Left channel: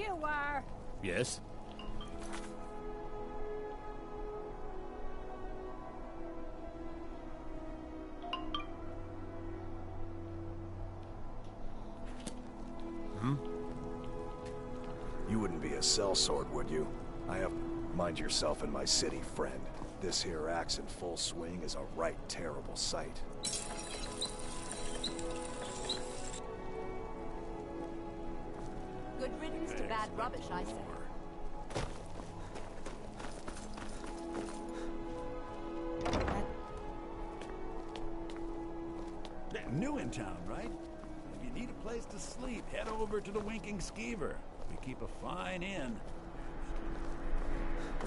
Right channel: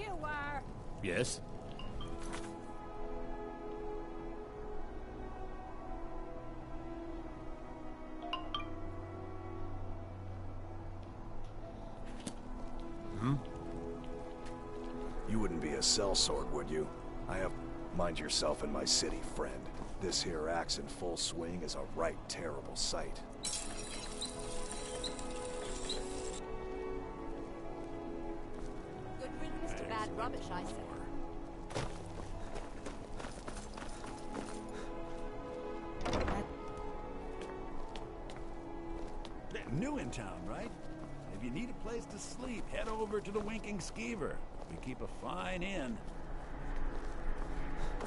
You are. Yes? You wouldn't be a sellsword, would you? I have... Mind yourself in my city, friend. This here axe in full swing is a right terrible sight. Good riddance to bad rubbish, I say. New in town, right? If you need a place to sleep, head over to the Winking Skeever. We keep a fine inn.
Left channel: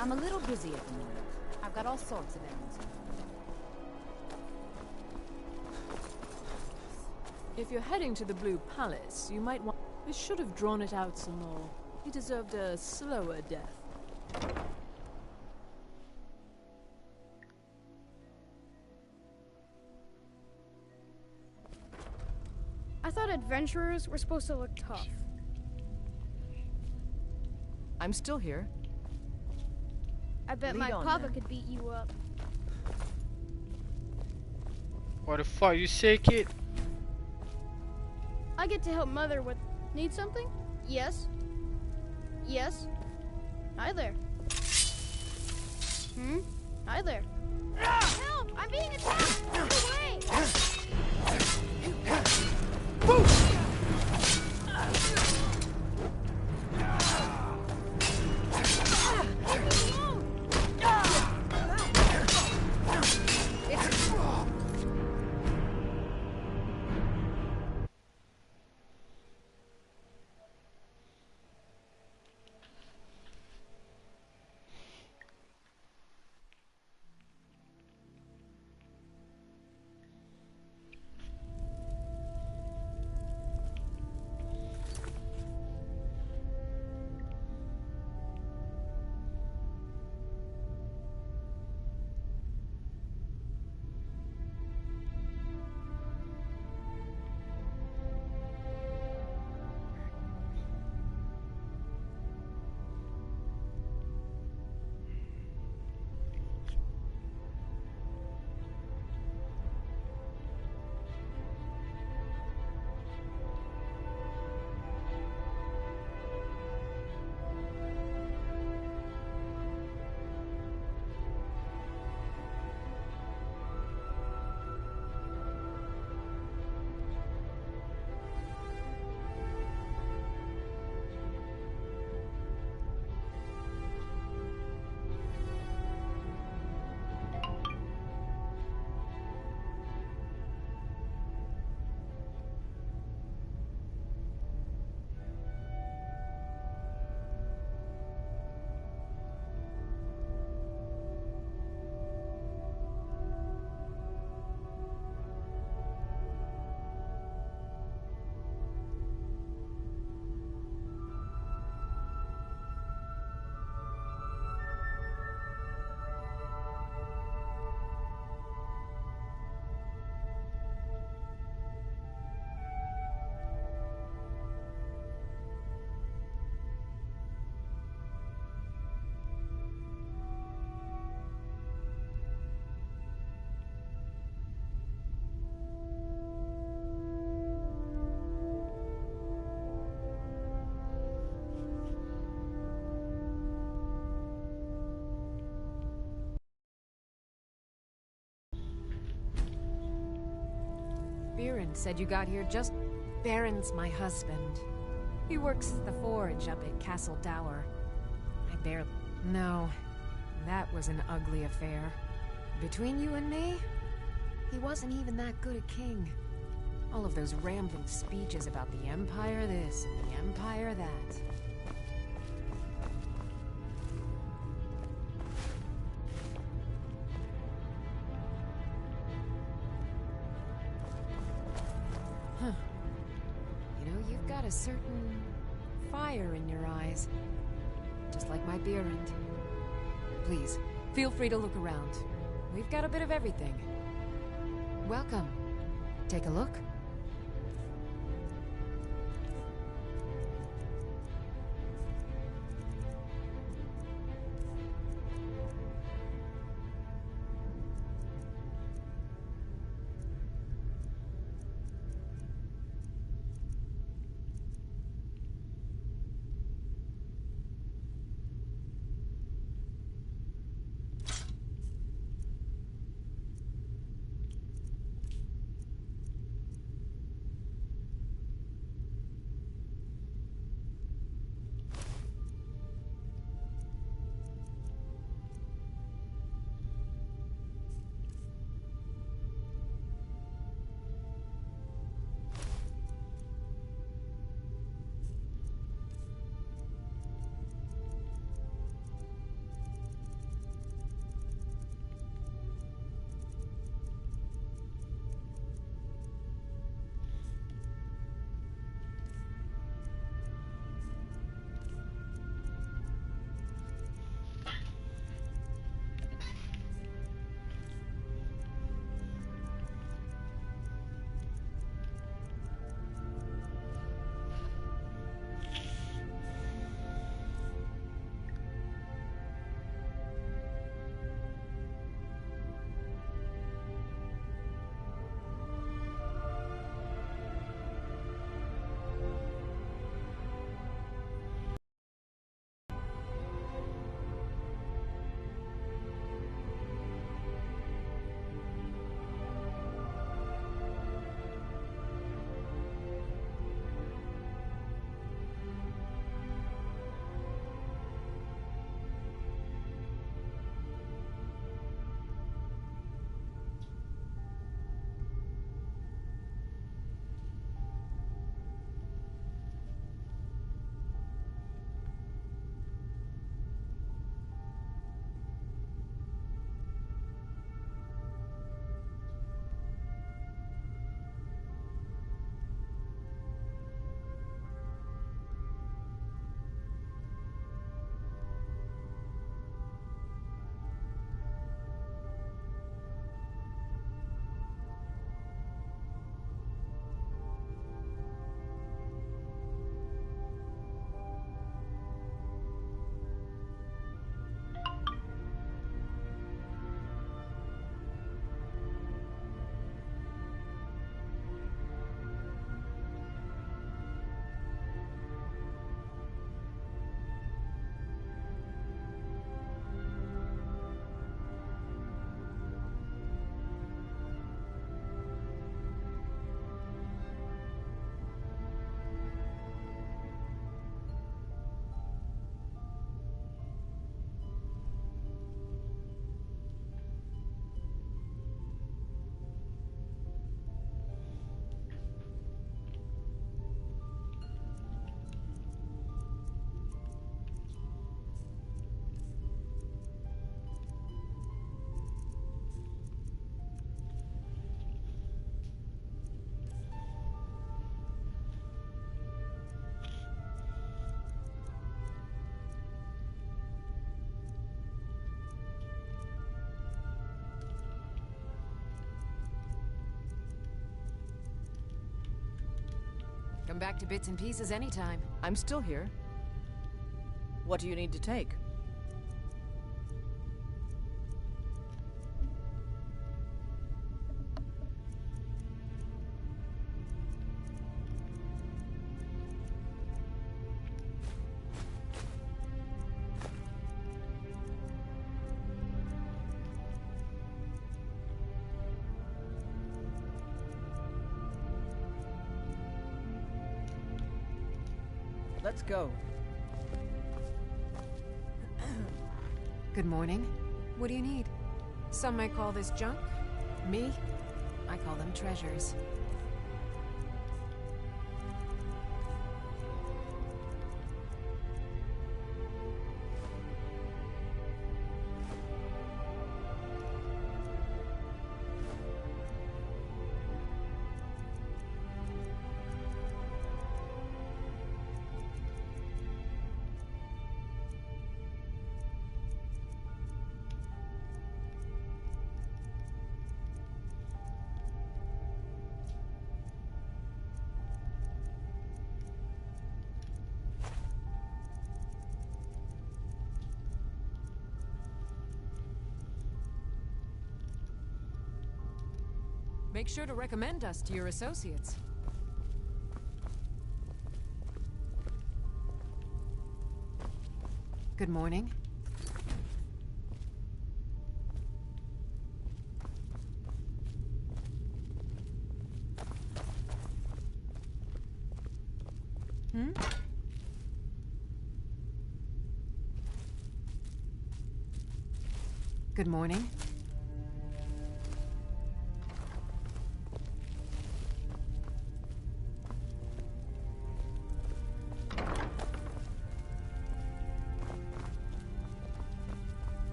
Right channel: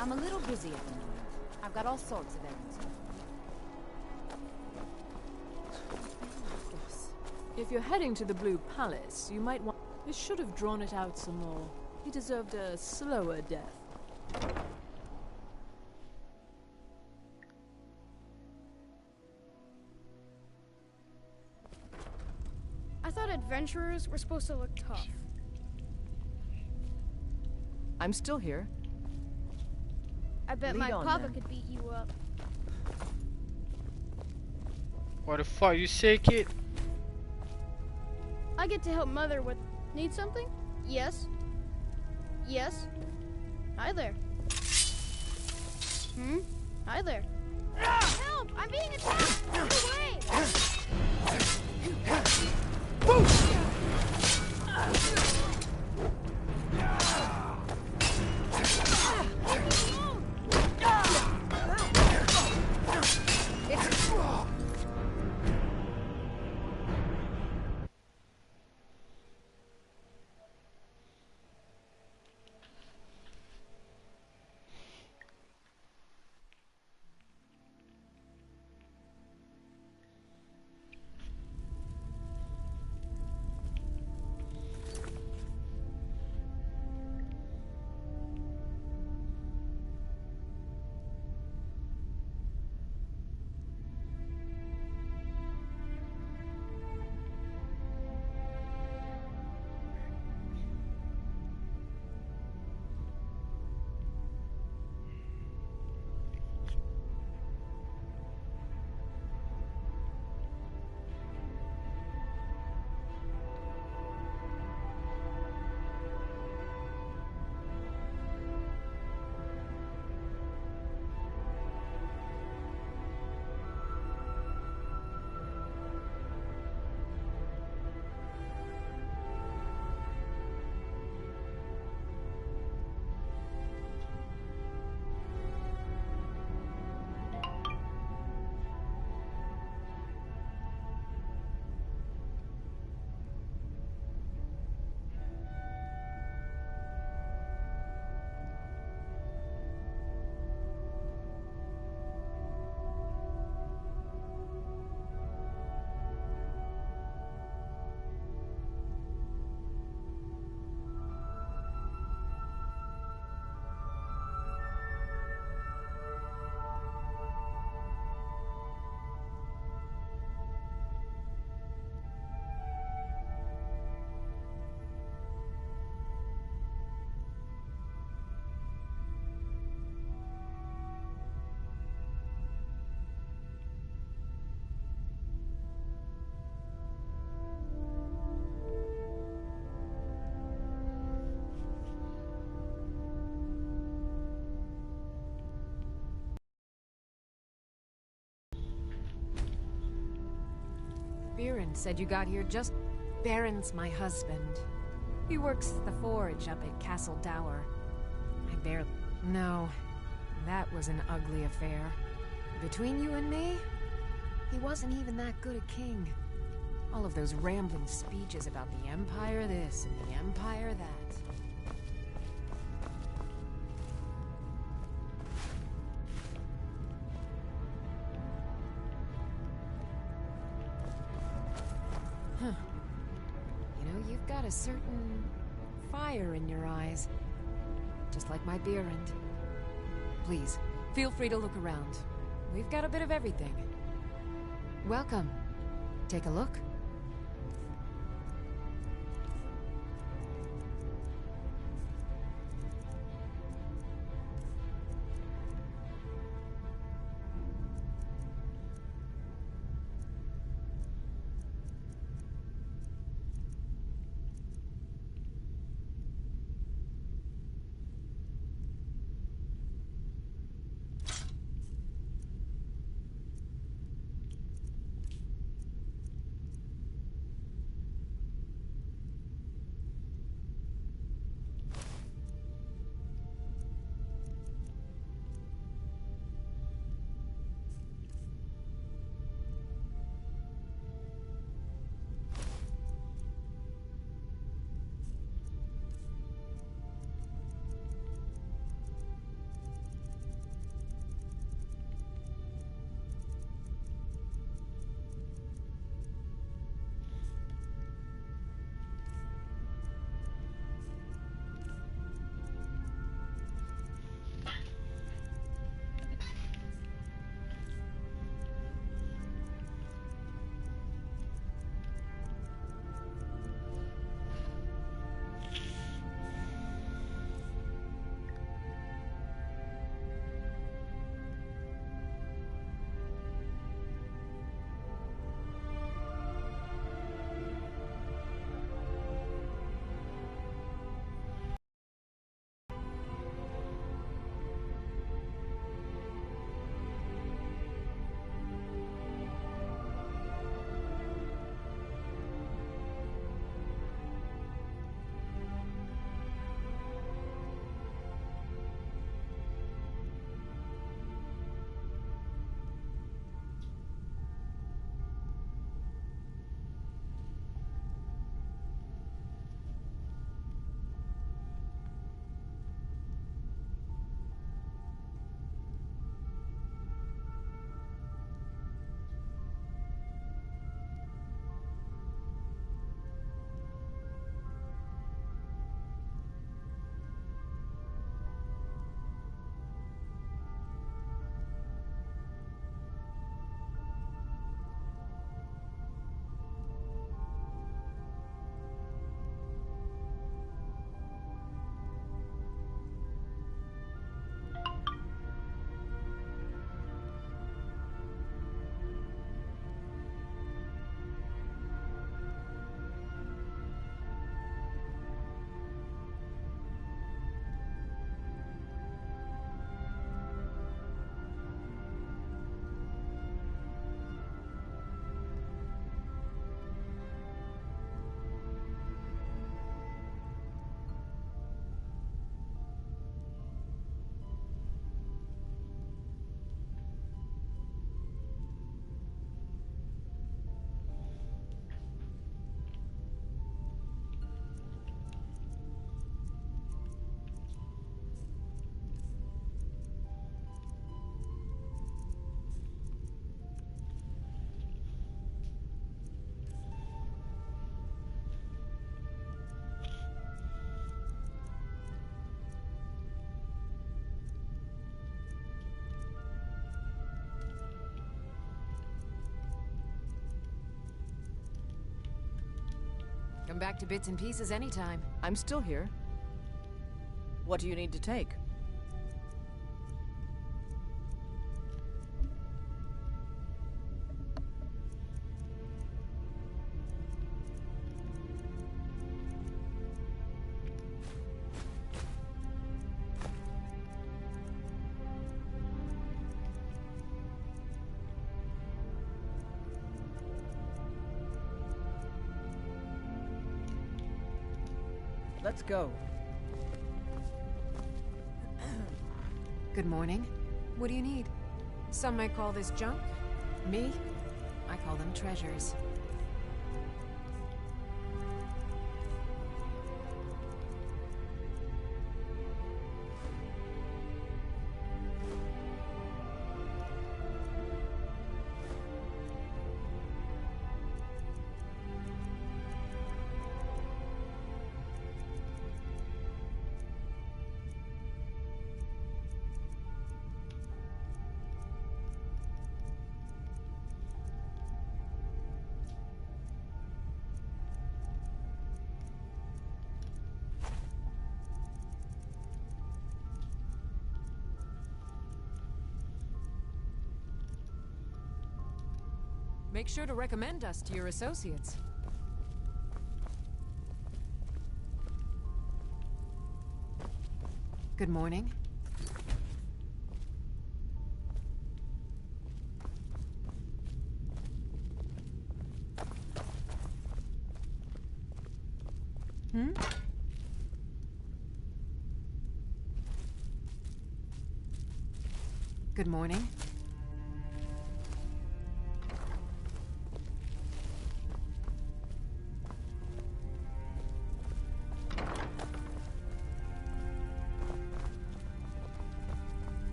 I'm a little busy at the moment. I've got all sorts of errands. If you're heading to the Blue Palace, you might want... I should have drawn it out some more. He deserved a slower death. I thought adventurers were supposed to look tough. I'm still here. I bet Lead my on, papa then. could beat you up. What the fuck you say, kid? I get to help mother with... Need something? Yes. Yes. Hi there. Hi there. Help! I'm being attacked! Get away! Baron said you got here just... Baron's my husband. He works the forge up at Castle Dower. I barely... No, that was an ugly affair. Between you and me, he wasn't even that good a king. All of those rambling speeches about the Empire this and the Empire that. Huh. You know, you've got a certain fire in your eyes. Just like my Beerend. Please, feel free to look around. We've got a bit of everything. Welcome. Take a look. Come back to bits and pieces anytime. I'm still here. What do you need to take? Let's go. Good morning. What do you need? Some might call this junk. Me? I call them treasures. Make sure to recommend us to your associates. Good morning. Good morning.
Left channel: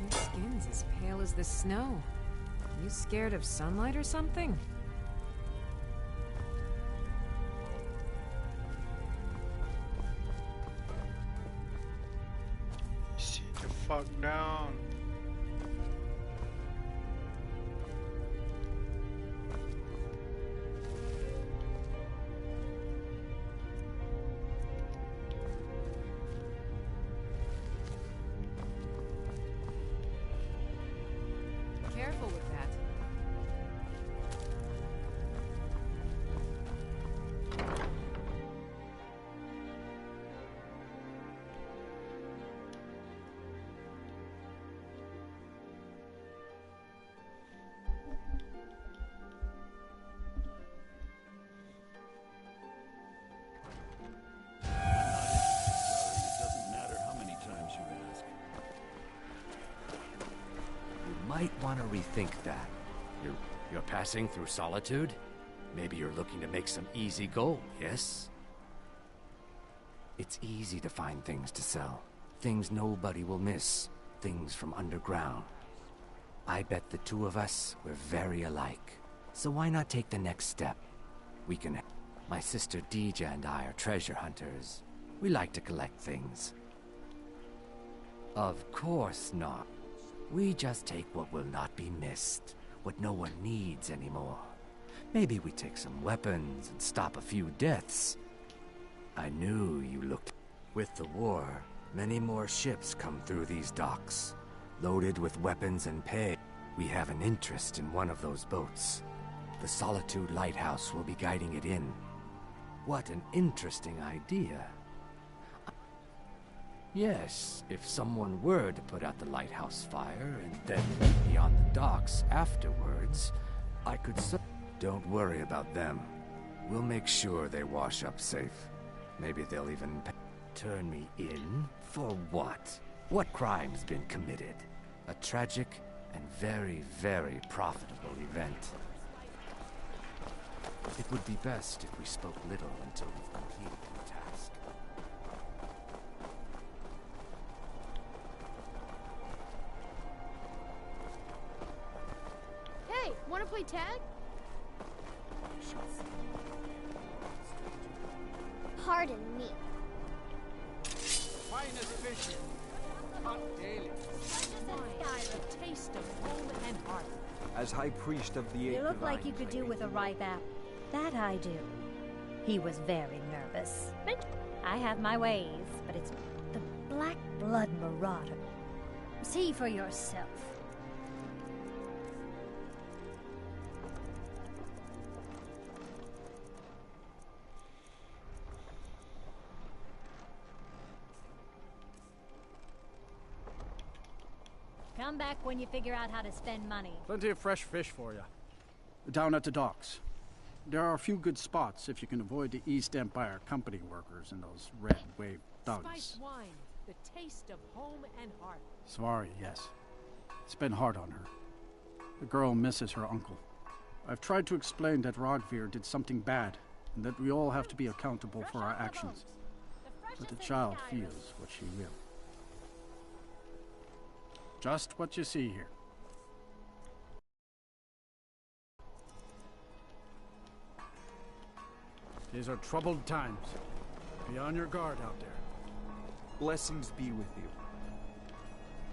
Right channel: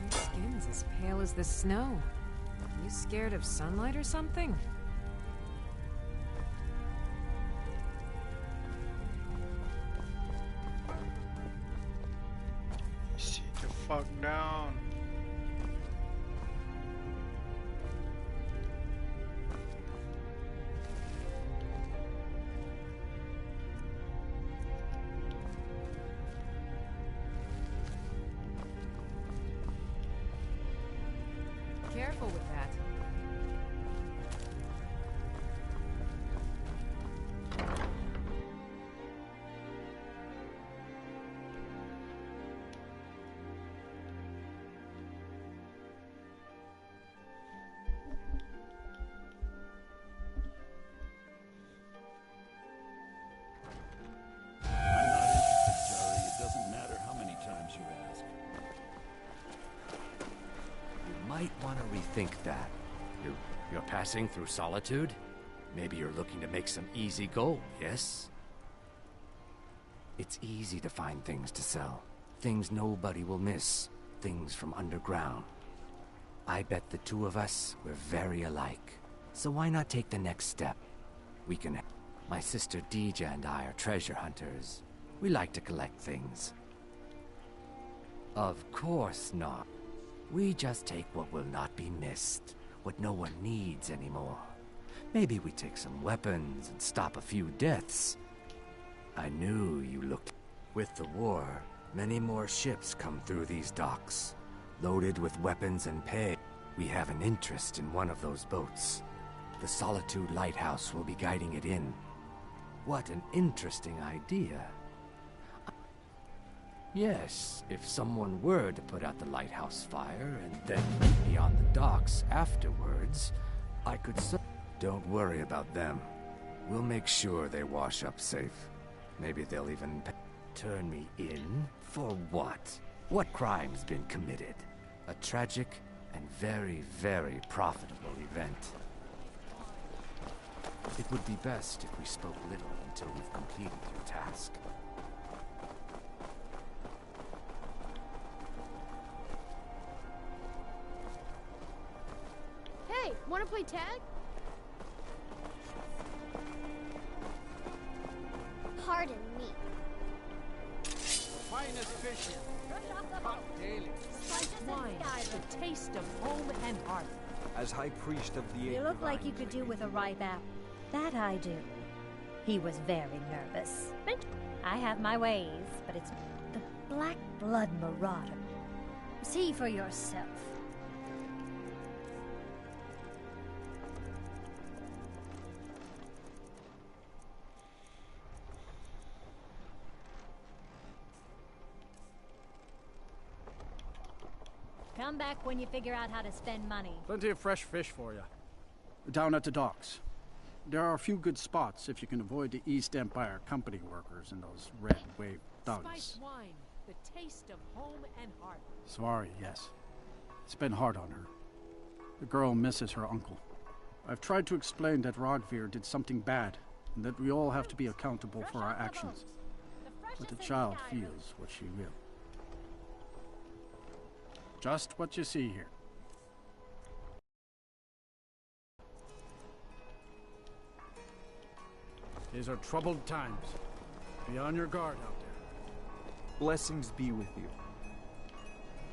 Your skin's as pale as the snow. You scared of sunlight or something? Sit the fuck down. Careful with that. It doesn't matter how many times you ask. You might want to rethink that. You're passing through solitude? Maybe you're looking to make some easy gold, yes? It's easy to find things to sell. Things nobody will miss. Things from underground. I bet the two of us, we're very alike. So why not take the next step? We can... My sister Deja and I are treasure hunters. We like to collect things. Of course not. We just take what will not be missed, what no one needs anymore. Maybe we take some weapons and stop a few deaths. I knew you looked... With the war, many more ships come through these docks, loaded with weapons and pay. We have an interest in one of those boats. The Solitude Lighthouse will be guiding it in. What an interesting idea. Yes, if someone were to put out the lighthouse fire and then meet me on the docks afterwards, I could Don't worry about them. We'll make sure they wash up safe. Maybe they'll even turn me in? For what? What crime's been committed? A tragic and very, very profitable event. It would be best if we spoke little until we've completed your task. Hey, wanna play tag? Pardon me. Finest fishing. Caught daily. Wine, the taste of home and hearth. as High Priest of the You Eight look like you Divines, could do with a ripe apple. That I do. He was very nervous. I have my ways, but it's the Black Blood Marauder. See for yourself. Come back when you figure out how to spend money. Plenty of fresh fish for you. Down at the docks. There are a few good spots if you can avoid the East Empire Company workers and those red wave thugs. Spiced wine, the taste of home and heart. Svari, yes. It's been hard on her. The girl misses her uncle. I've tried to explain that Rogvir did something bad, and that we all have to be accountable for our actions. But the child feels what she will. Just what you see here. These are troubled times. Be on your guard out there. Blessings be with you.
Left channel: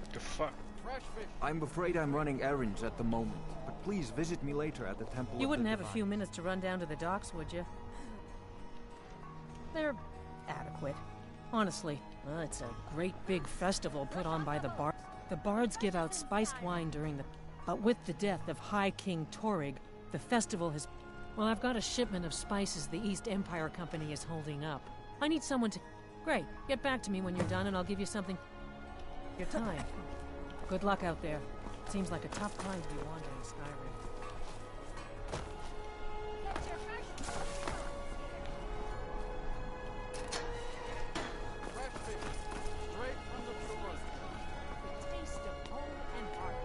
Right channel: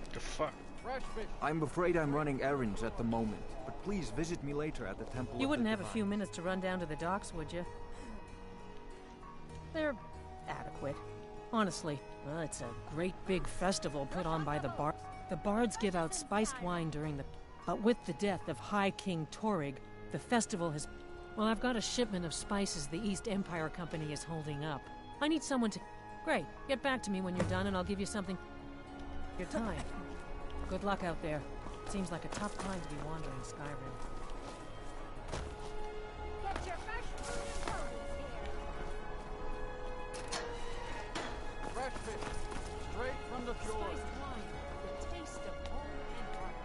What the fuck? Fresh fish. I'm afraid I'm running errands at the moment, but please visit me later at the Temple You of wouldn't the have a few Divine. minutes to run down to the docks, would you? They're adequate. Honestly, well, it's a great big festival put on by the Bard. The Bards give out spiced wine during the... But with the death of High King Torrig, the festival has... Well, I've got a shipment of spices the East Empire Company is holding up. I need someone to... Great. Get back to me when you're done and I'll give you something... Your time. Good luck out there. Seems like a tough time to be wandering Skyrim. Get your fresh produce here. Fresh fish. Straight from the shore. Spiced wine, the taste of home and heart.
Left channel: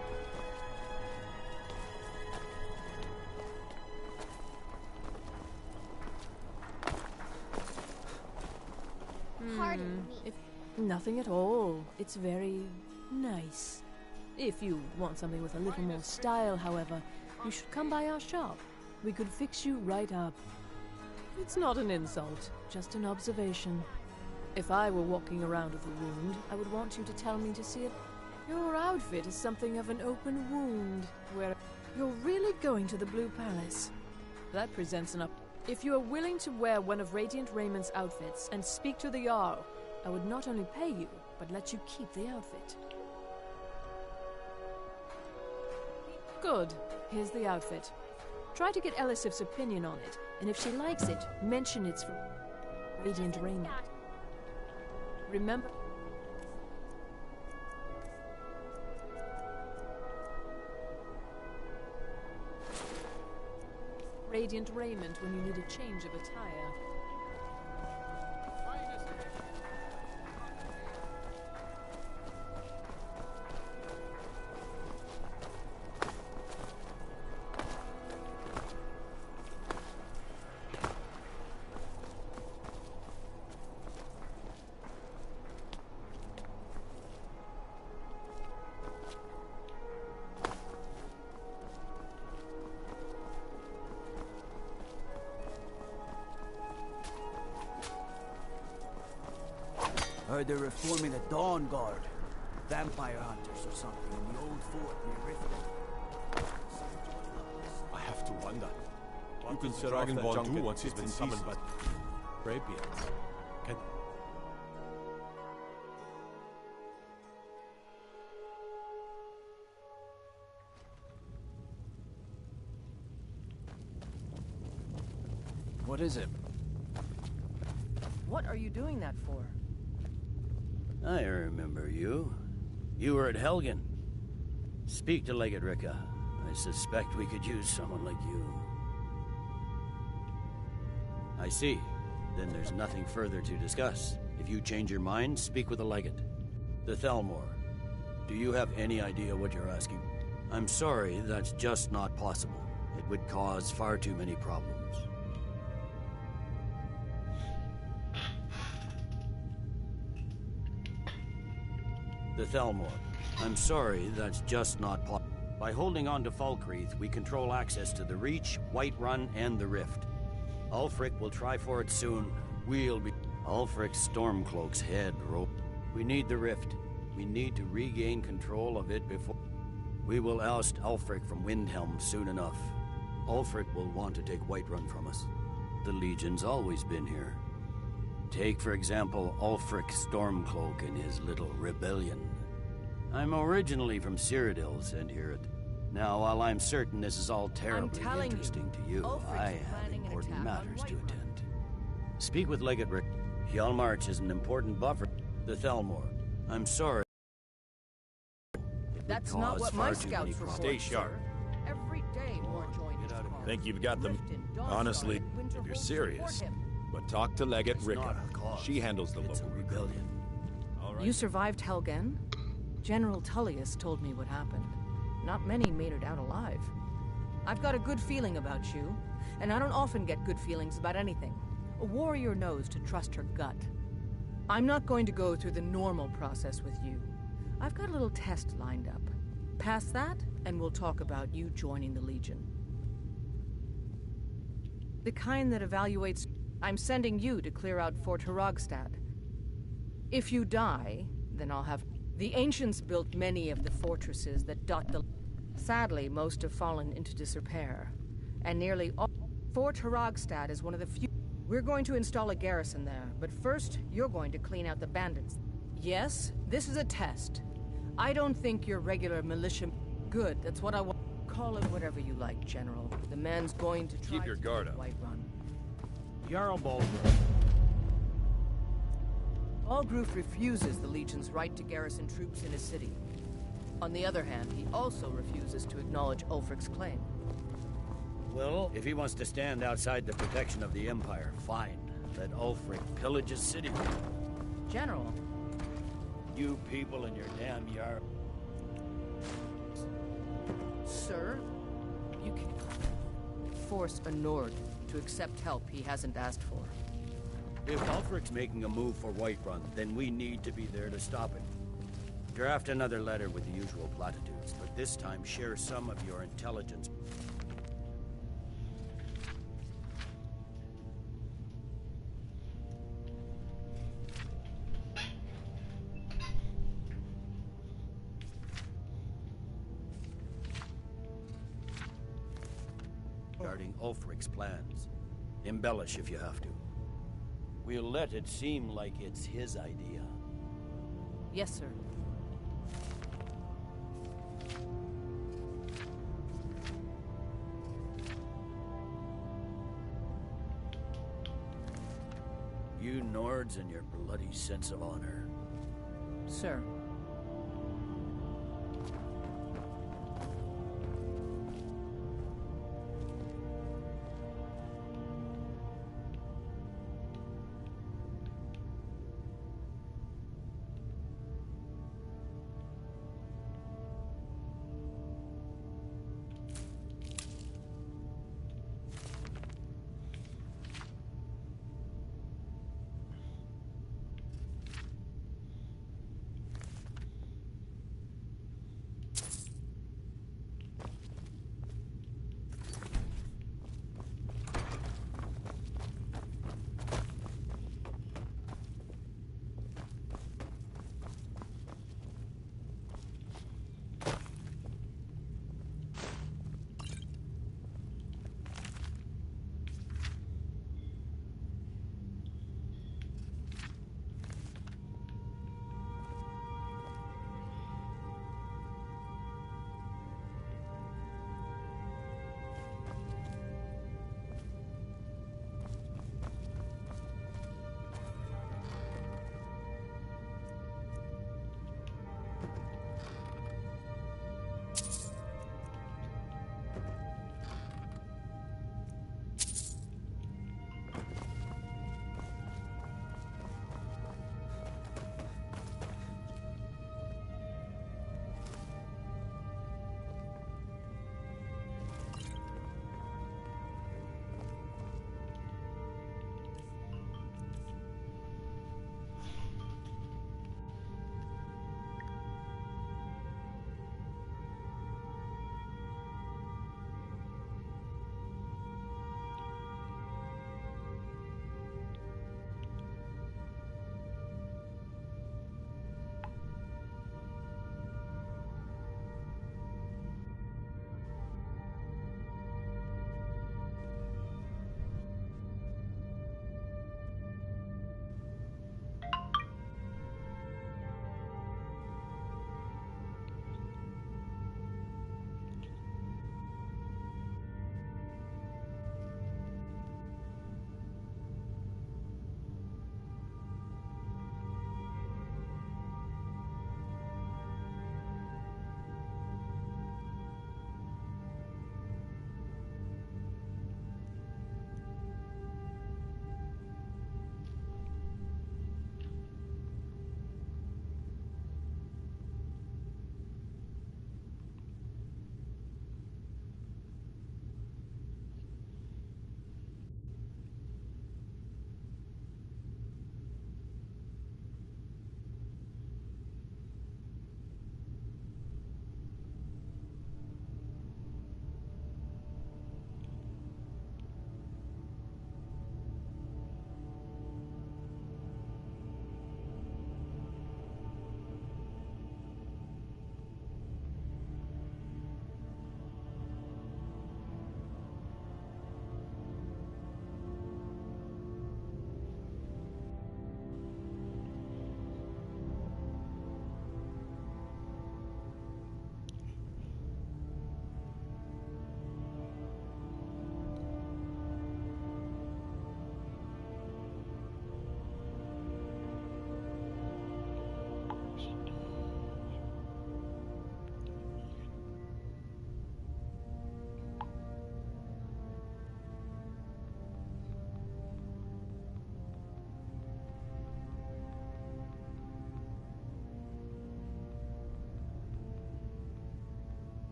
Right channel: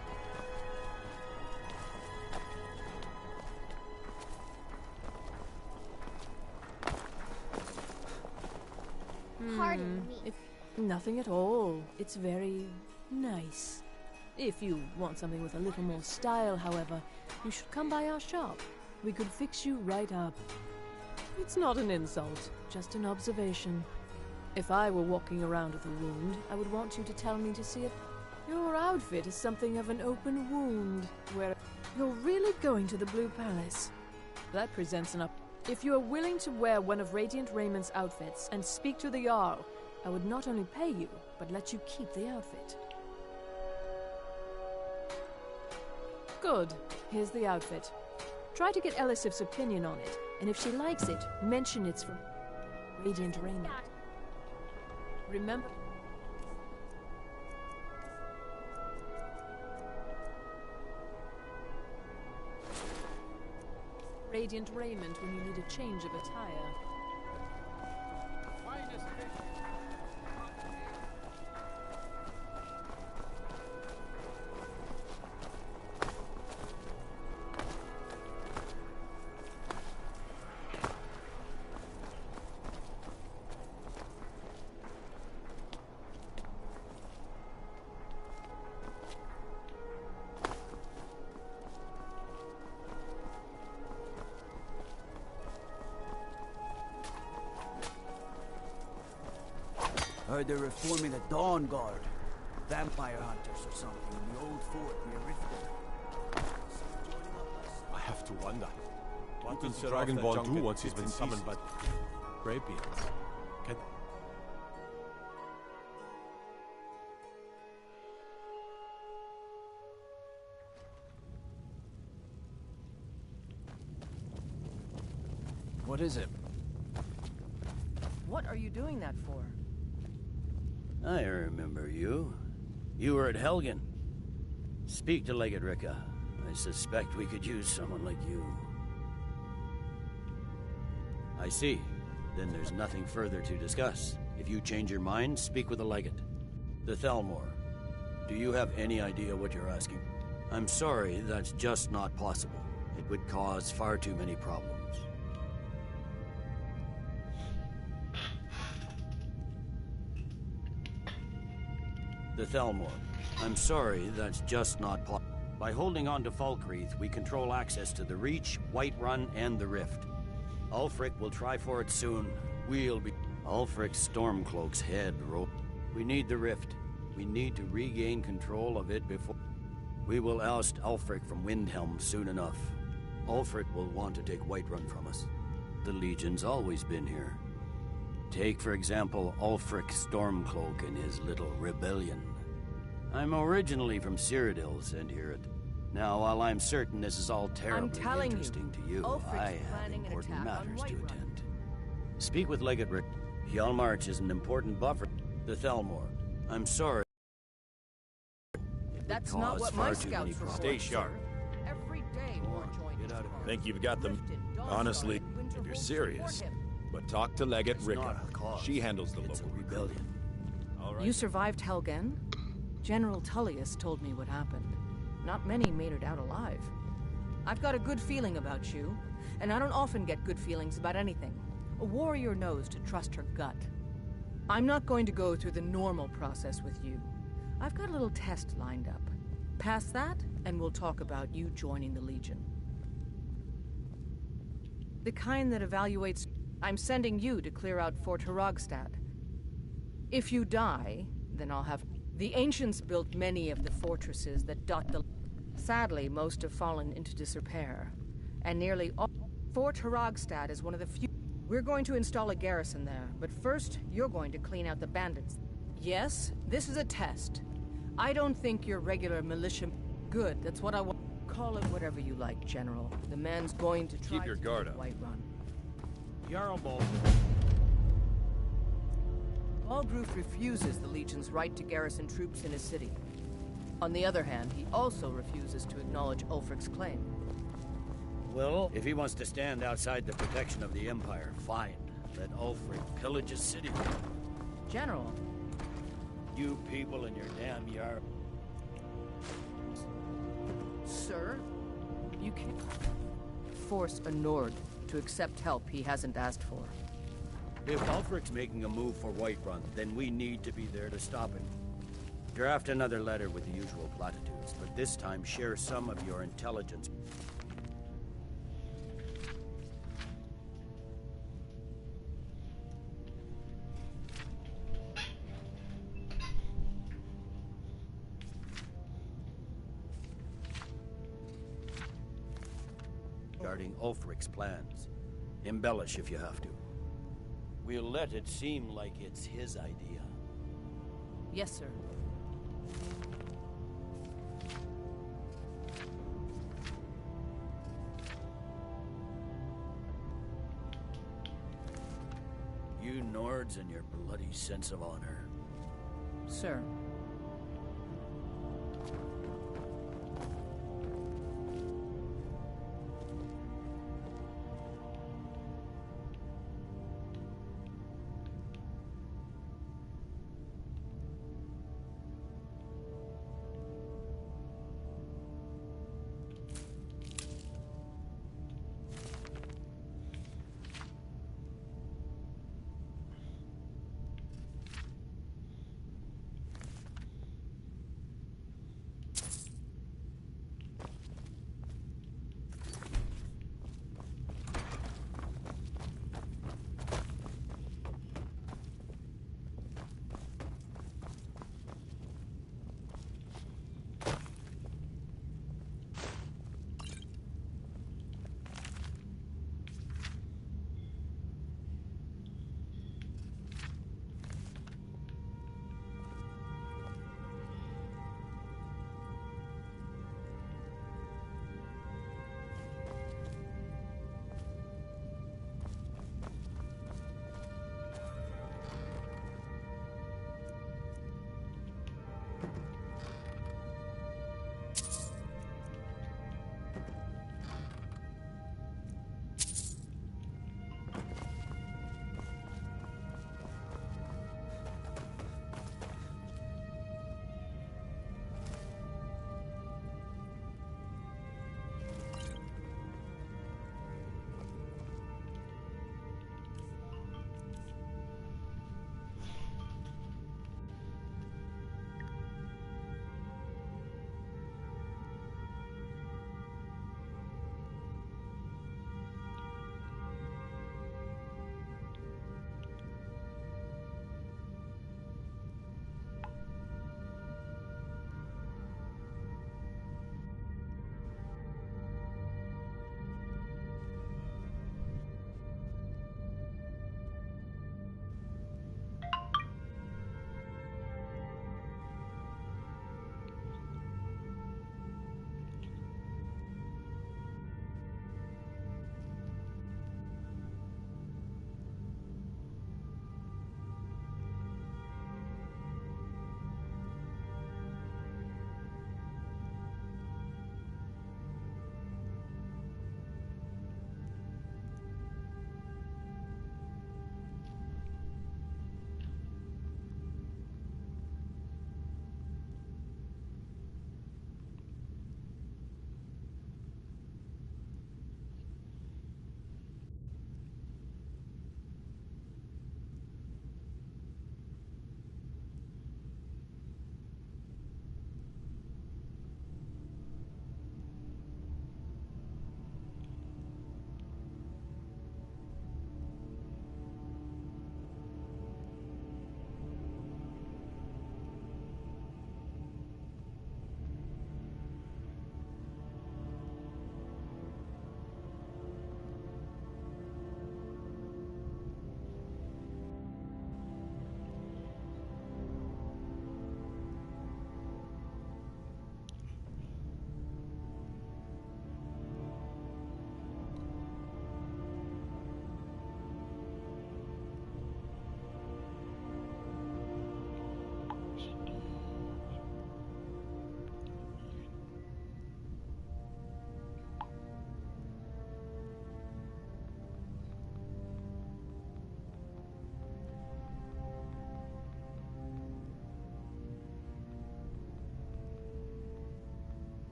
Pardon me. Nothing at all. It's very nice. If you want something with a little more style, however, you should come by our shop. We could fix you right up. It's not an insult, just an observation. If I were walking around with a wound, I would want you to tell me to see it. Your outfit is something of an open wound, where you're really going to the Blue Palace. That presents an up. If you are willing to wear one of Radiant Raymond's outfits and speak to the Jarl, I would not only pay you, but let you keep the outfit. Good. Here's the outfit. Try to get Elisif's opinion on it, and if she likes it, mention it's from Radiant Raymond. Remember... Radiant Raiment when you need a change of attire. Finest fish. Heard they're reforming the Dawn Guard. Vampire hunters or something in the old fort near Riften. I have to wonder. What can does Sir the Dragonborn junket do once he's bits been and summoned pieces? by Rapiers? Can... What is it? What are you doing that for? I remember you. You were at Helgen. Speak to Legate Ricka. I suspect we could use someone like you. I see. Then there's nothing further to discuss. If you change your mind, speak with the Legate. The Thelmore. Do you have any idea what you're asking? I'm sorry, that's just not possible. It would cause far too many problems. The Thelmore. I'm sorry, that's just not possible. By holding on to Falkreath, we control access to the Reach, Whiterun, and the Rift. Ulfric will try for it soon. We'll be... Ulfric's Stormcloak's head roll. We need the Rift. We need to regain control of it before... We will oust Ulfric from Windhelm soon enough. Ulfric will want to take Whiterun from us. The Legion's always been here. Take, for example, Ulfric Stormcloak and his little rebellion. I'm originally from Cyrodiil, sent here it. Now, while I'm certain this is all terribly interesting to you, I have important matters to attend. Speak with Legate Rick. Hjalmarch is an important buffer. The Thelmore. I'm sorry. That's not what my scouts report. Stay sharp. Every day more joiners. Think you've got them? Honestly, if you're serious. But talk to Legate Ricka. She handles the local rebellion. You survived Helgen? General Tullius told me what happened. Not many made it out alive. I've got a good feeling about you, and I don't often get good feelings about anything. A warrior knows to trust her gut. I'm not going to go through the normal process with you. I've got a little test lined up. Pass that, and we'll talk about you joining the Legion. The kind that evaluates... I'm sending you to clear out Fort Hrogstad. If you die, then I'll have... The ancients built many of the fortresses that dot the... Sadly, most have fallen into disrepair. And nearly all... Fort Hrogstad is one of the few... We're going to install a garrison there, but first, you're going to clean out the bandits. Yes, this is a test. I don't think you're regular militia... Good, that's what I want. Call it whatever you like, General. The man's going to try Keep your guard up. Whiterun. Jarl Balgruuf. Balgruuf refuses the Legion's right to garrison troops in his city. On the other hand, he also refuses to acknowledge Ulfric's claim. Well, if he wants to stand outside the protection of the Empire, fine. Let Ulfric pillage his city. General. You people and your damn Jarl. Sir, you can't force a Nord to accept help he hasn't asked for. If Ulfric's making a move for Whiterun, then we need to be there to stop him. Draft another letter with the usual platitudes, but this time share some of your intelligence. Regarding Ulfric's plans. Embellish if you have to. We'll let it seem like it's his idea. Yes, sir. You Nords and your bloody sense of honor. Sir.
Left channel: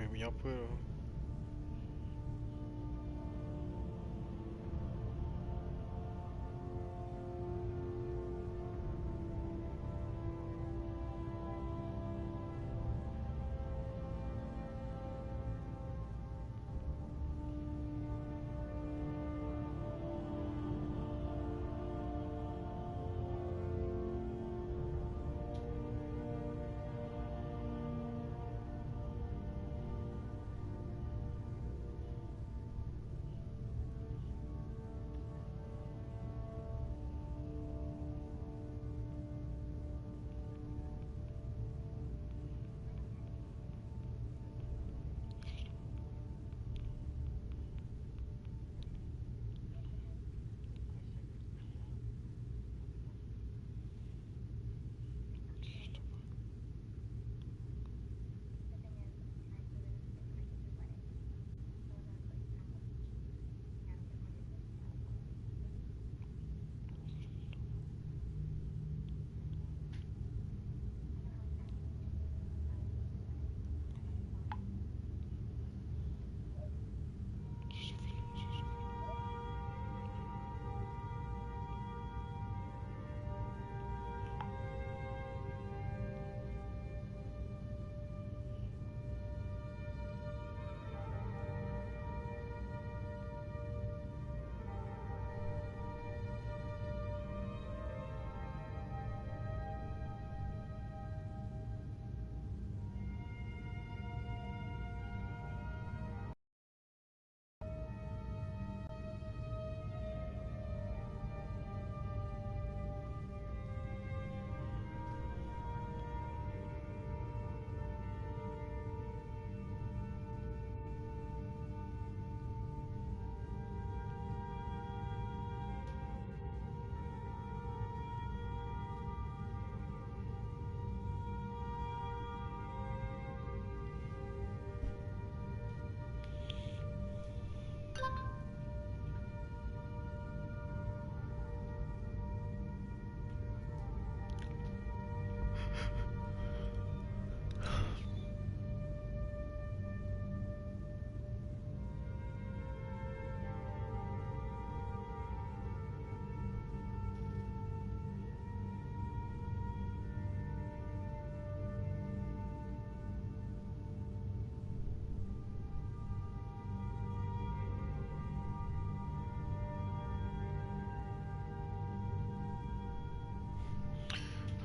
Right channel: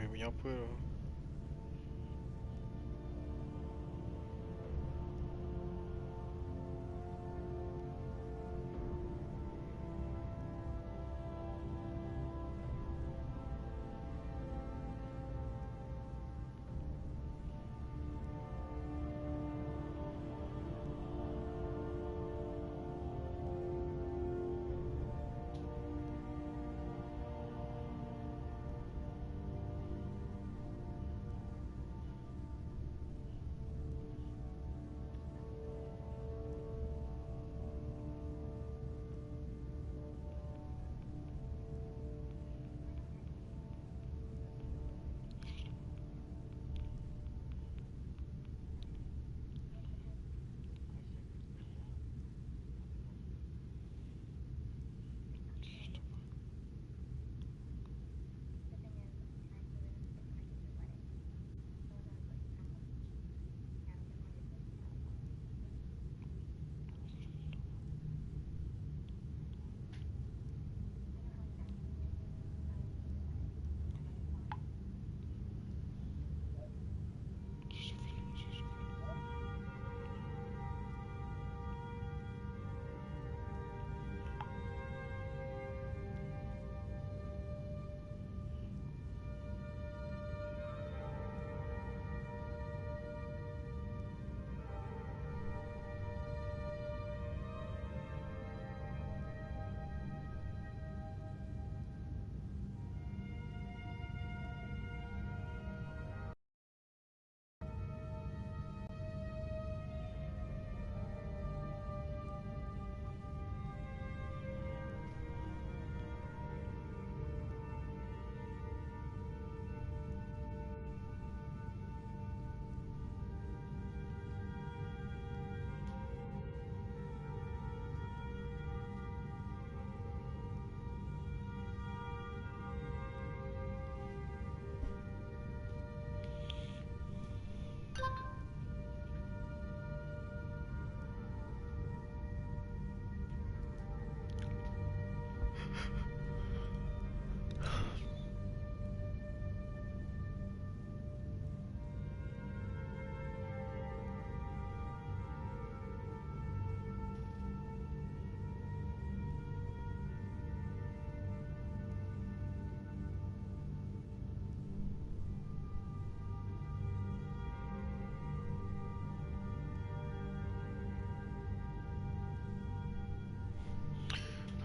Oi, bunyi apa tu?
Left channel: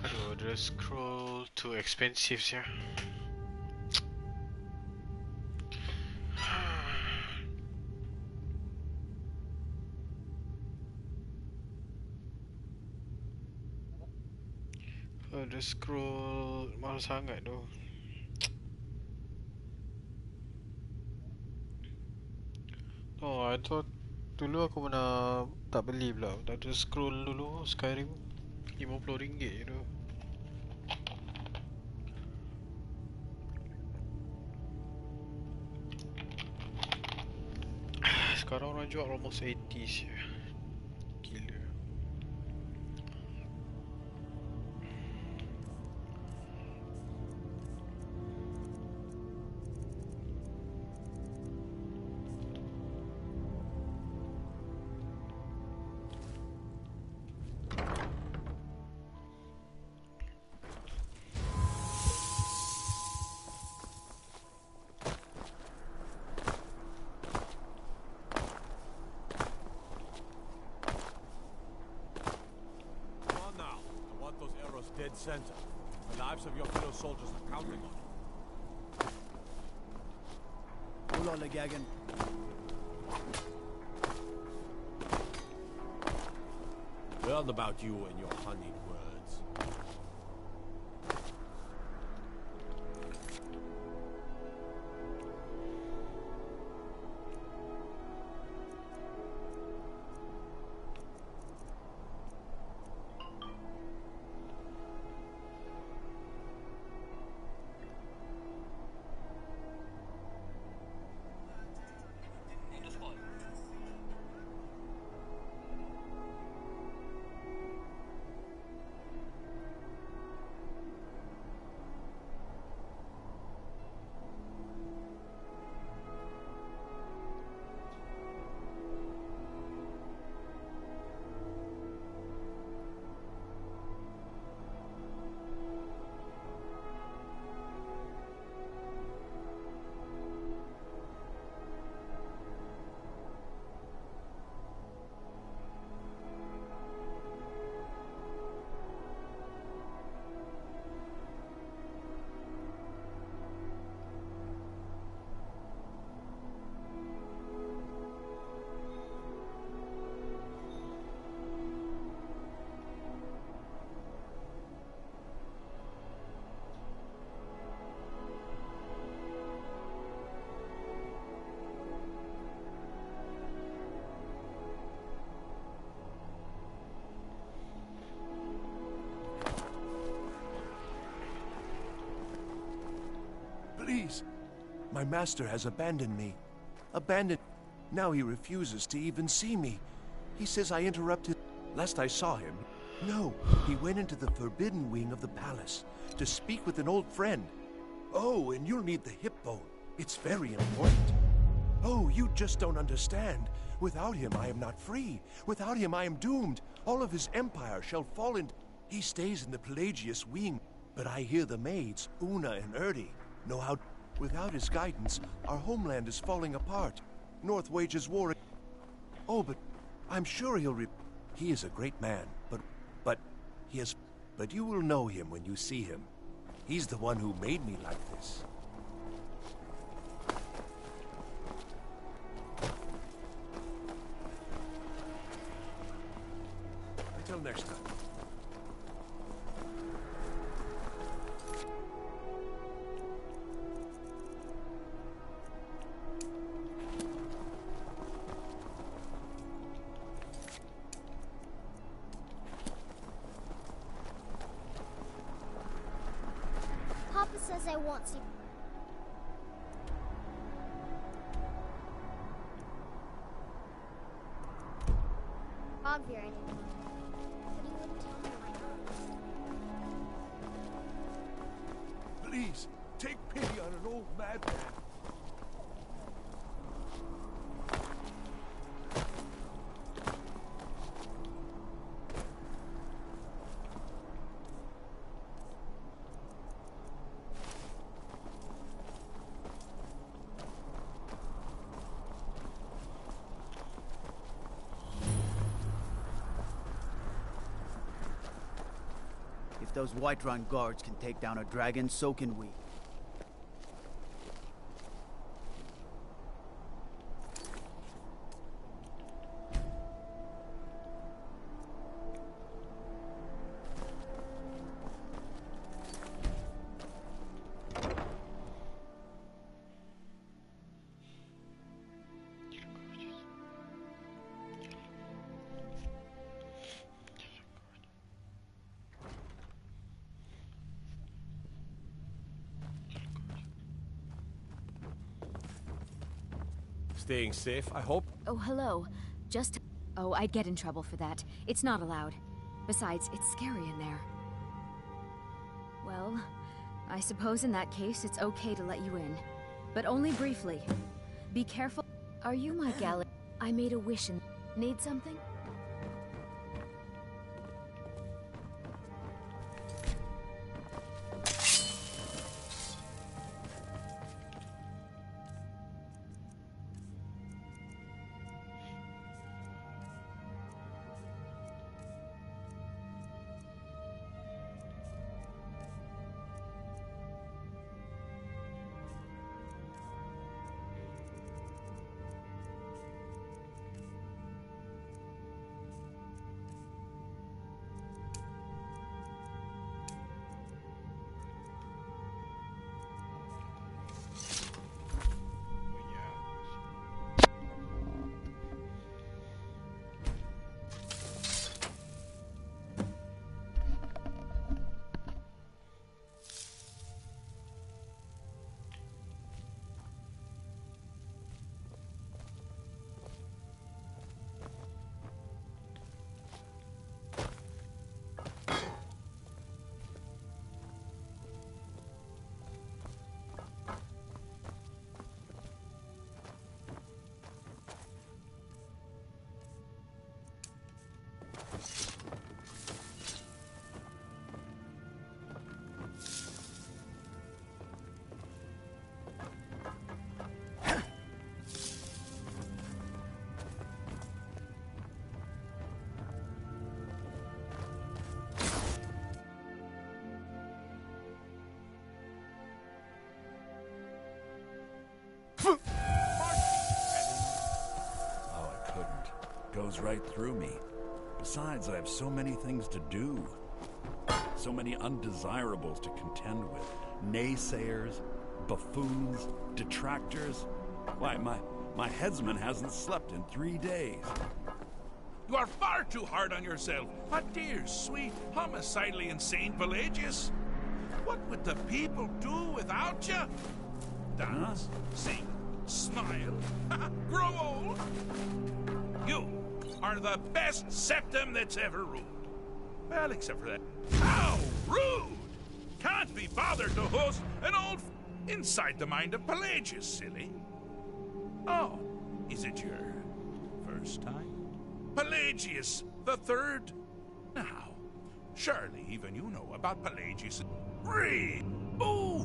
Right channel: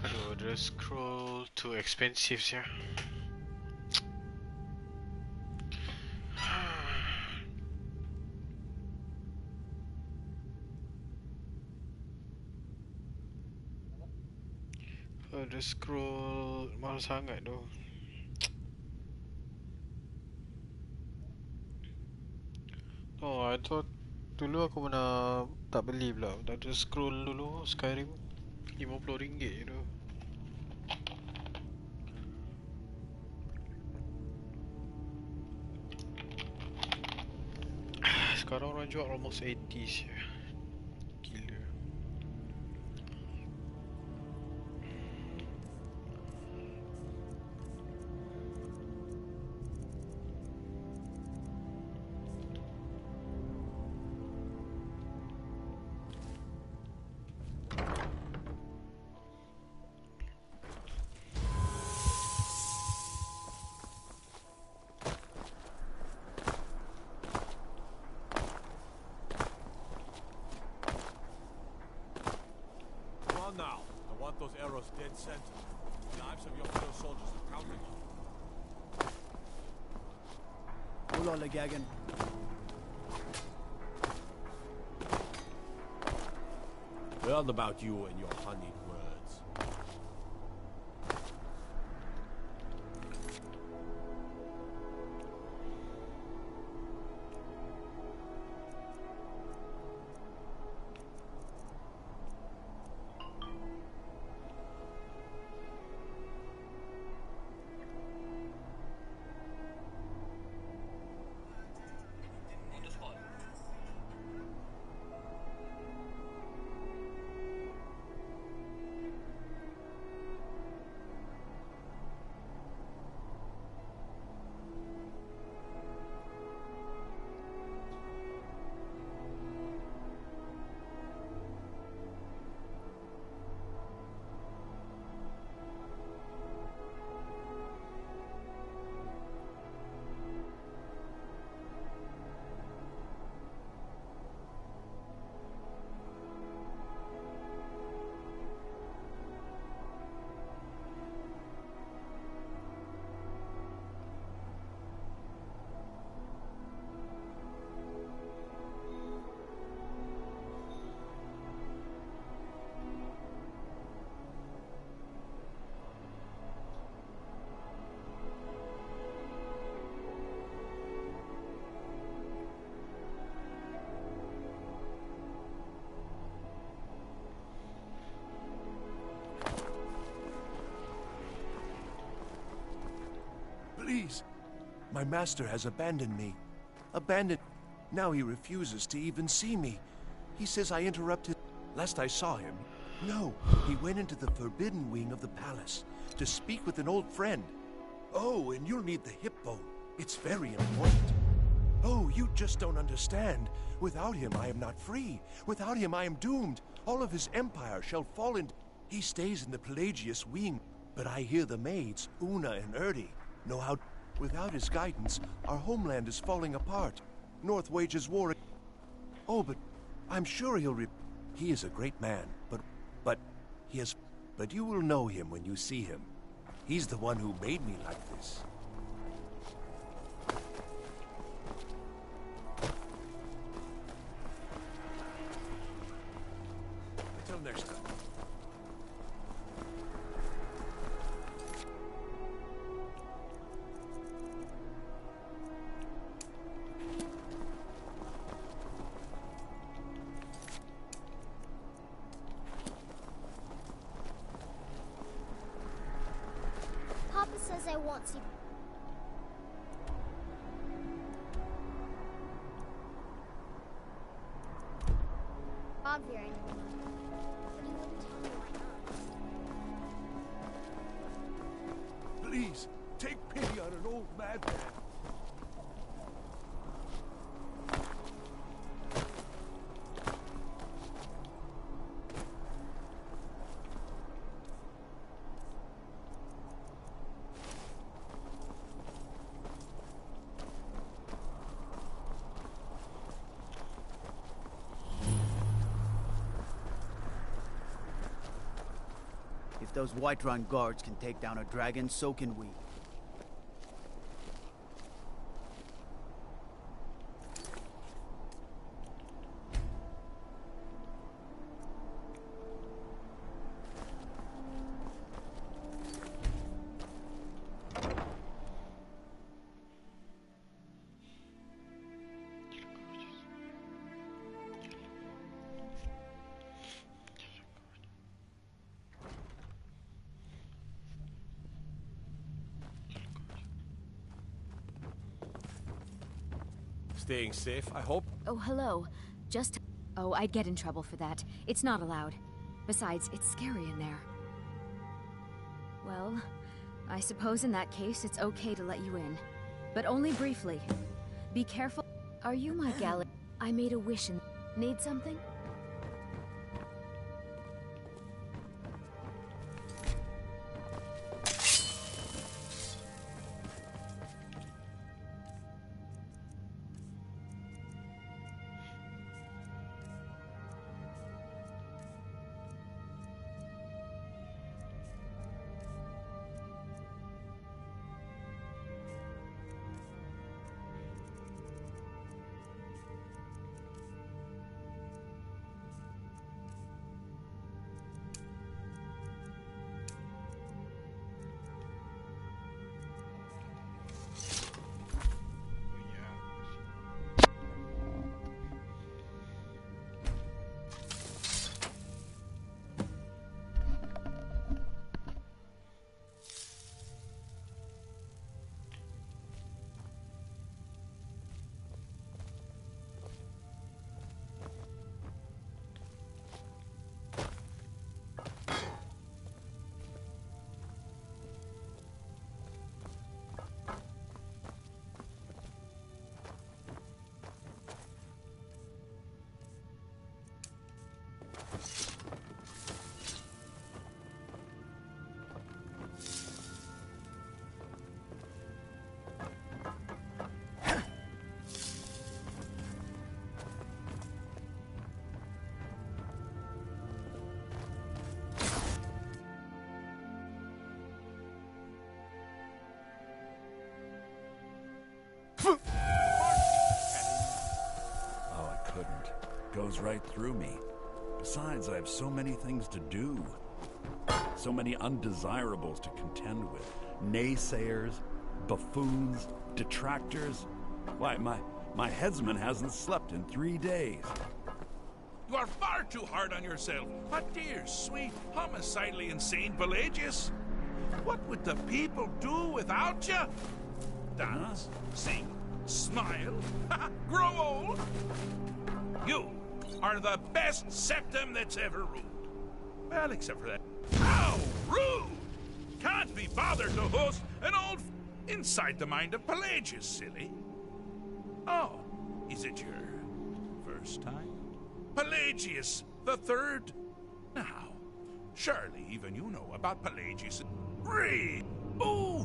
Aduh, the scroll too expensive ya. The scroll mahal sangat tu. Oh, I thought dulu aku pernah tak beli pula. Tak ada scroll dulu Skyrim RM50 je tu. Sekarang orang jual almost 80 je. Gila. Those arrows dead center. The lives of your fellow soldiers are counting on it. Hold on, Gagan. Well, about you and your honeyed words. My master has abandoned me. Now he refuses to even see me. He says I interrupted. Last I saw him, no, he went into the forbidden wing of the palace to speak with an old friend. Oh, and you'll need the hip bone. It's very important. Oh, you just don't understand. Without him, I am not free. Without him, I am doomed. All of his empire shall fall into... He stays in the Pelagius wing, but I hear the maids, Una and Erdi, know how... Without his guidance, our homeland is falling apart. North wages war... Oh, but I'm sure he'll... He is a great man, but he has... But you will know him when you see him. He's the one who made me like this. Until next time. Papa says I won't see... Ogvier anymore. But he wouldn't tell me why not. Please, take pity on an old madman. If those Whiterun guards can take down a dragon, so can we. Staying safe, I hope? Oh, hello. Just... Oh, I'd get in trouble for that. It's not allowed. Besides, it's scary in there. Well, I suppose in that case it's okay to let you in. But only briefly. Be careful. Are you my galley? I made a wish and... Need something? Oh, I couldn't. Goes right through me. Besides, I have so many things to do. So many undesirables to contend with. Naysayers, buffoons, detractors. Why, my headsman hasn't slept in 3 days. You are far too hard on yourself. A dear, sweet, homicidally insane Pelagius. What would the people do without you? dance, sing, smile, grow old. You are the best septum that's ever ruled. Well, except for that. How rude! Can't be bothered to host an old inside the mind of Pelagius, silly. Oh, is it your first time? Pelagius the Third? Now, surely even you know about Pelagius. Read! Ooh,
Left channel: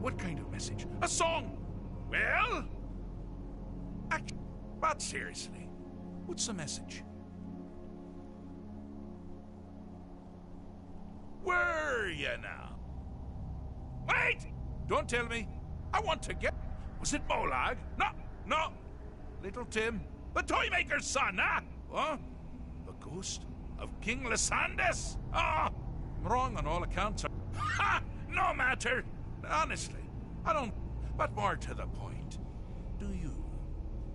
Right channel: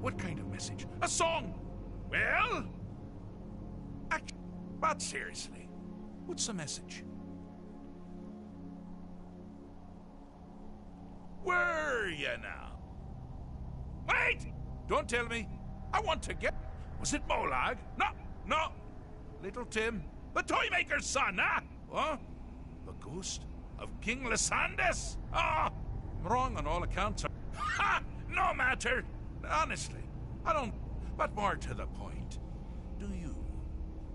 what kind of message? A song? Well? But seriously, what's the message? Where you now? Wait! Don't tell me. I want to get... Was it Molag? No. Little Tim. The Toymaker's son, huh? What? The ghost of King Lysandas? Ah! I'm wrong on all accounts. Ha! No matter. Honestly, I don't... But more to the point. Do you,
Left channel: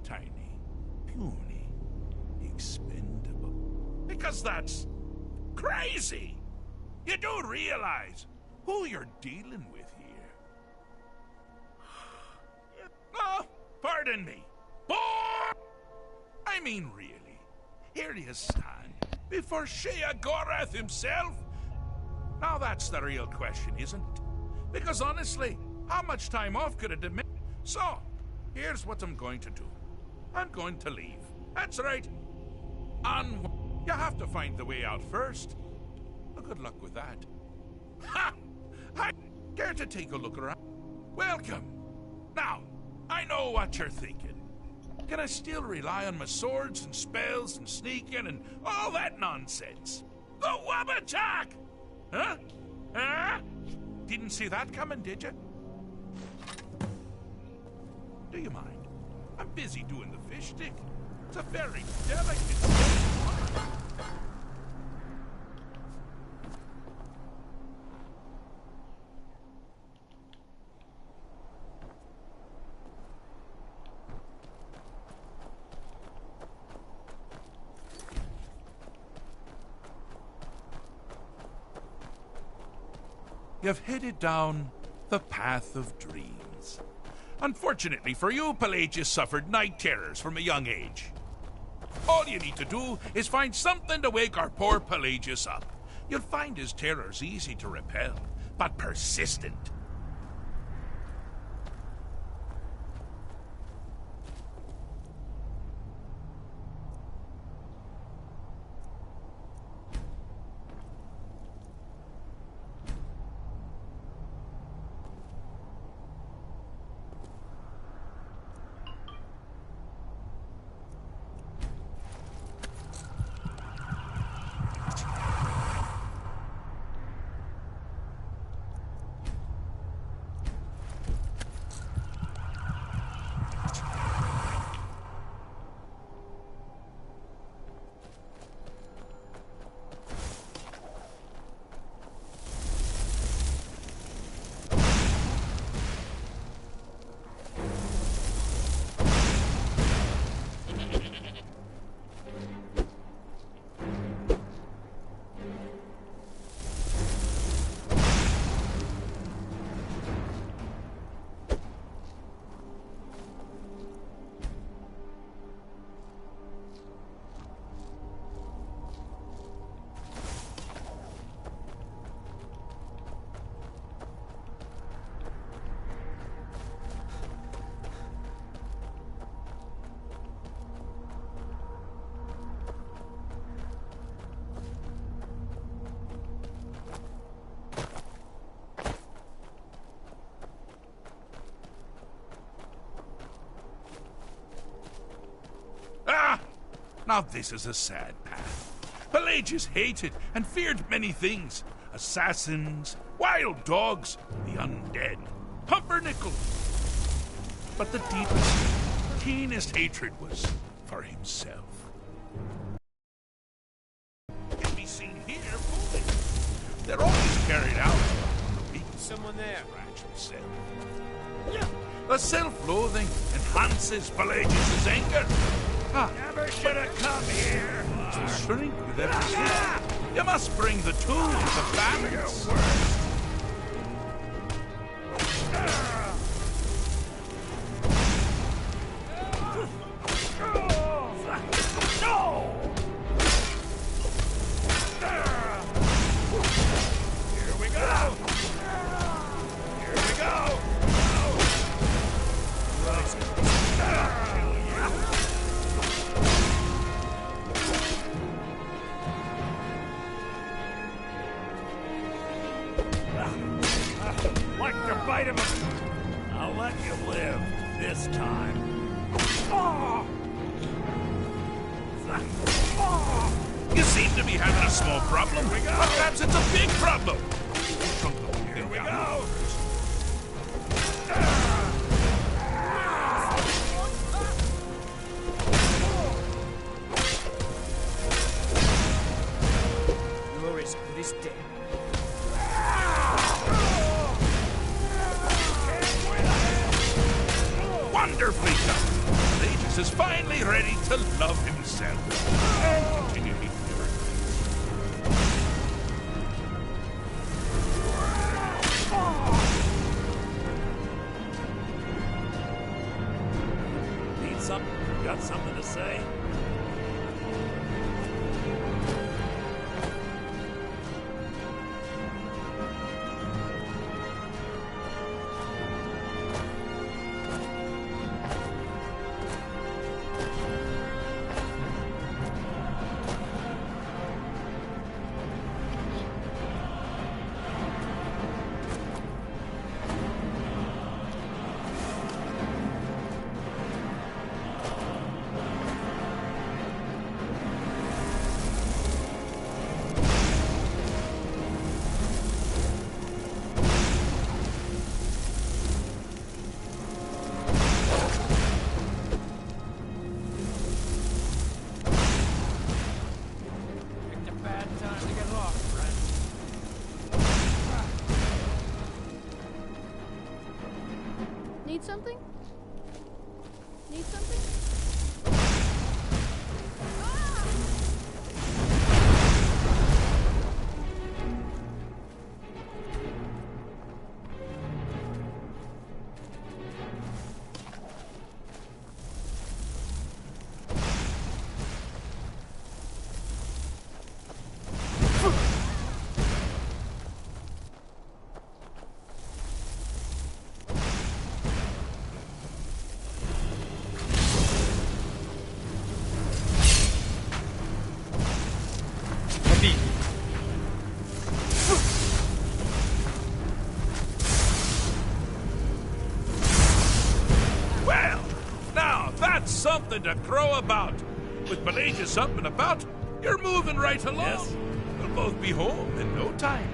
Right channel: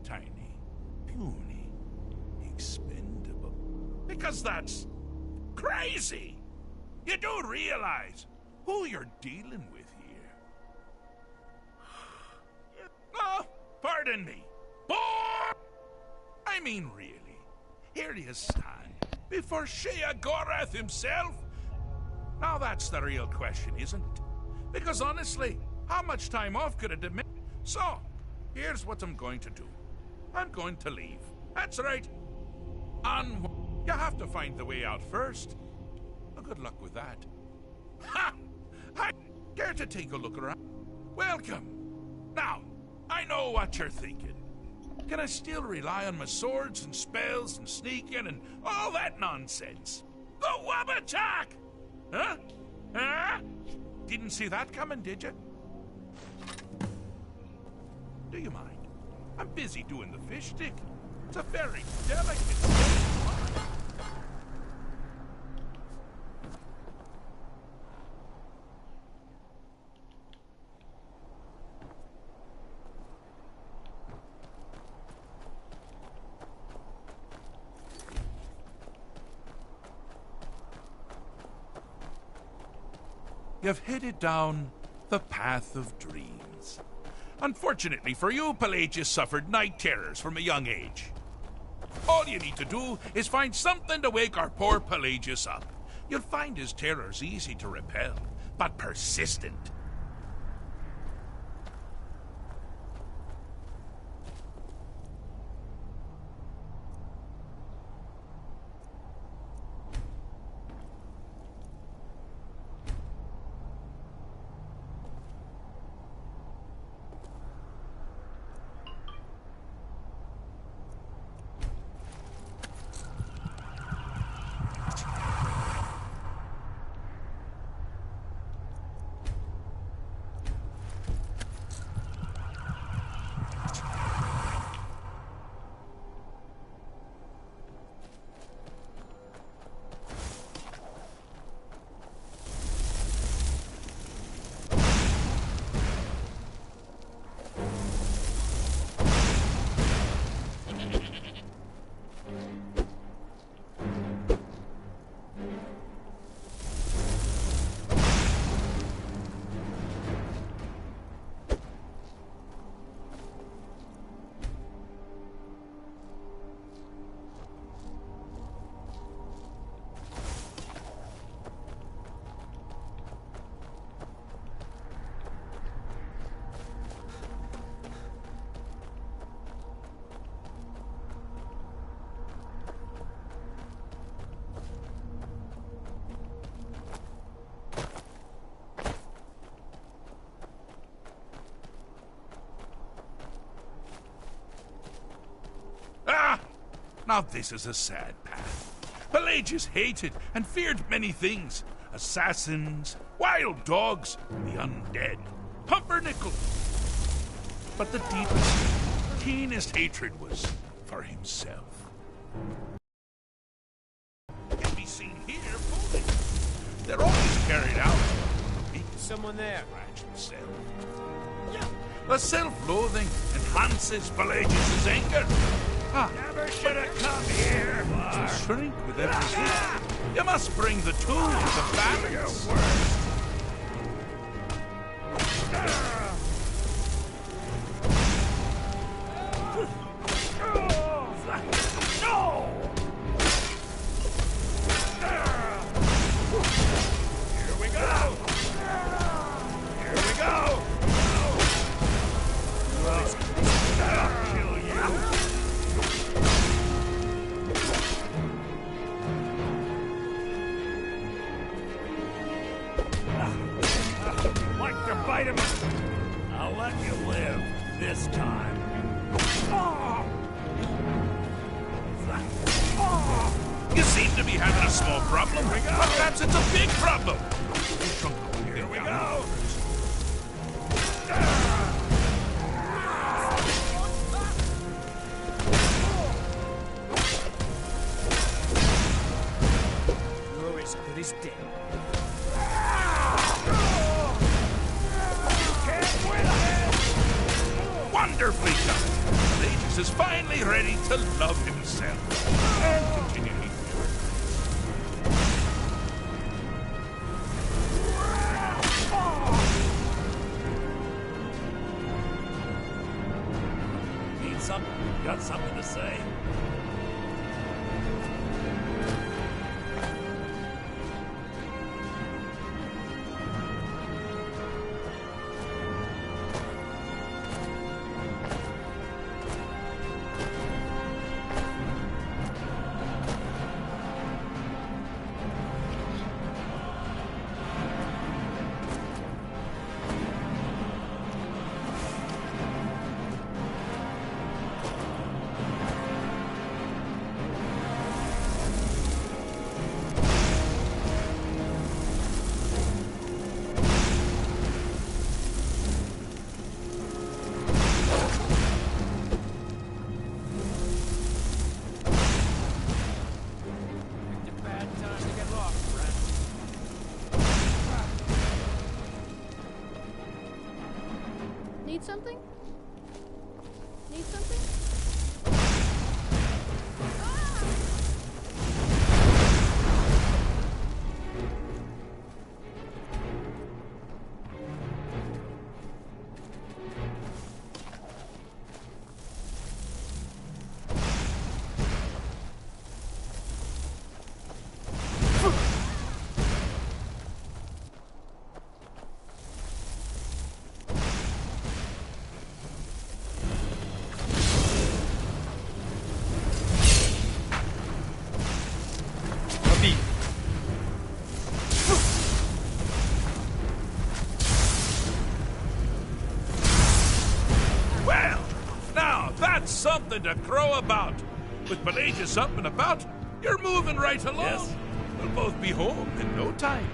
tiny, puny, expendable... Because that's crazy! You do realize who you're dealing with here. Oh, pardon me. I mean, really. Here you stand before Shea Gorath himself. Now that's the real question, isn't it? Because honestly, how much time off could it demand? So, here's what I'm going to do. I'm going to leave. That's right. You have to find the way out first. Well, good luck with that. Ha! I care to take a look around. Welcome. Now, I know what you're thinking. Can I still rely on my swords and spells and sneaking and all that nonsense? The Wabbajack! Huh? Huh? Didn't see that coming, did you? Do you mind? I'm busy doing the fish stick. It's a very delicate thing. You've headed down the path of dreams. Unfortunately for you, Pelagius suffered night terrors from a young age. All you need to do is find something to wake our poor Pelagius up. You'll find his terrors easy to repel, but persistent. Now this is a sad path. Pelagius hated and feared many things. Assassins, wild dogs, the undead, pumpernickel. But the deepest, keenest hatred was for himself. Can be seen here fully. They're always carried out on the weak. Someone there. Fragile self. The self-loathing enhances Pelagius' anger. Never should have come here. To shrink with every hit. You must bring the two into balance. sight of him. I'll let you live this time. Oh! Oh! You seem to be having a small problem. Perhaps it's a big problem. Here we go. You're as good as dead. Wonderfully done. Pelagius is finally ready to love himself and continue hating everything. Need something? Got something to say? Need something? Need something? Well, now that's something to crow about. With Pelagius up and about, you're moving right along. Yes. We'll both be home in no time.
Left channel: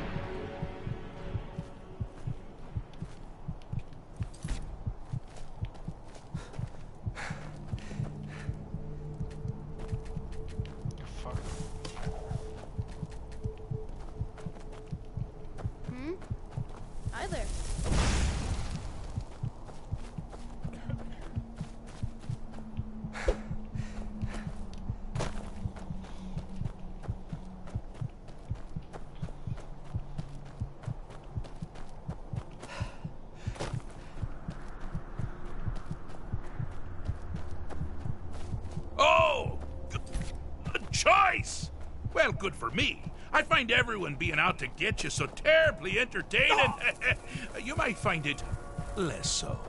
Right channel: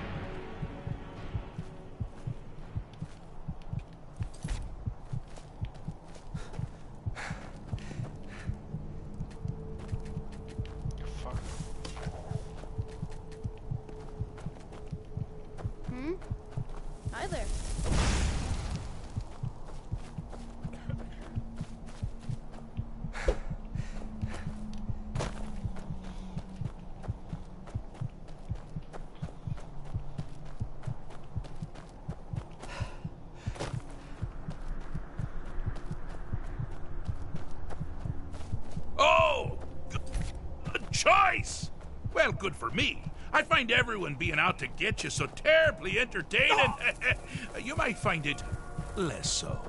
Hi there. Oh! Good choice! Well, good for me. I find everyone being out to get you so terribly entertaining. You might find it less so.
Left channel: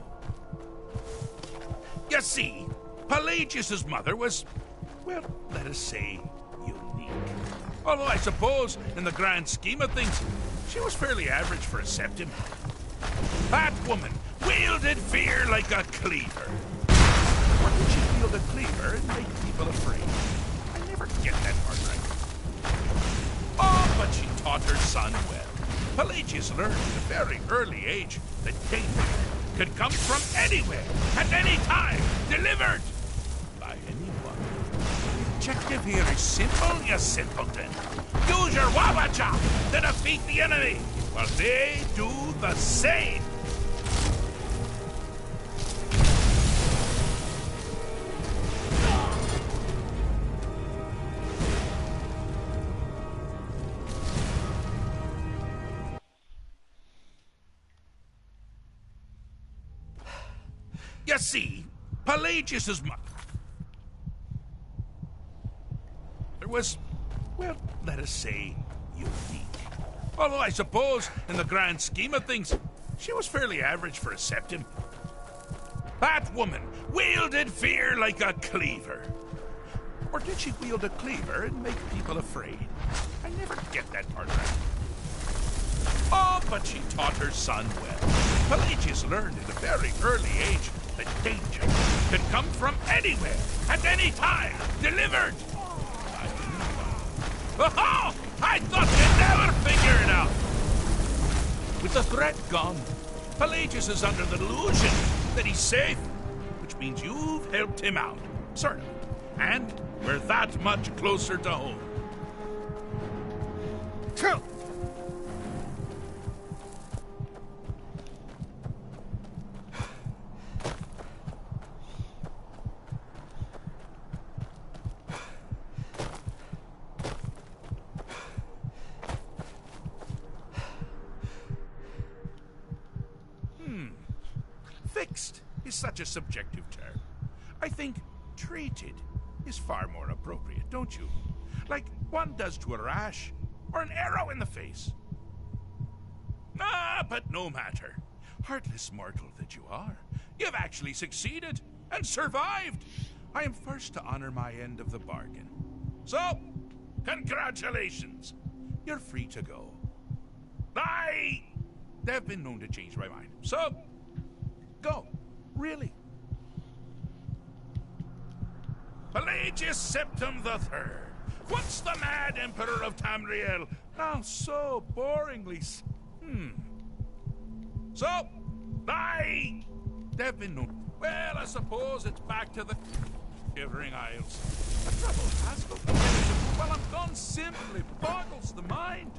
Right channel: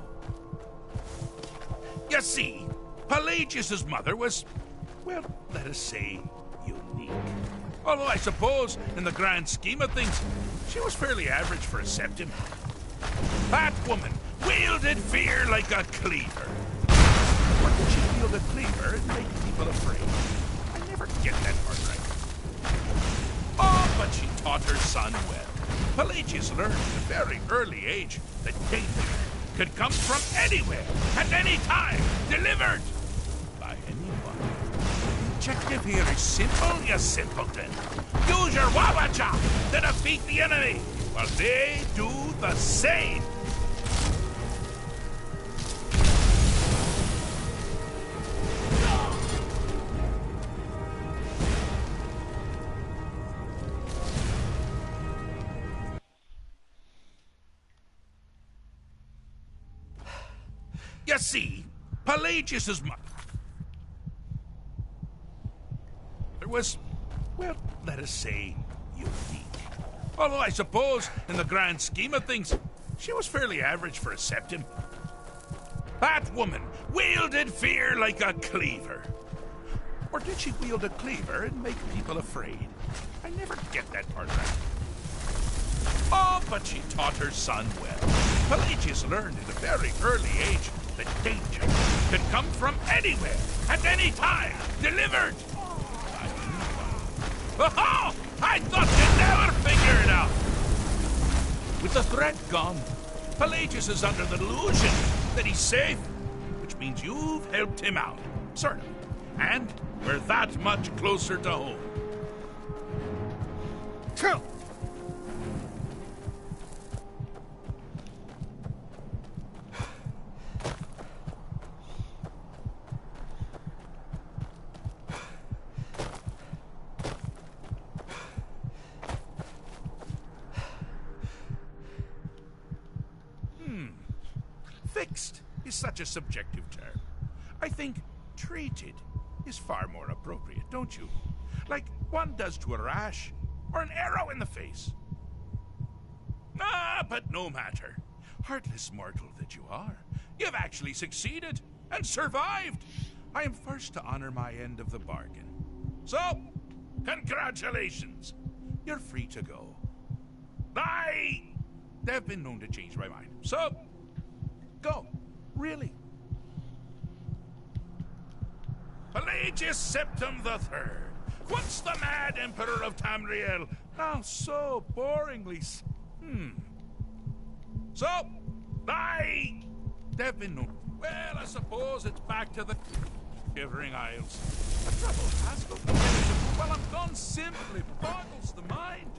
You see, Pelagius's mother was, well, let us say, unique. Although I suppose, in the grand scheme of things, she was fairly average for a septim. That woman wielded fear like a cleaver. Or did she wield a cleaver and make people afraid? I never get that part right. Oh, but she taught her son well. Pelagius learned at a very early age that danger could come from anywhere, at any time, delivered by anyone. The objective here is simple, you simpleton. Use your wabacha to defeat the enemy, while they do the same. You see, Pelagius's mother was, well, let us say, unique. Although I suppose, in the grand scheme of things, she was fairly average for a septim. That woman wielded fear like a cleaver. Or did she wield a cleaver and make people afraid? I never get that part right. Oh, but she taught her son well. Pelagius learned at a very early age that danger could come from anywhere, at any time, delivered. Oh, I thought you'd never figure it out. With the threat gone, Pelagius is under the delusion that he's safe, which means you've helped him out, sort of. And we're that much closer to home. Fixed is such a subjective term. I think treated is far more appropriate, don't you? Like one does to a rash or an arrow in the face. Ah, but no matter. Heartless mortal that you are, you've actually succeeded and survived. I am first to honor my end of the bargain. So, congratulations. You're free to go. They've been known to change my mind. So, go. Really. Pelagius Septim III, once the mad Emperor of Tamriel, now so boringly... So, they've been known... Well, I suppose it's back to the Shivering Isles. The trouble has got while I'm gone simply boggles the mind.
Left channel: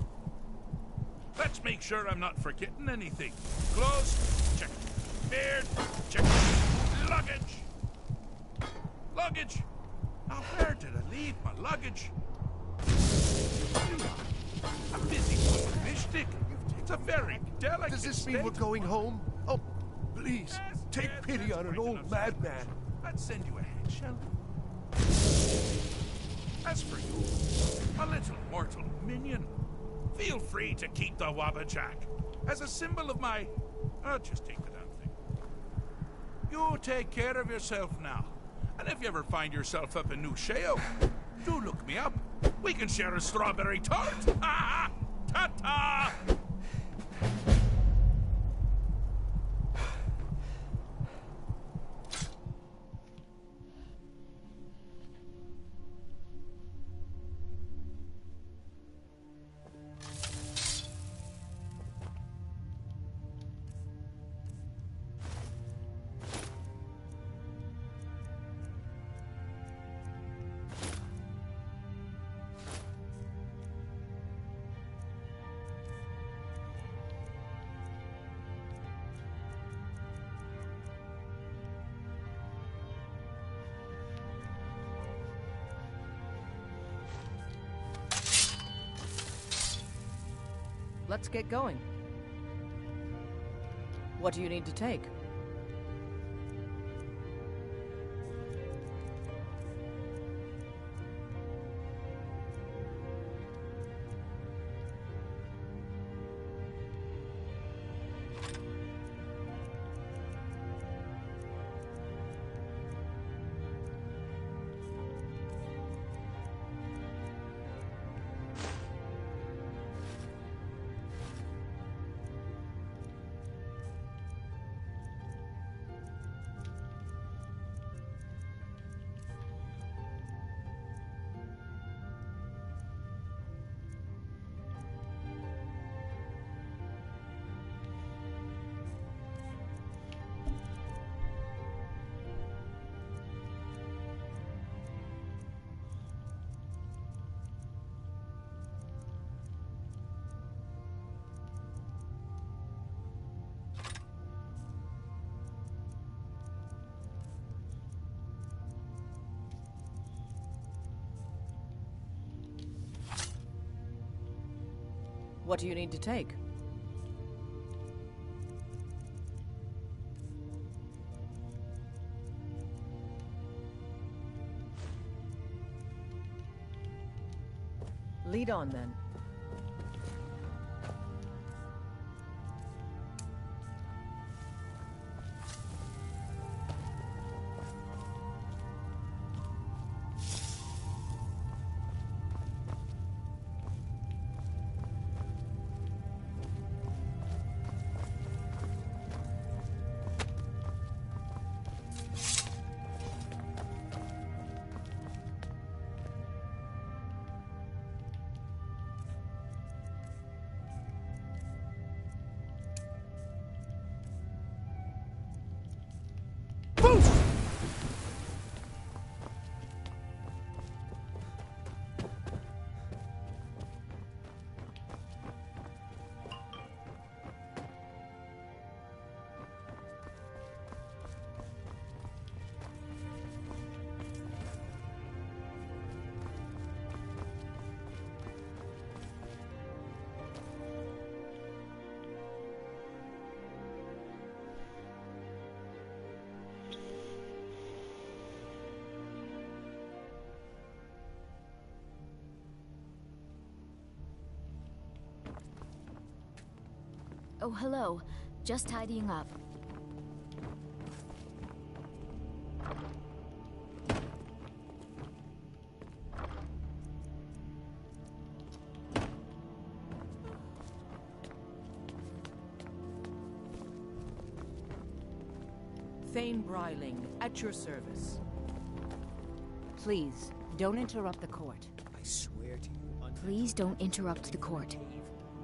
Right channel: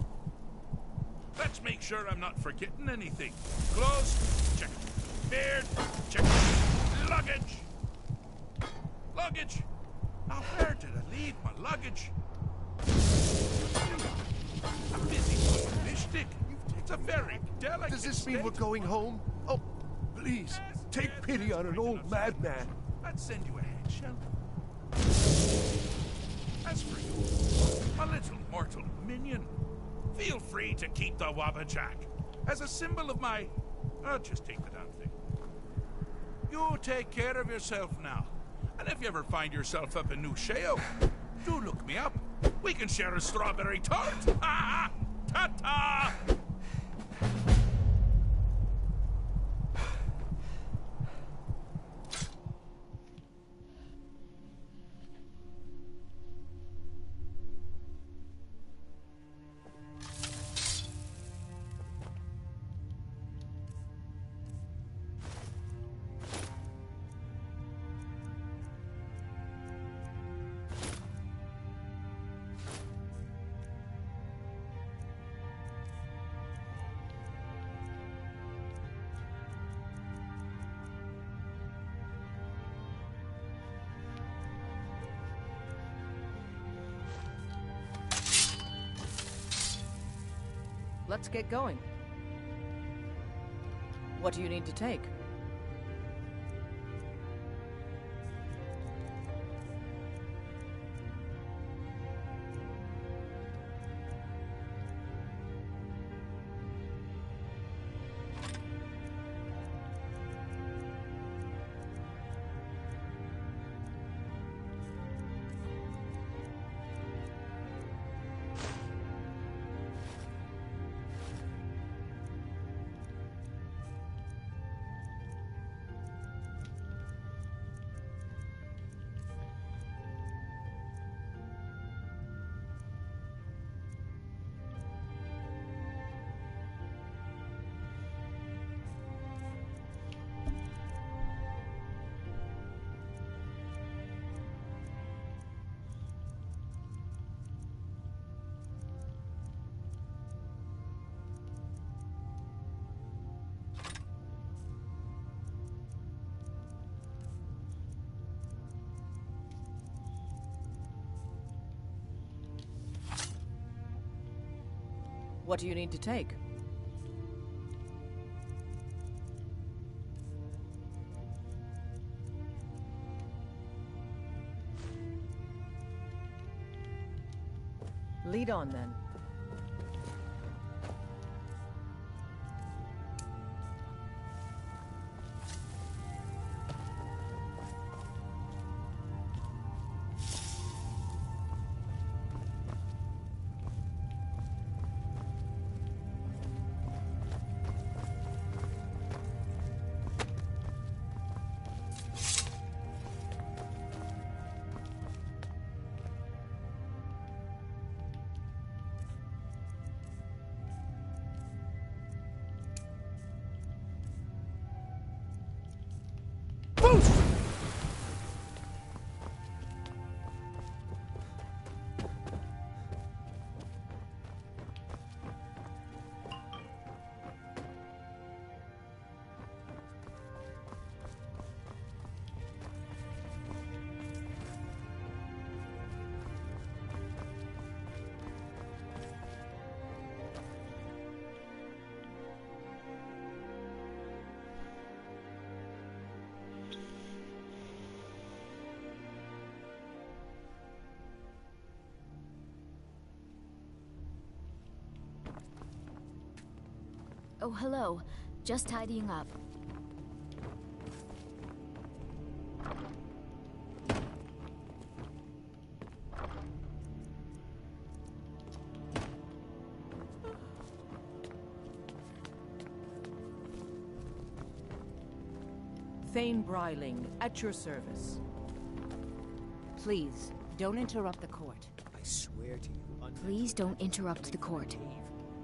Let's make sure I'm not forgetting anything. Clothes, check. Beard, check. Luggage. Luggage. Now, where did I leave my luggage? I'm busy with a fish stick. It's a very delicate Does this mean we're going home? Oh, please, take pity on an old madman. I'd send you ahead, shall we? As for you, my little mortal minion, feel free to keep the Wabbajack as a symbol of my... I'll just take the damn thing. You take care of yourself now. And if you ever find yourself up in New Sheo, do look me up. We can share a strawberry tart. Ha! Ta-ta! Let's get going. What do you need to take? What do you need to take? Lead on, then. Oh, hello. Just tidying up. Thane Bryling, at your service. Please, don't interrupt the court. I swear to you, Please don't interrupt the court.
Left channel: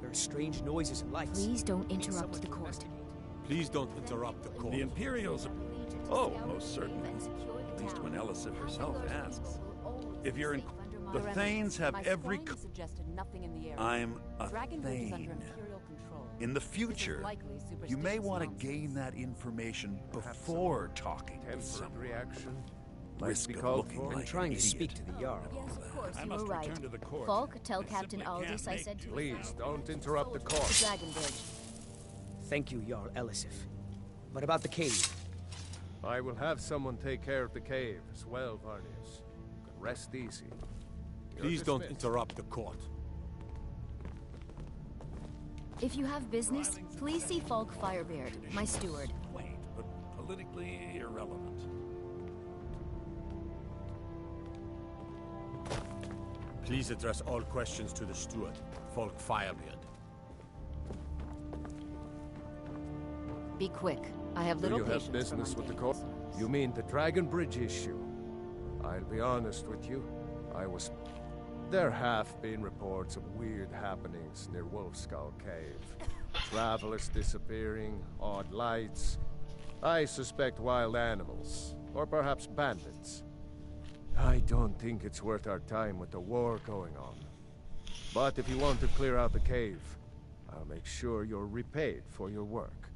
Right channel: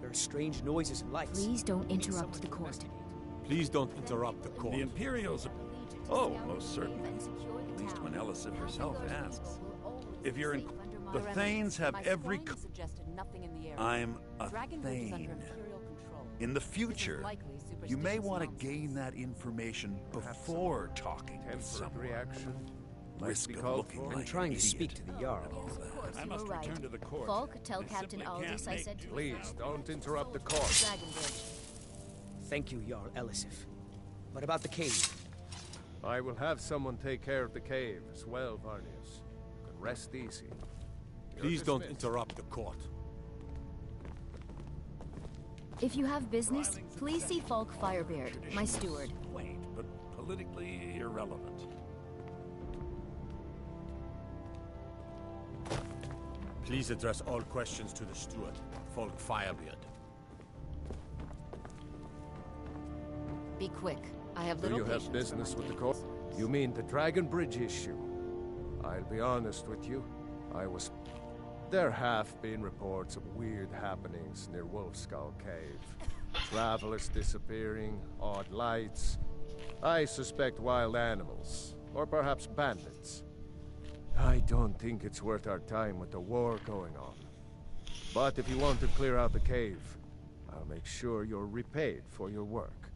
there are strange noises and lights. Please don't interrupt the court. Please don't interrupt the court. The Imperials... Oh, most certainly. At least when Elisif herself asks. If you're in... The Thanes have every... I'm a Thane. In the future, you may want to gain that information before talking with someone. Reaction. Risk of looking like I'm trying to an speak idiot. to the Jarl. Yes, of course, I you must were right. return to the court. Falk, tell I Captain simply Aldous can't I make said to Please, don't interrupt the court. The Dragon Bridge. Thank you, Jarl Elisif. But about the cave. I will have someone take care of the cave as well, Varnius. You can rest easy. You're Please don't dismissed. interrupt the court. If you have business, please see Falk Firebeard, my steward. Quaint, but politically irrelevant. Please address all questions to the steward, Falk Firebeard. Be quick. I have Do little you patience have for business with the mundane court? business. You mean the Dragon Bridge issue? I'll be honest with you. There have been reports of weird happenings near Wolfskull Cave. Travelers disappearing, odd lights. I suspect wild animals, or perhaps bandits. I don't think it's worth our time with the war going on. But if you want to clear out the cave, I'll make sure you're repaid for your work.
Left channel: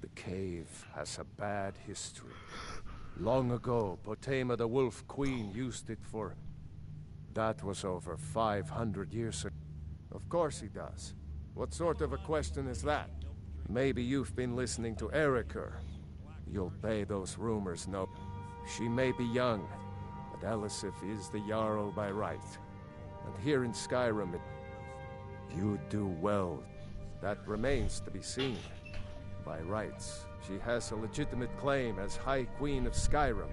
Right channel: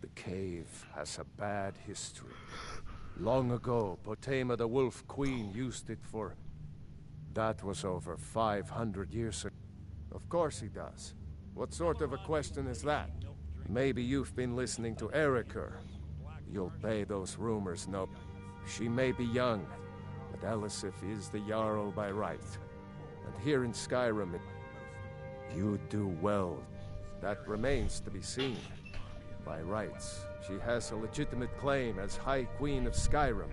The cave has a bad history. Long ago, Potema the Wolf Queen used it for... That was over 500 years ago. Of course he does. What sort of a question is that? Maybe you've been listening to Eriker. You'll pay those rumors no. She may be young, but Elisif is the Jarl by right. And here in Skyrim, you do well. That remains to be seen. By rights, she has a legitimate claim as High Queen of Skyrim.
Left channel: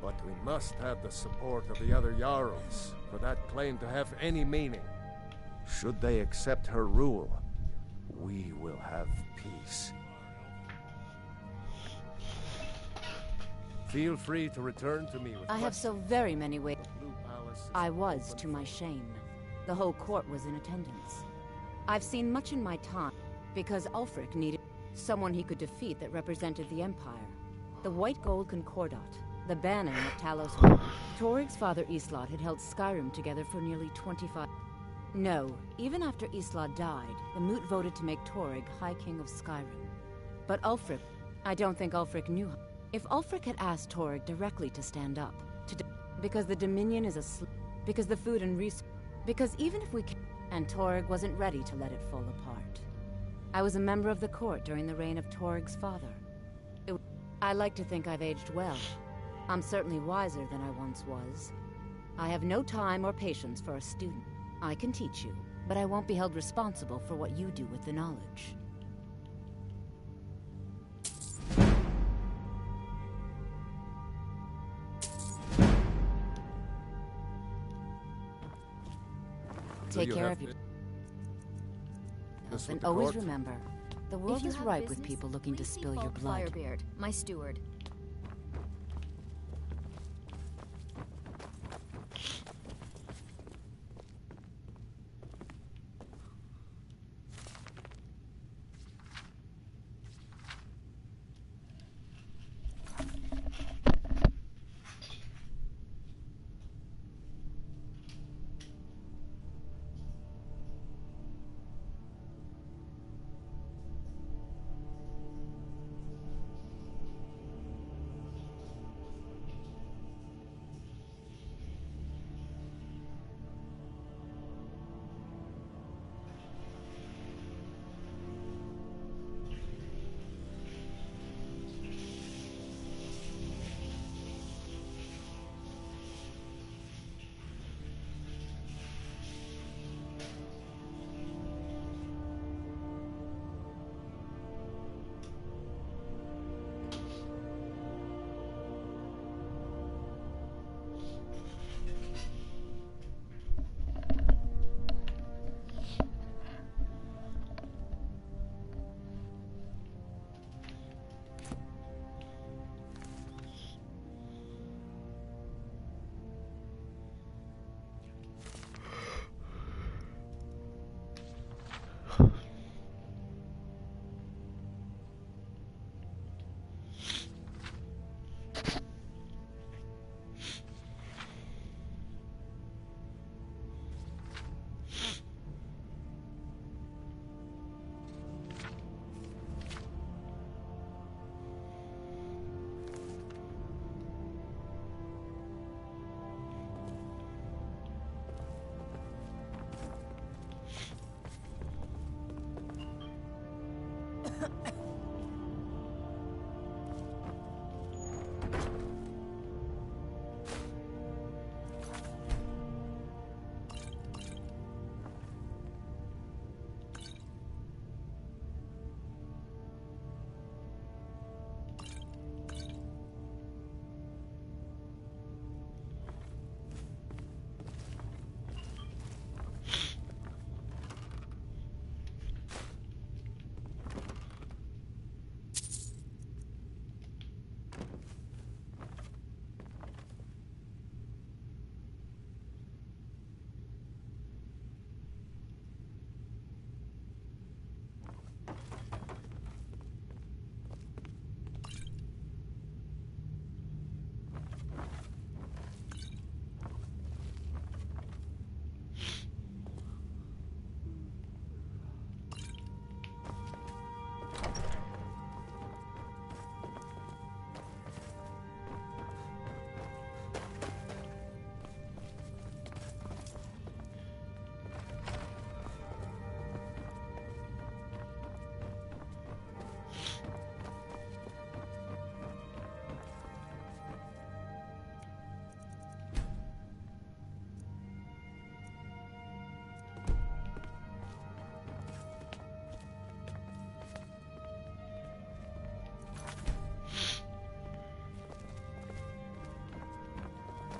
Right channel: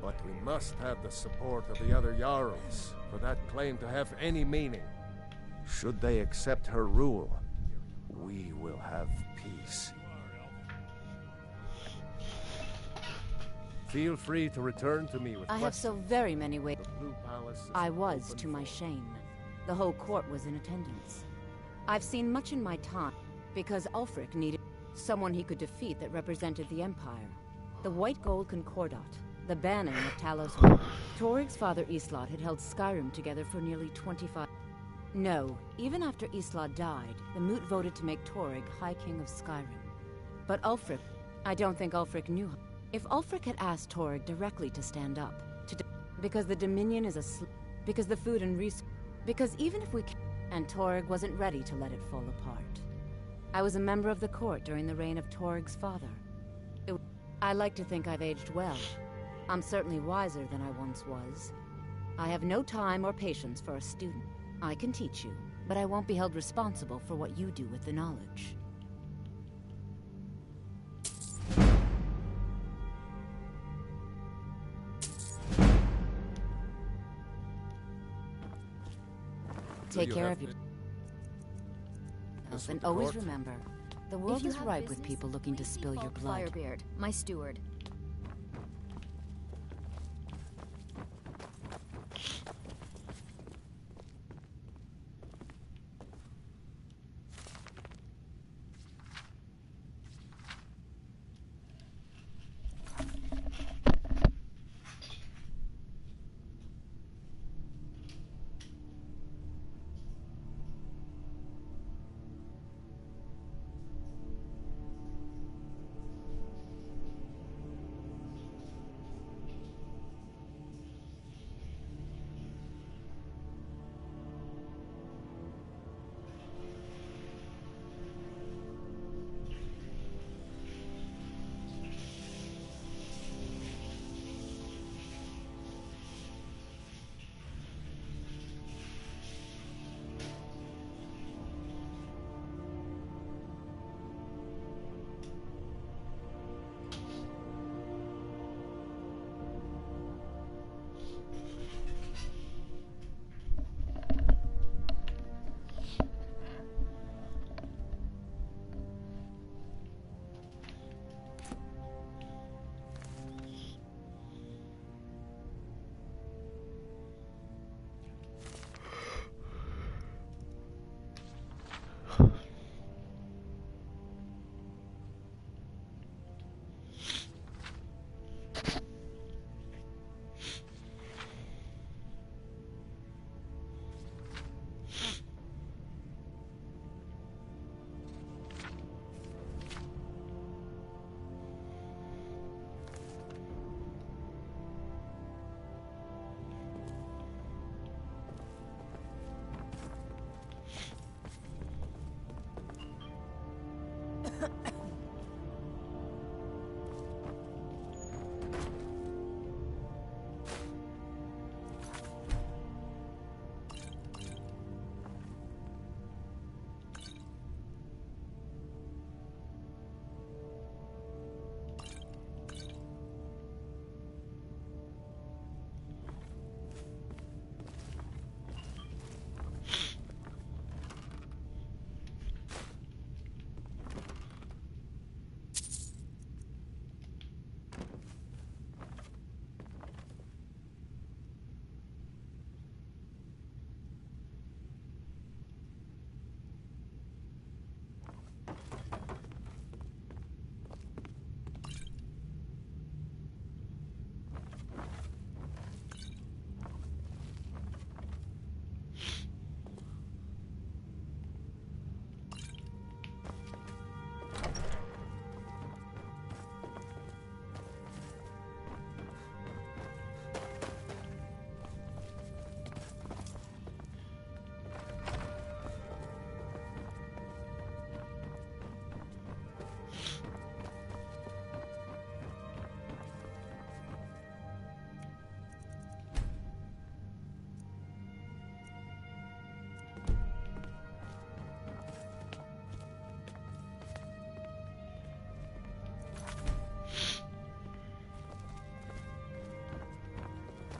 But we must have the support of the other Jarls for that claim to have any meaning. Should they accept her rule, we will have peace. Feel free to return to me with I have so very many ways. Blue Palace is I was, open to my for- shame. The whole court was in attendance. I've seen much in my time, because Ulfric needed someone he could defeat that represented the Empire. The White Gold Concordat, the banning of Talos. Torig's father Islot had held Skyrim together for nearly 25... No, even after Islot died, the Moot voted to make Torig High King of Skyrim. But Ulfric... I don't think Ulfric knew... If Ulfric had asked Torig directly to stand up, because the Dominion is because the food and because even if we and Torig wasn't ready to let it fall apart. I was a member of the court during the reign of Torig's father. I like to think I've aged well. I'm certainly wiser than I once was. I have no time or patience for a student. I can teach you, but I won't be held responsible for what you do with the knowledge. Take care of you. And always remember, the world is ripe with people looking to spill your blood. Firebeard, my steward.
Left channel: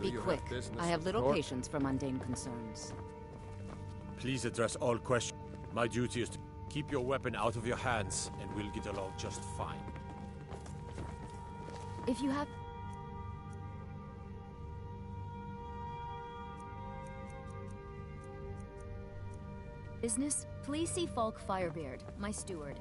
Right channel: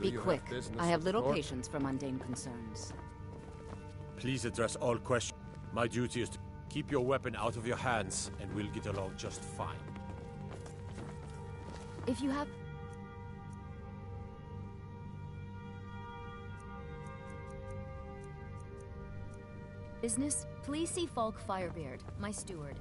Be quick. I have little patience for mundane concerns. Please address all questions. My duty is to keep your weapon out of your hands, and we'll get along just fine. If you have... business, please see Falk Firebeard, my steward.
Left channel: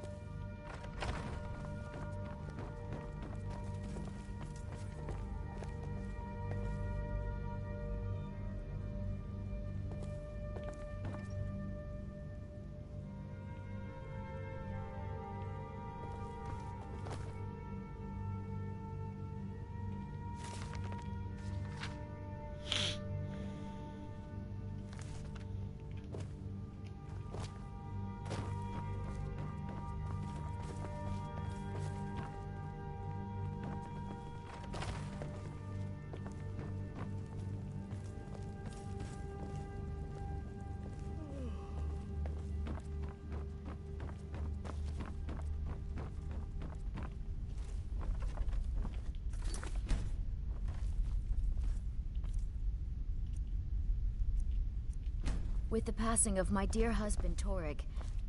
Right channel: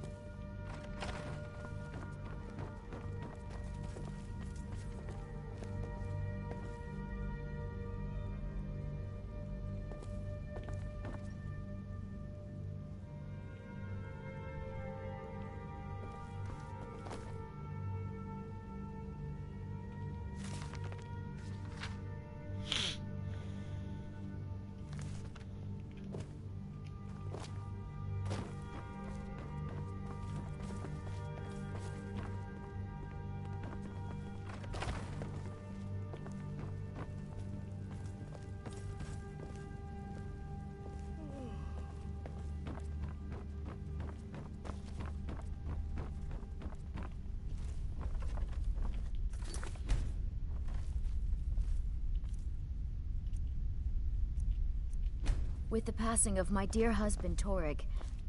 With the passing of my dear husband, Torrig,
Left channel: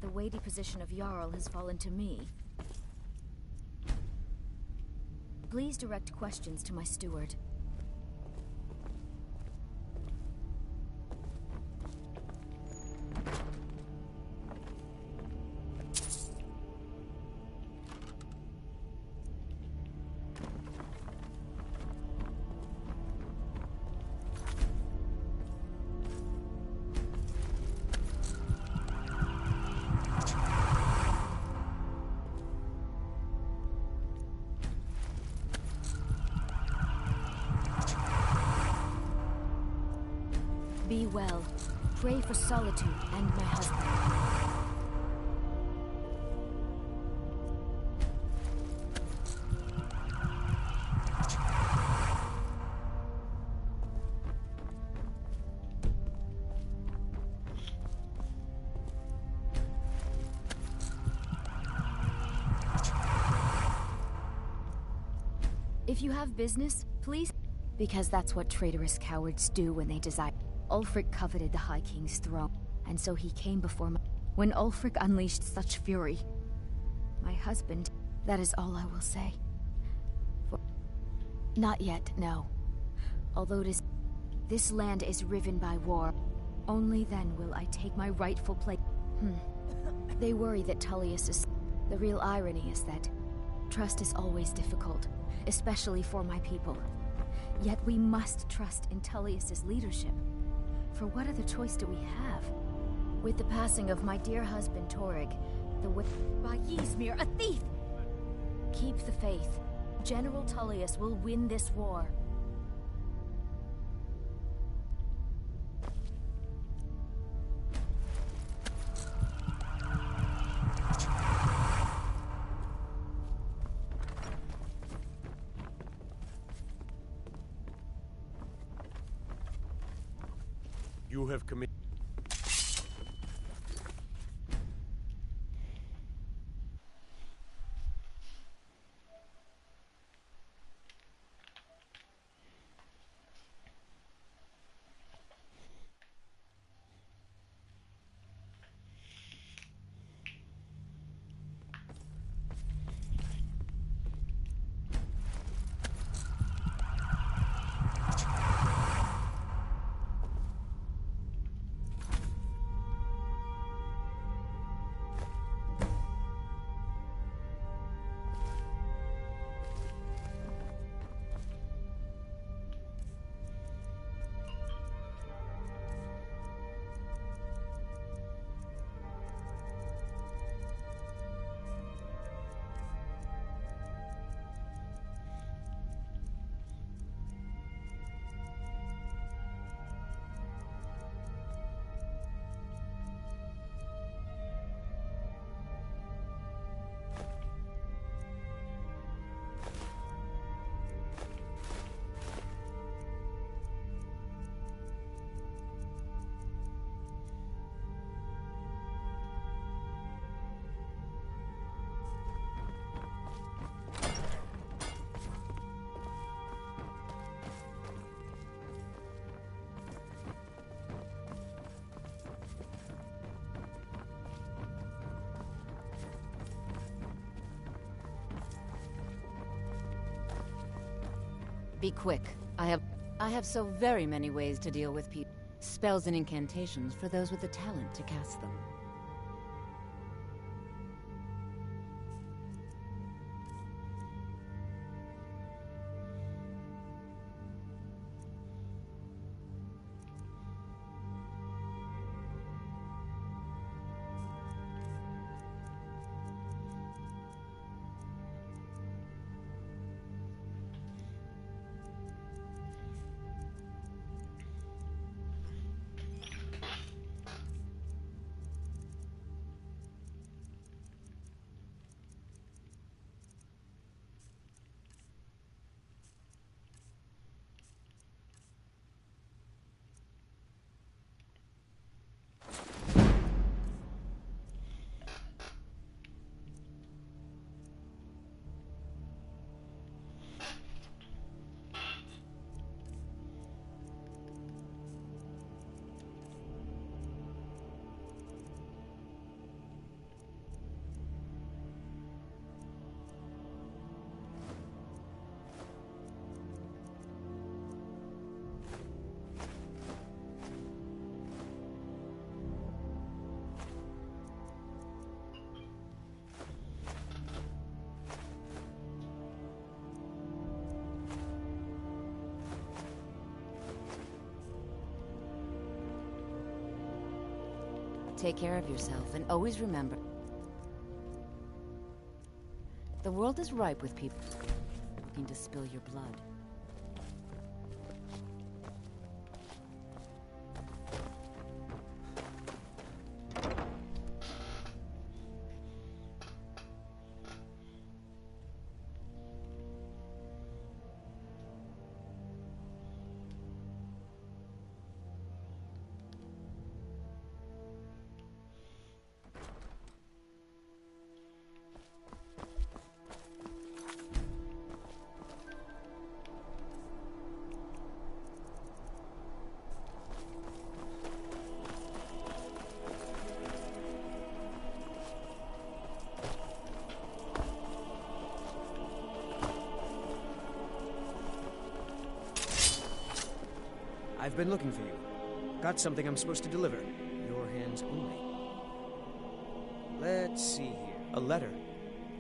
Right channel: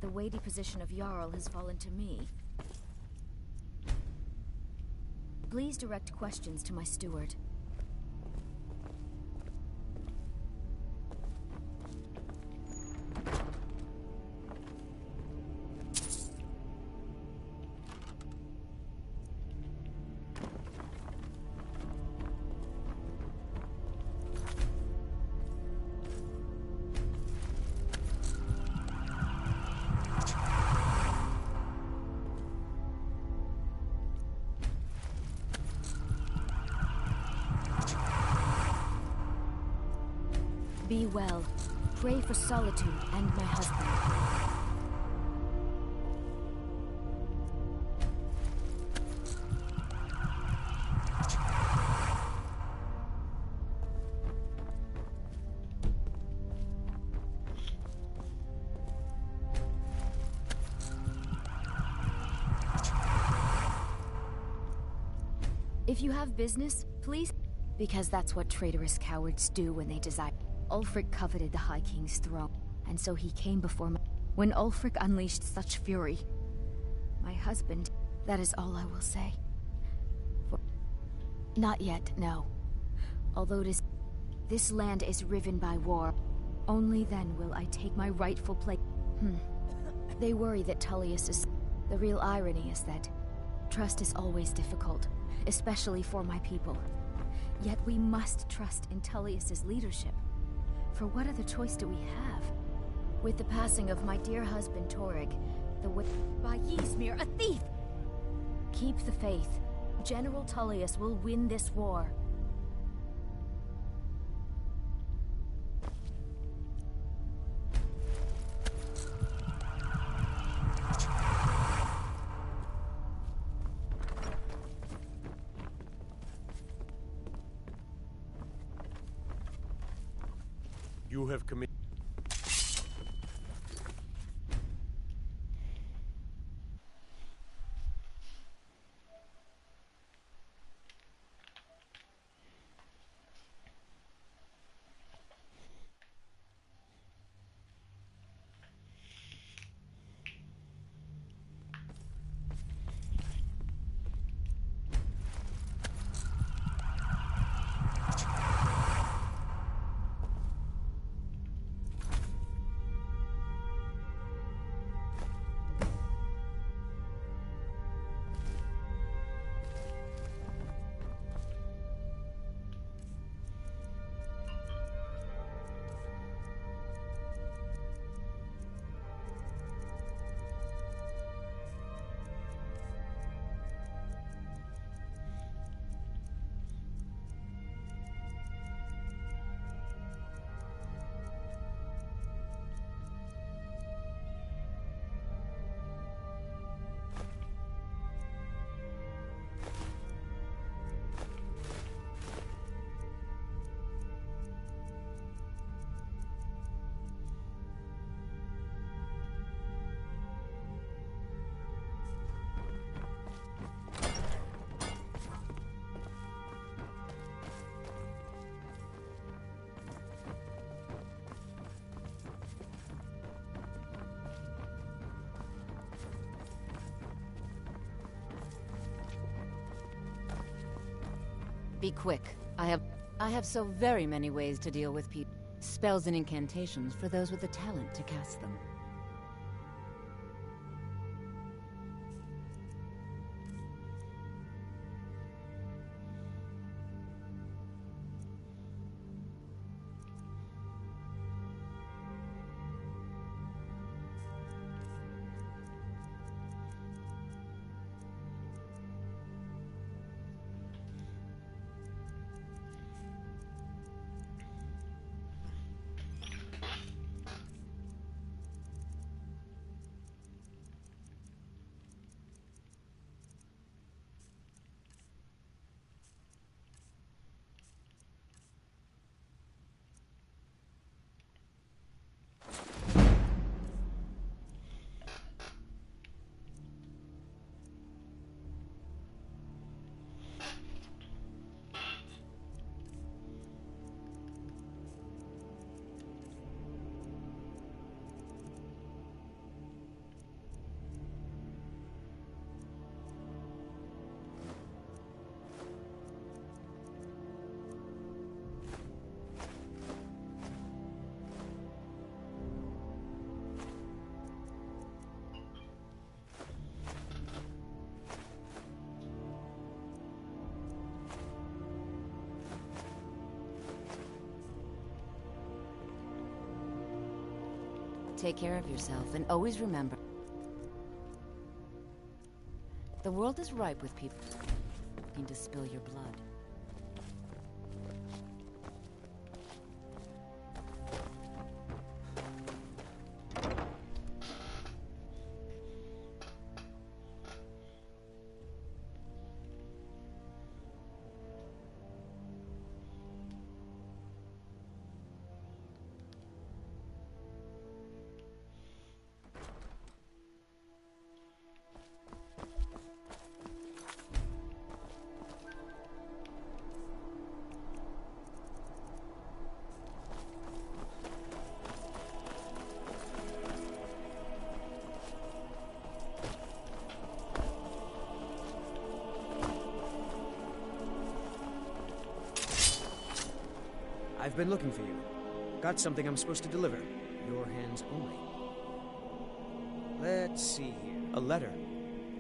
the weighty position of Jarl has fallen to me. Please direct questions to my steward. Be well. Pray for solitude and my husband. If you have business, please... because that's what traitorous cowards do when they desire... Ulfric coveted the High King's throne, and so he came before me. When Ulfric unleashed such fury, my husband, that is all I will say. For... not yet, no. Although this land is riven by war, only then will I take my rightful place. They worry that Tullius is... The real irony is that trust is always difficult, especially for my people. Yet we must trust in Tullius's leadership. For what other choice do we have? With the passing of my dear husband, Torrig, the way... By Ysmir, a thief! Keep the faith. General Tullius will win this war. You have committed. Be quick. I have so very many ways to deal with people. Spells and incantations for those with the talent to cast them. Take care of yourself, and always remember, the world is ripe with people looking to spill your blood. I've been looking for you. Got something I'm supposed to deliver. Your hands only. Let's see here. A letter.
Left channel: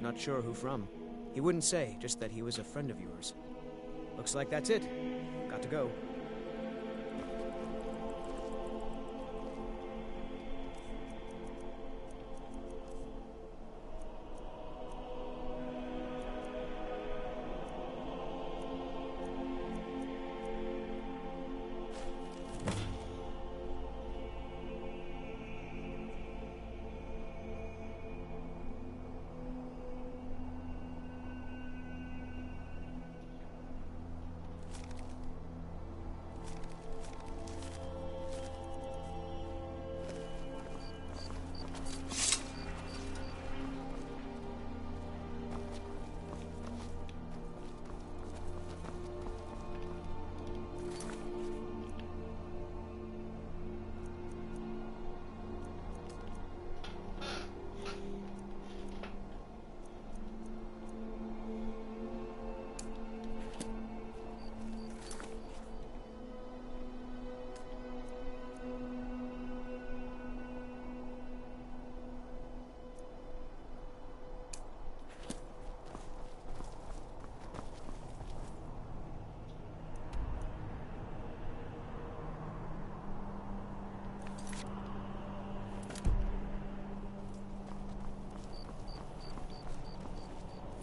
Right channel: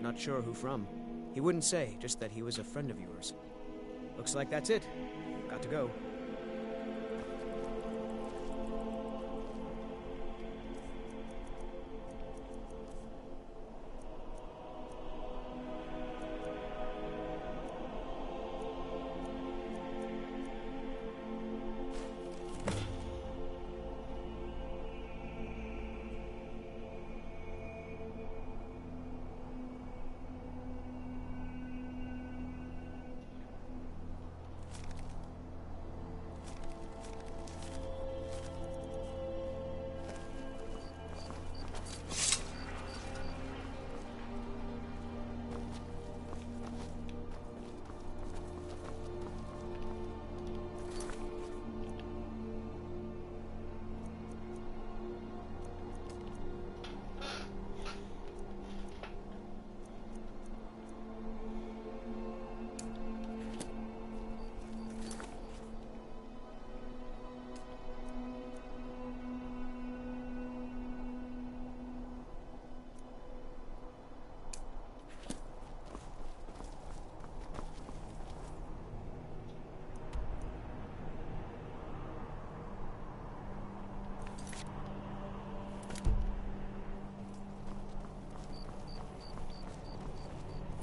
Not sure who from. He wouldn't say, just that he was a friend of yours. Looks like that's it. Got to go.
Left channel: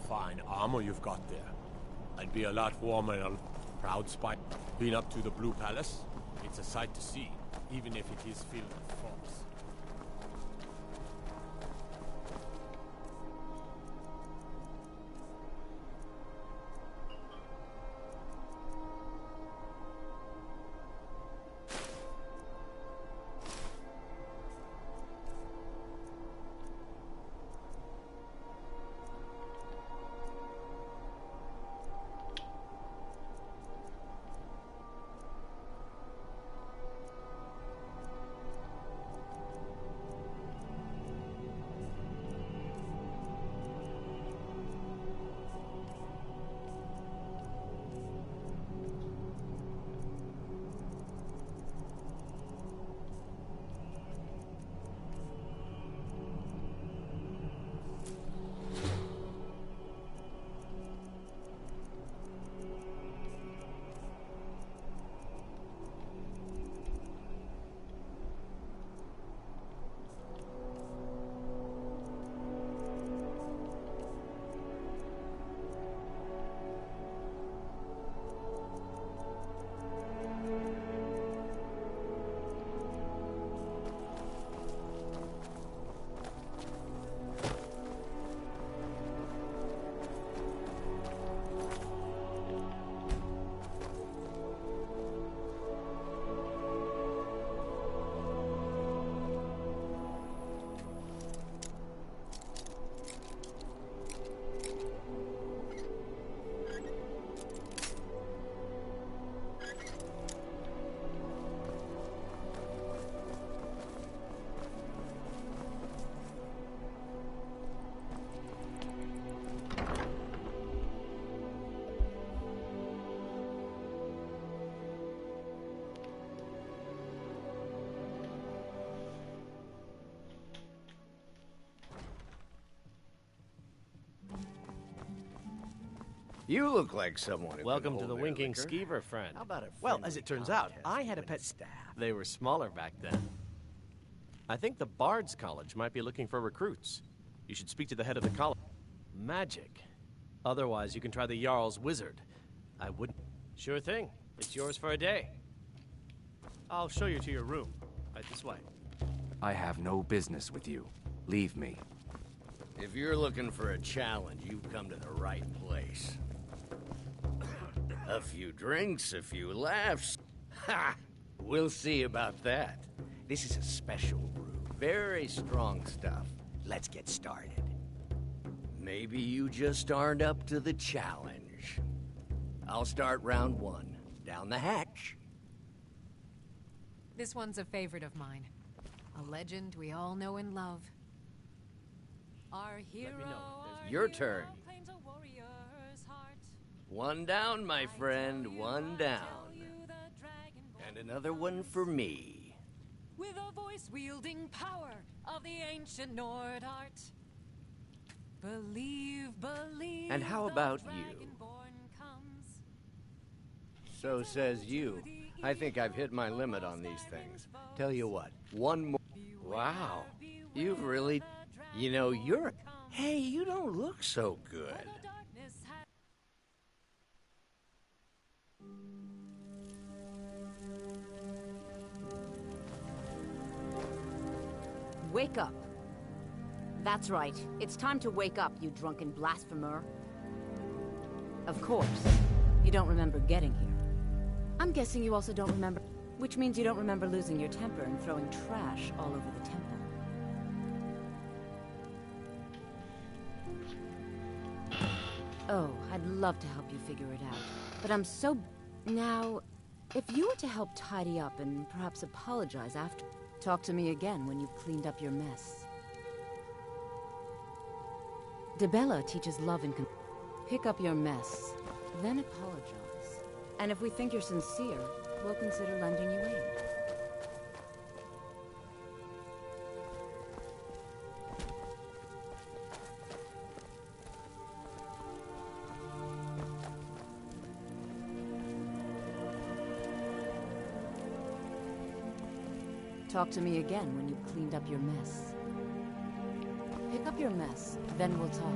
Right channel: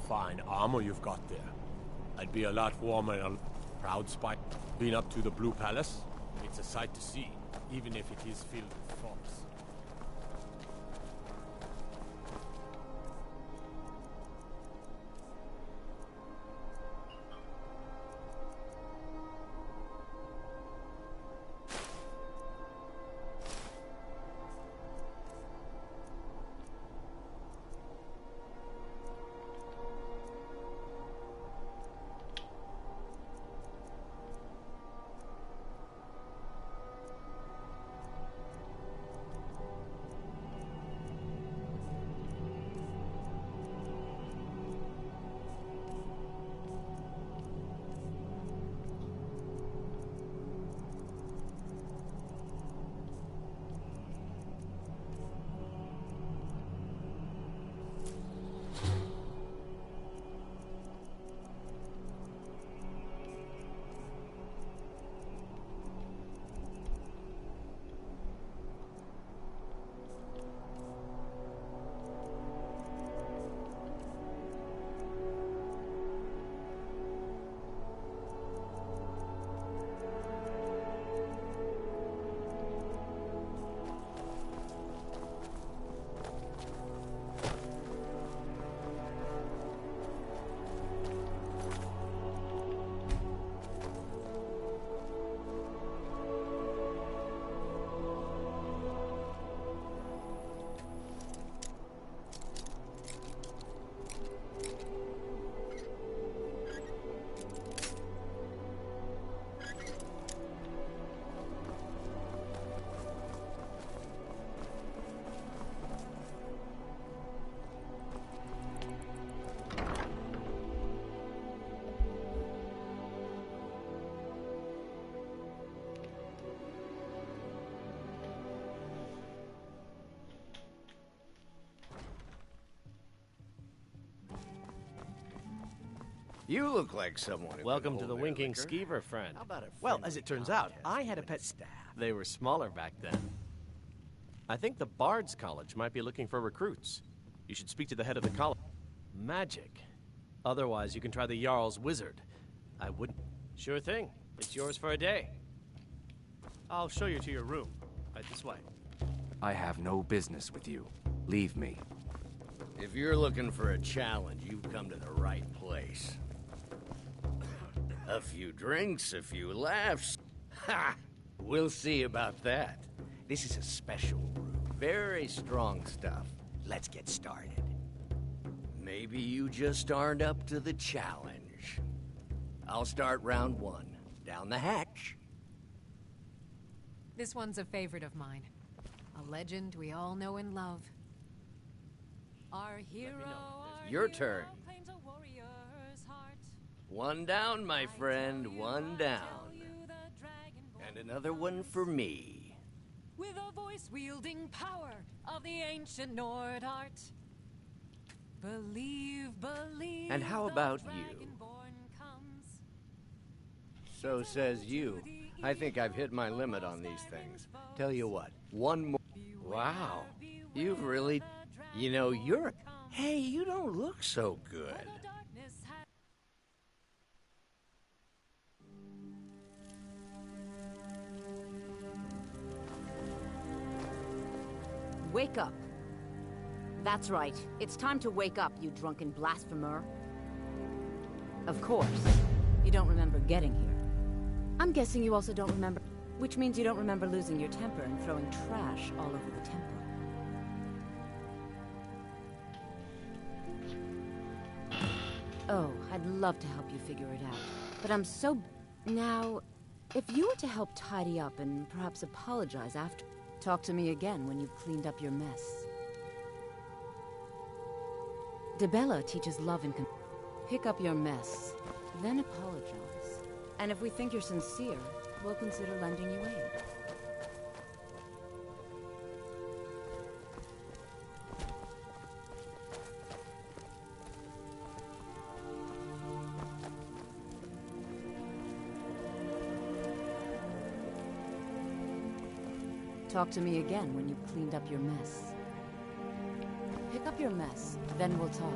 fine armor you've got there. I'd be a lot warmer and a proud spy. Been up to the Blue Palace? It's a sight to see, even if it is filled with fogs. You look like someone who Welcome to the Winking Skeever, friend. How about a Well, as it turns out, I had a pet staff. They were smaller back then. I think the Bard's College might be looking for recruits. You should speak to the head of the college. Magic. Otherwise, you can try the Jarl's Wizard. I wouldn't... Sure thing. It's yours for a day. I'll show you to your room. Right this way. I have no business with you. Leave me. If you're looking for a challenge, you've come to the right place. A few drinks, a few laughs. Ha! We'll see about that. This is a special brew. Very strong stuff. Let's get started. Maybe you just aren't up to the challenge. I'll start round one. Down the hatch. This one's a favorite of mine. A legend we all know and love. Our hero, Your turn. One down, my friend, one down. And another one for me. with a voice-wielding power of the ancient Nord art. Believe, believe. And how about you? So says you. I think I've hit my limit on these things. Tell you what, one more. Wow, you've really. You know, you're. Hey, you don't look so good. Wake up. That's right. It's time to wake up, you drunken blasphemer. Of course, you don't remember getting here. I'm guessing you also don't remember, which means you don't remember losing your temper and throwing trash all over the temple. Oh, I'd love to help you figure it out, but I'm so... Now, if you were to help tidy up and perhaps apologize after, talk to me again when you've cleaned up your mess. DeBella teaches love and pick up your mess, then apologize. And if we think you're sincere, we'll consider lending you aid. Talk to me again when you've cleaned up your mess. Pick up your mess, then we'll talk.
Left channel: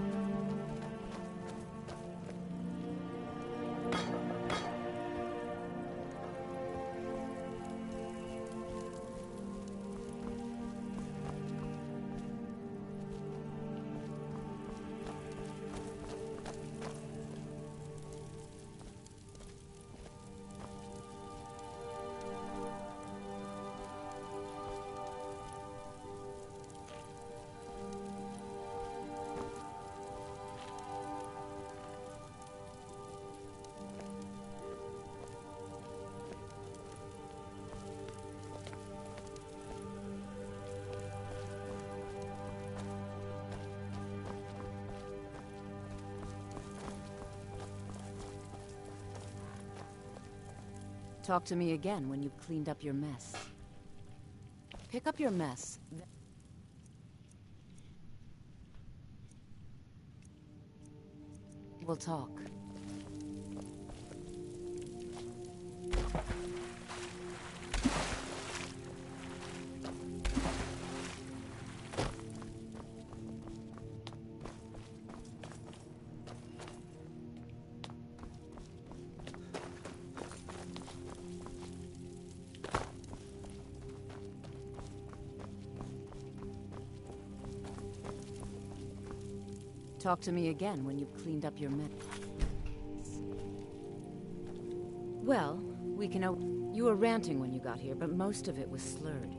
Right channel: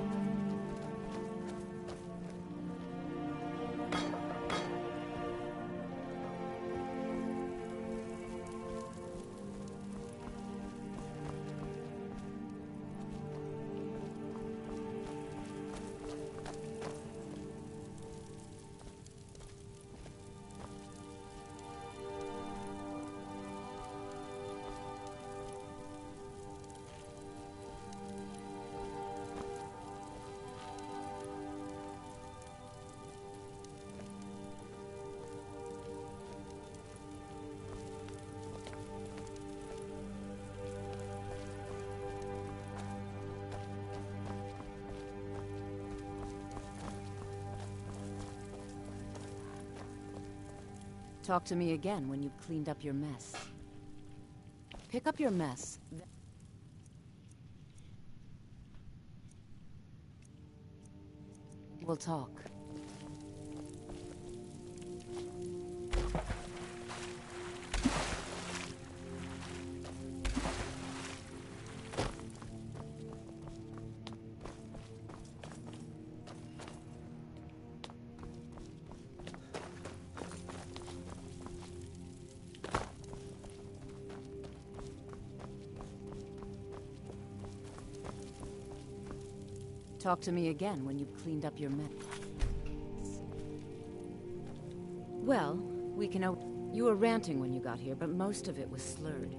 Talk to me again when you've cleaned up your mess. Pick up your mess. We'll talk. Talk to me again when you've cleaned up your mess. Well, we can... You were ranting when you got here, but most of it was slurred.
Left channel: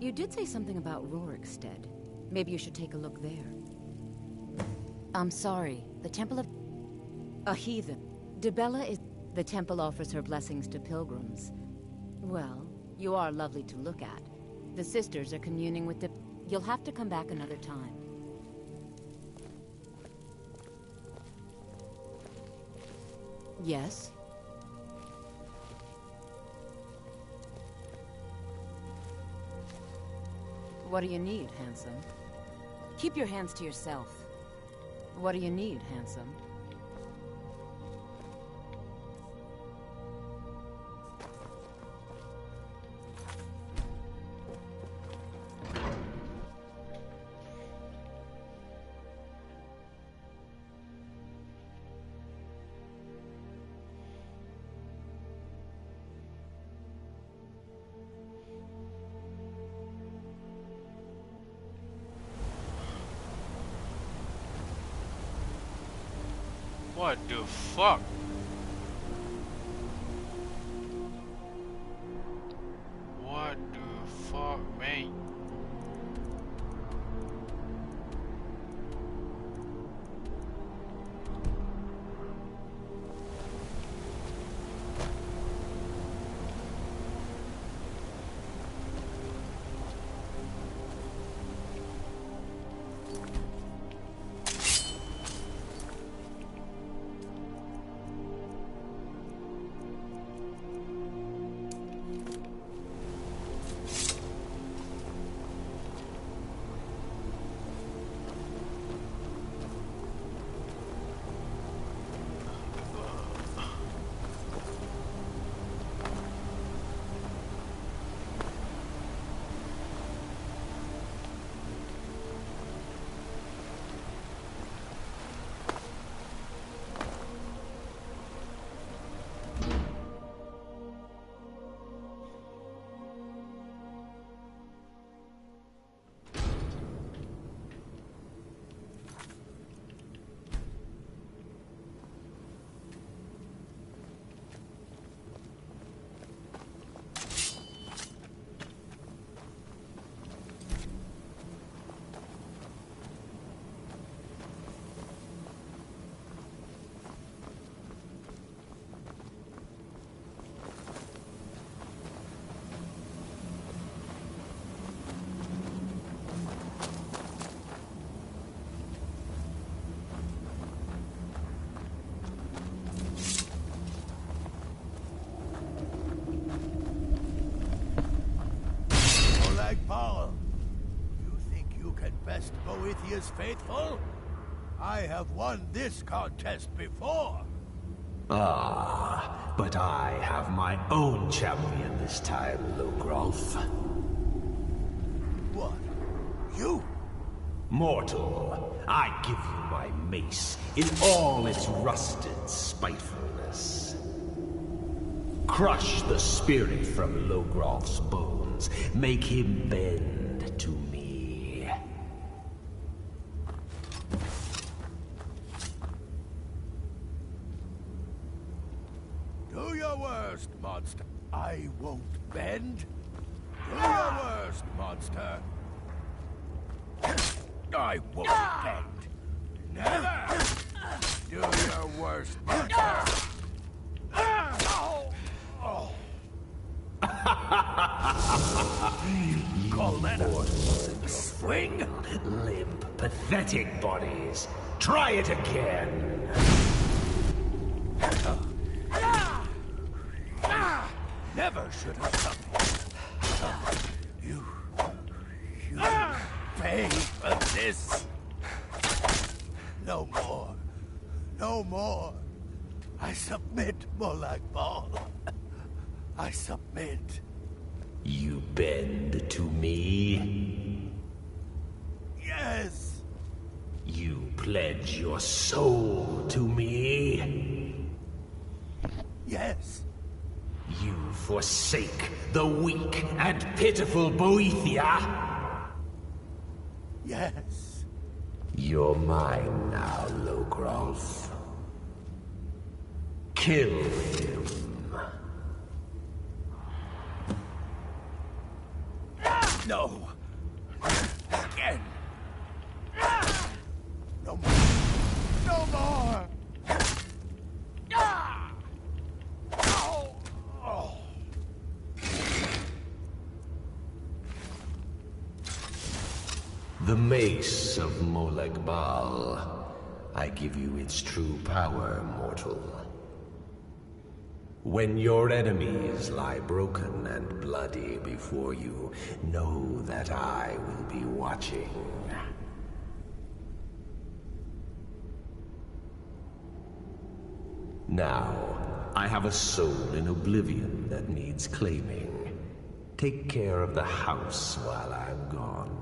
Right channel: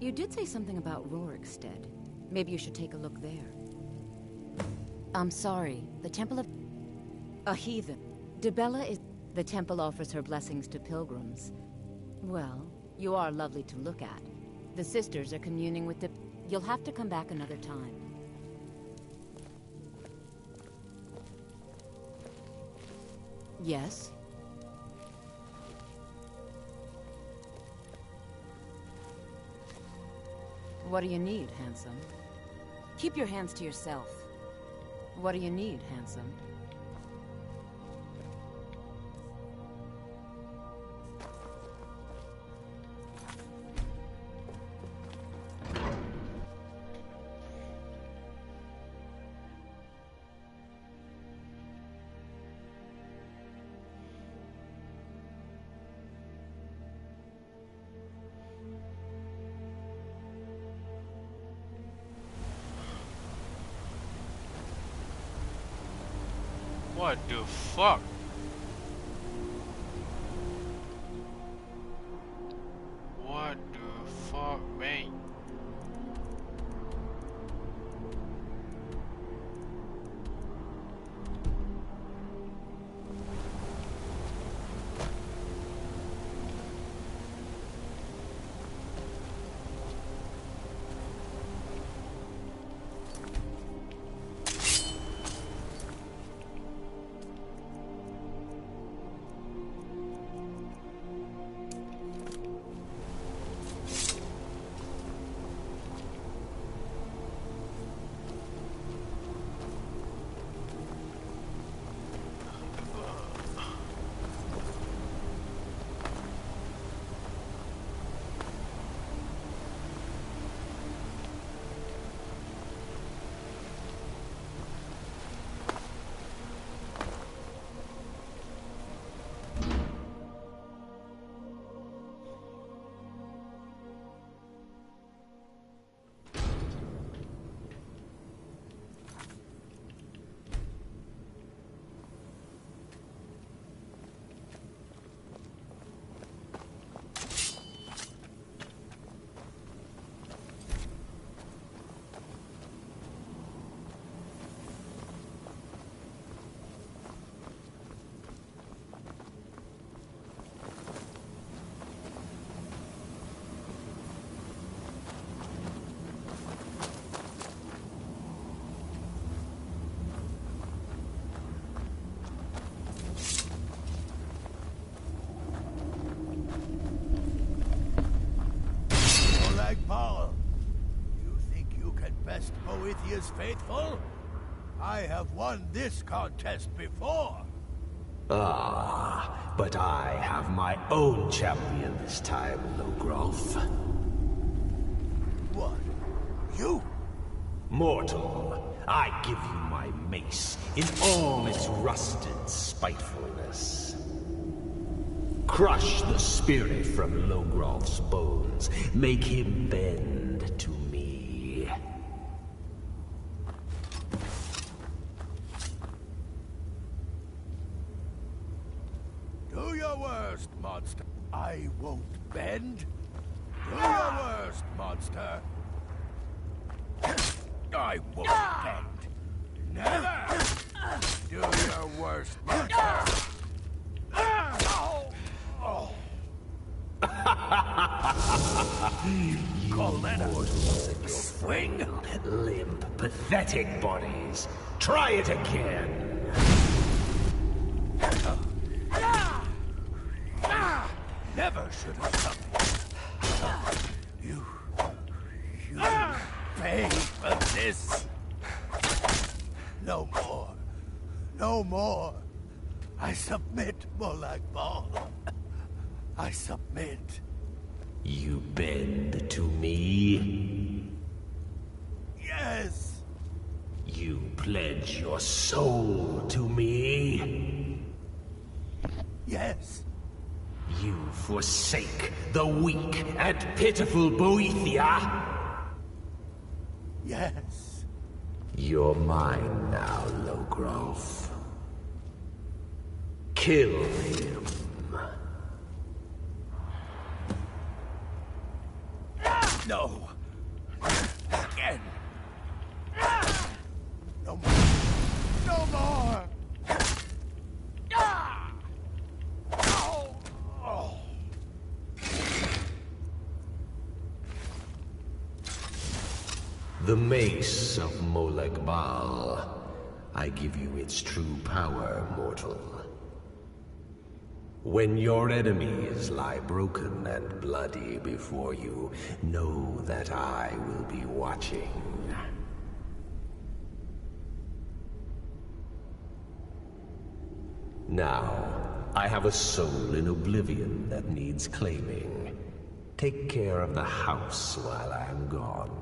You did say something about Rorikstead. Maybe you should take a look there. I'm sorry. The Temple of... A heathen. Dibella is... The temple offers her blessings to pilgrims. Well, you are lovely to look at. The sisters are communing with the... You'll have to come back another time. Yes? What do you need, handsome? Keep your hands to yourself. What do you need, handsome? What the fuck? What the fuck, mate? Paul, you think you can best Boethiah's faithful? I have won this contest before. Ah, but I have my own champion this time, Logrolf. What? You? Mortal, I give you my mace in all its rusted spitefulness. Crush the spirit from Logrolf's bones. Make him bend to me. Do your worst, monster. I won't bend. Do your worst, monster. I won't bend. Never! Do your worst, monster. Call that mortals and swing, limp, pathetic bodies. Try it again. never should have done it. You pay for this. No more. No more. I submit, Molag Bal. I submit. You bend to me? Yes. You pledge your soul to me? Yes. You forsake the weak and pitiful Boethia? Yes. You're mine now, Logrolf. Kill him. No. Again. No more. No more. The mace of Molag Bal. I give you its true power, mortal. When your enemies lie broken and bloody before you, know that I will be watching. Now, I have a soul in oblivion that needs claiming. Take care of the house while I'm gone.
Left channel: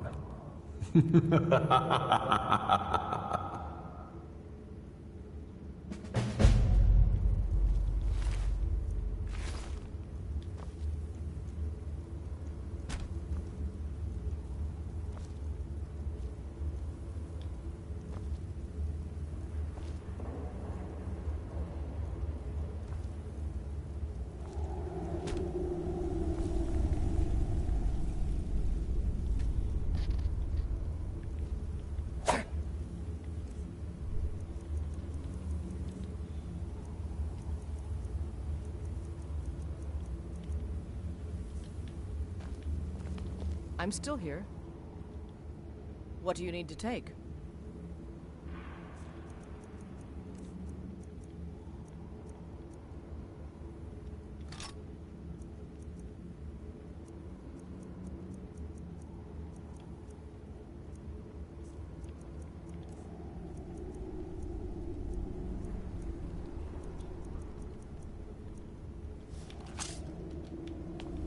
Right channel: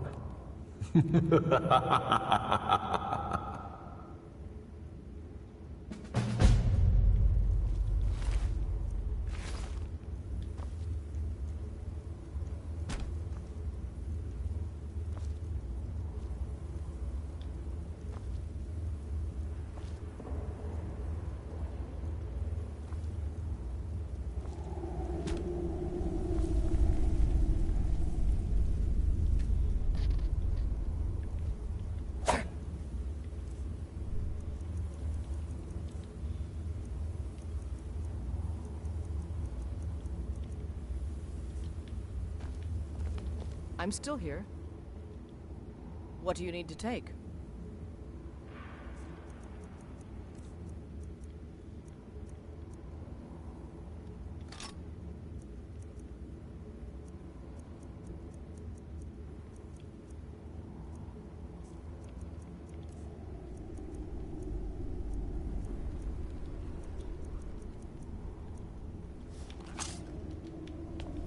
I'm still here. What do you need to take?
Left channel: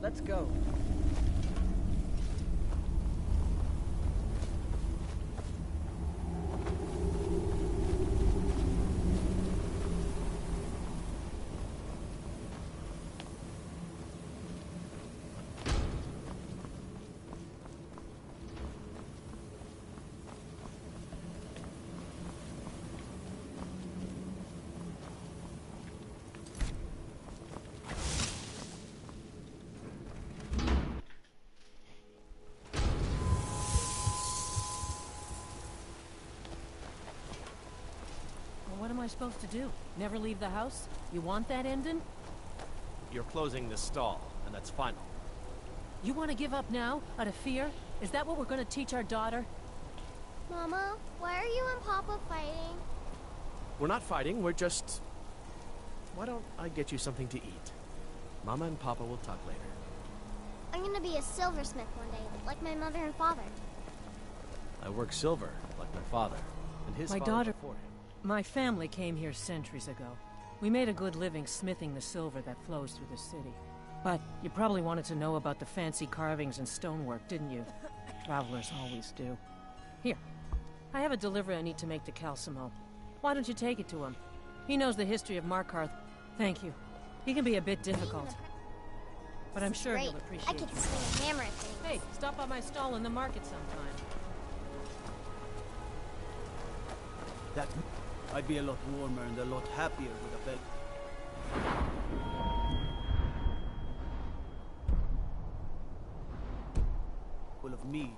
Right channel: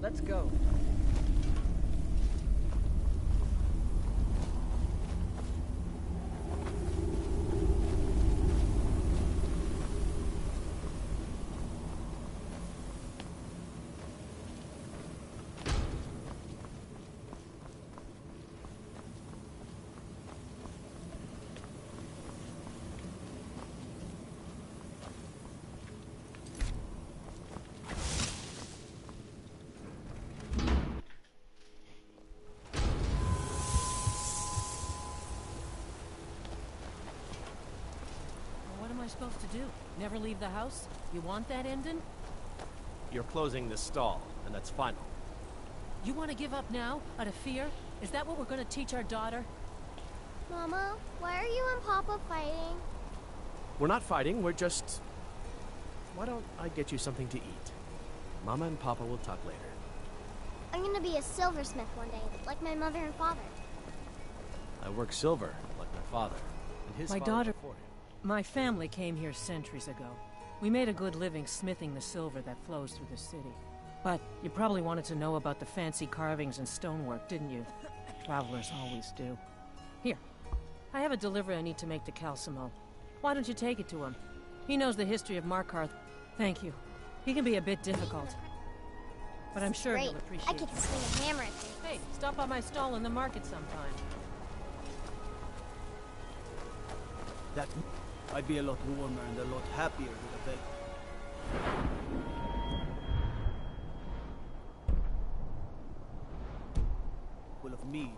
Let's go. What am I supposed to do? Never leave the house? You want that ending? You're closing this stall, and that's final. You want to give up now, out of fear? Is that what we're going to teach our daughter? Mama, why are you and Papa fighting? We're not fighting, we're just... Why don't I get you something to eat? Mama and Papa will talk later. I'm gonna be a silversmith one day, like my mother and father. I work silver, like my father, and his My father daughter... before him. My family came here centuries ago. We made a good living smithing the silver that flows through the city. But you probably wanted to know about the fancy carvings and stonework, didn't you? Travelers always do. Here, I have a delivery I need to make to Calcimo. Why don't you take it to him? He knows the history of Markarth. Thank you. He can be a bit difficult. But I'm sure Great. he'll appreciate I get to swing a hammer at things. Hey, stop by my stall in the market sometime. I'd be a lot warmer and a lot happier with a belt. Full of meat.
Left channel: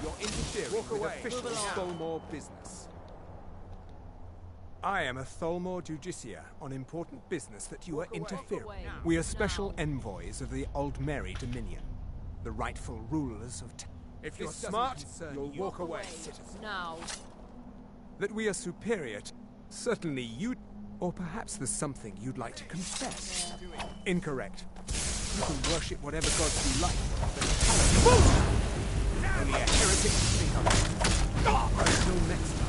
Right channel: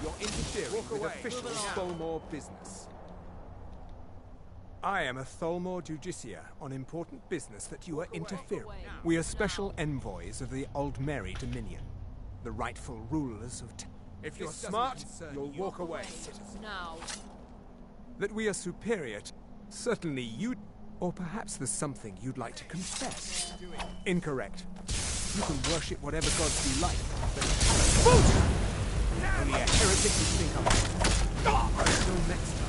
You're interfering with official Tholmor business. I am a Tholmor Justiciar on important business that you are interfering. We are special envoys of the Aldmeri Dominion, the rightful rulers of If you're smart, you'll walk away. Now. That we are superior to... Certainly you... Or perhaps there's something you'd like to confess. Incorrect. You can worship whatever gods you like, but... Only a heretic would think of it. Until next time.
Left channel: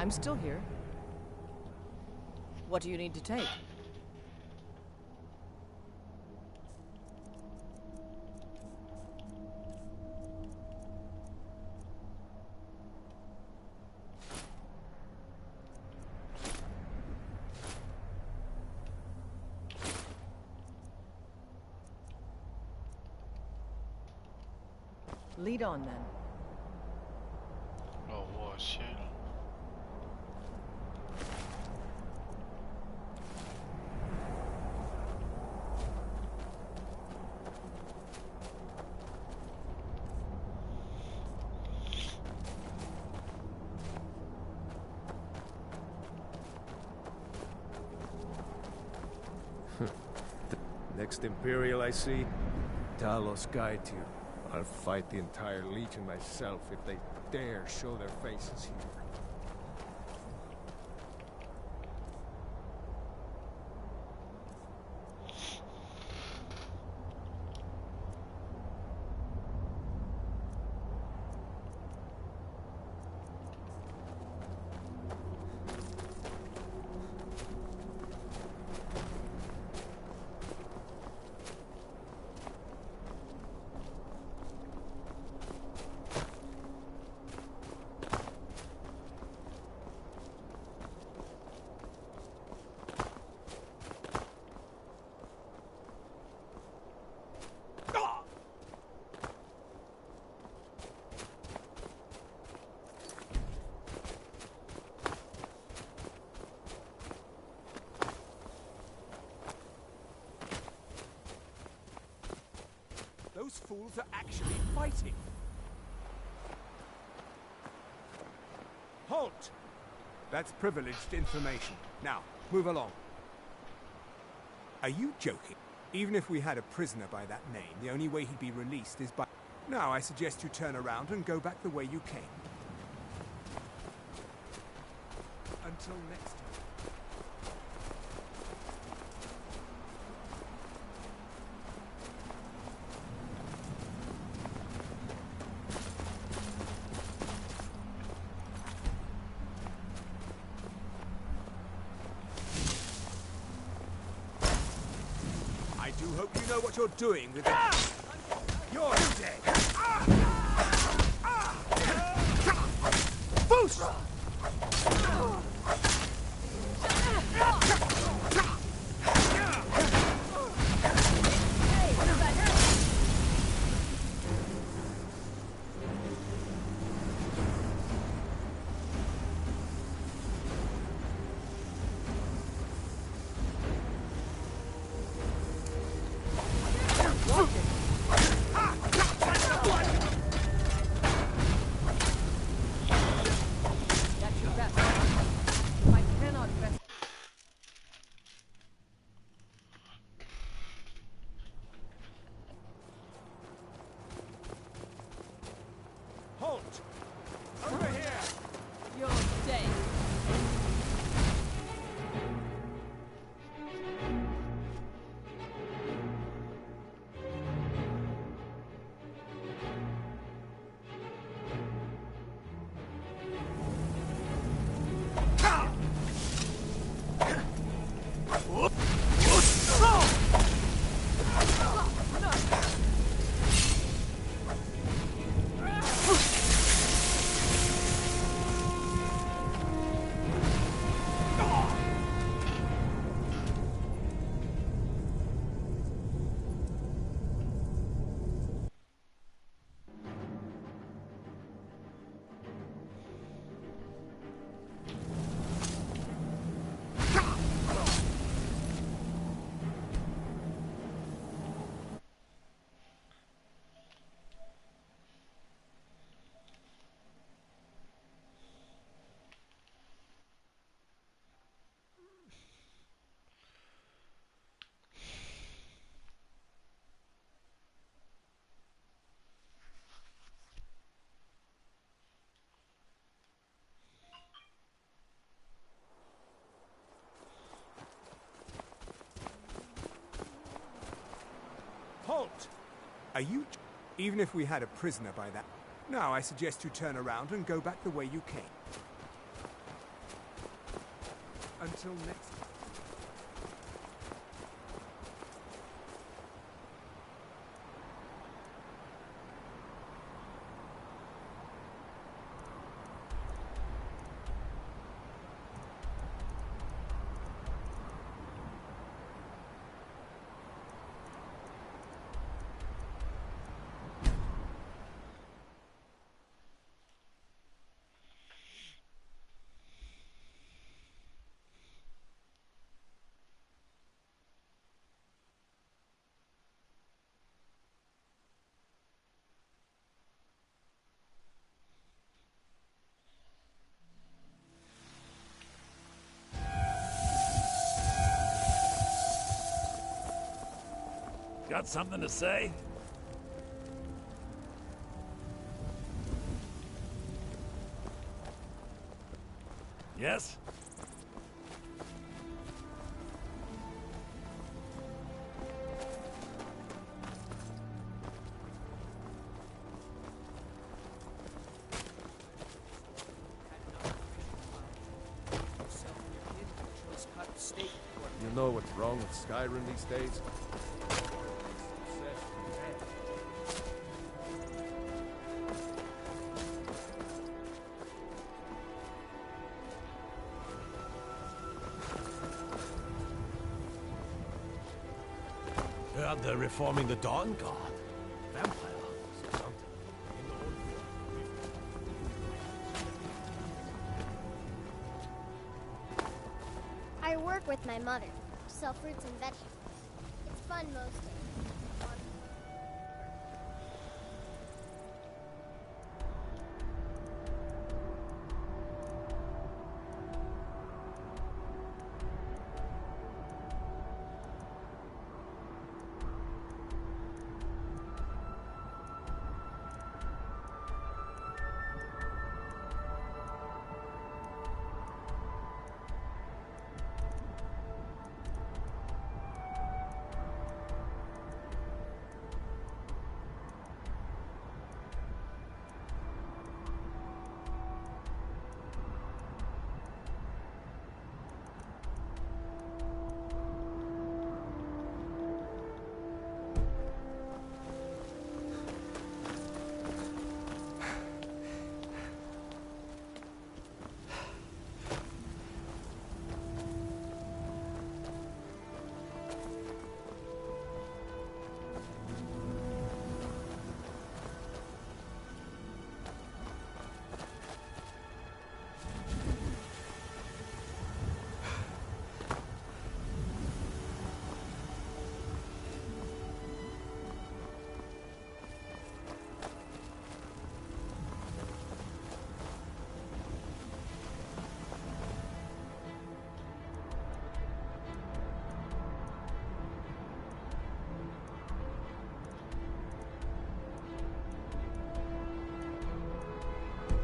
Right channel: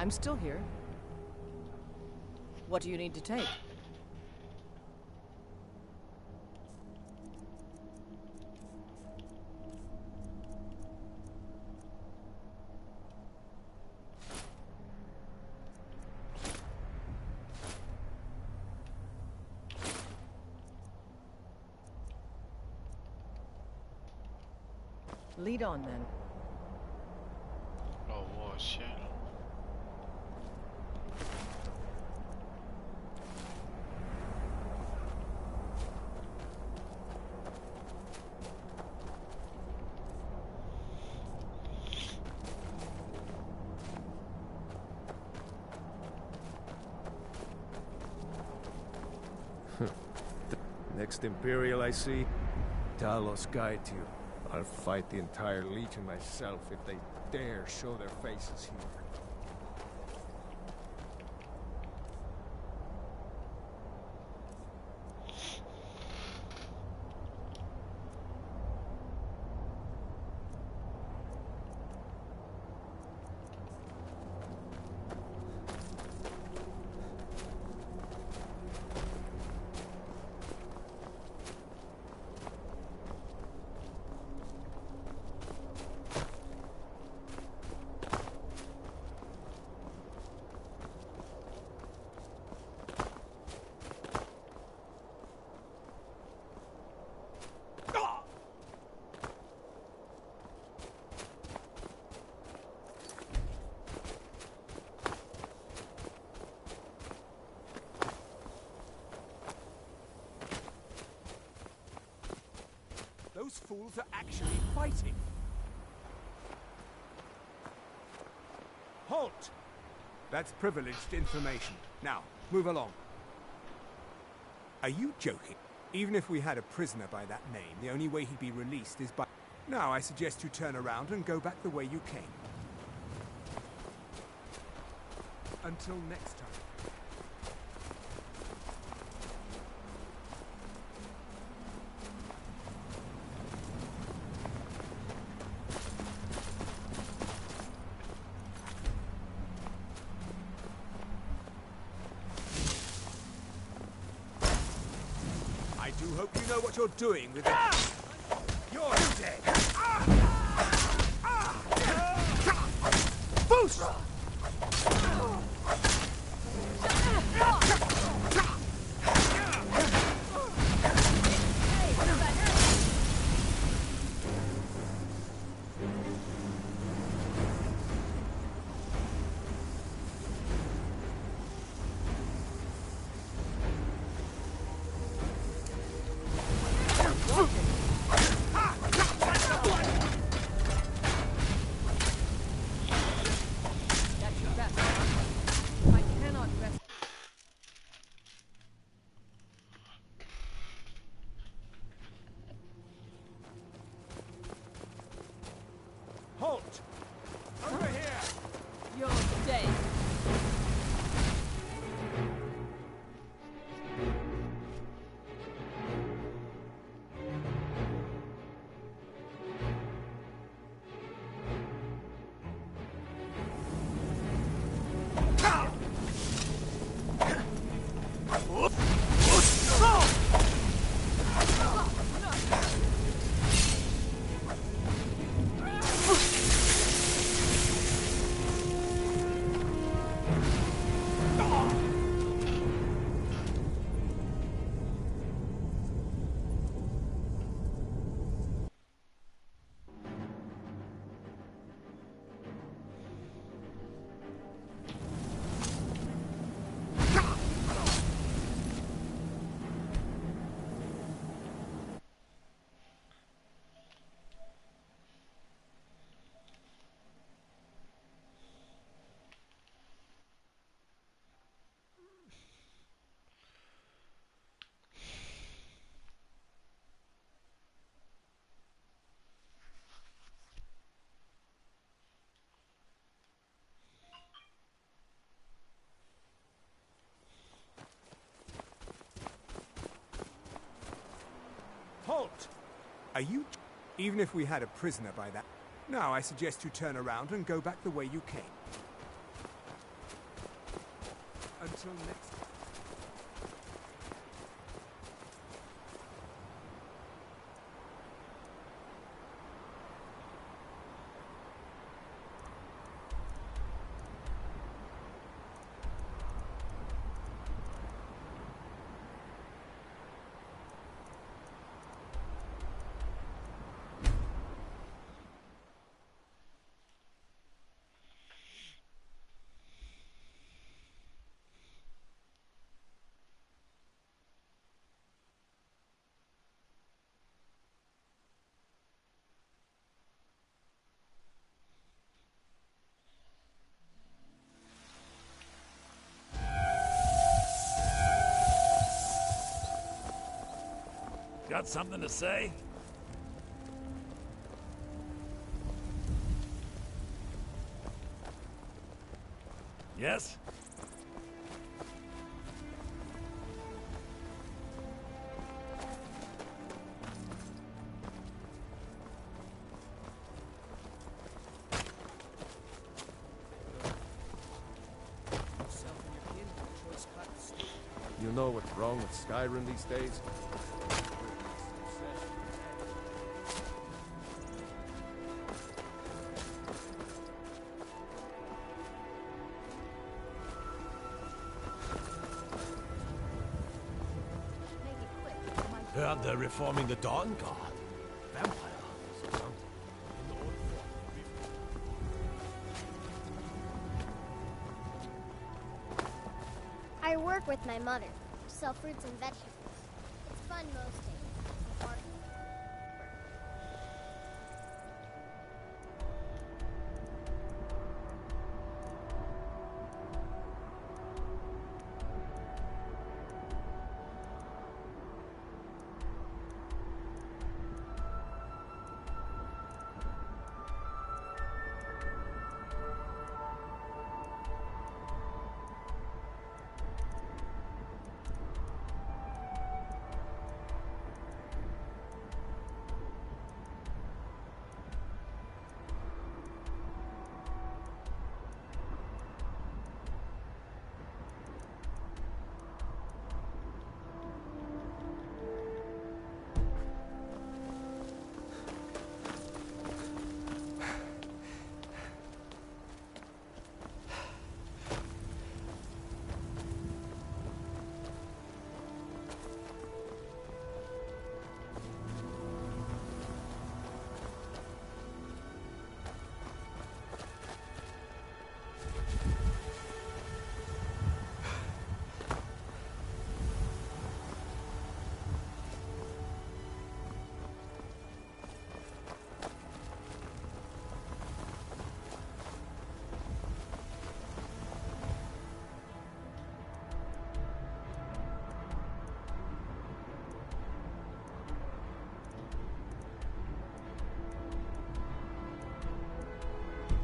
I'm still here. What do you need to take? Lead on, then. Oh, shit. Next Imperial I see, Talos guide you. I'll fight the entire Legion myself if they dare show their faces here. Those fools are actually fighting. Halt! That's privileged information. Now, move along. Are you joking? Even if we had a prisoner by that name, the only way he'd be released is by... Now, I suggest you turn around and go back the way you came. Until next time. I do hope you know what you're doing with it. You're dead. Boost! Halt! Over here! You're dead. Halt! Are you... Even if we had a prisoner by that... Now, I suggest you turn around and go back the way you came. Until next time. Got something to say? Yes? You know what's wrong with Skyrim these days? Heard they're reforming the Dawn Guard. Vampires or something. In the old fort. I work with my mother. Sell fruits and vegetables. It's fun most days.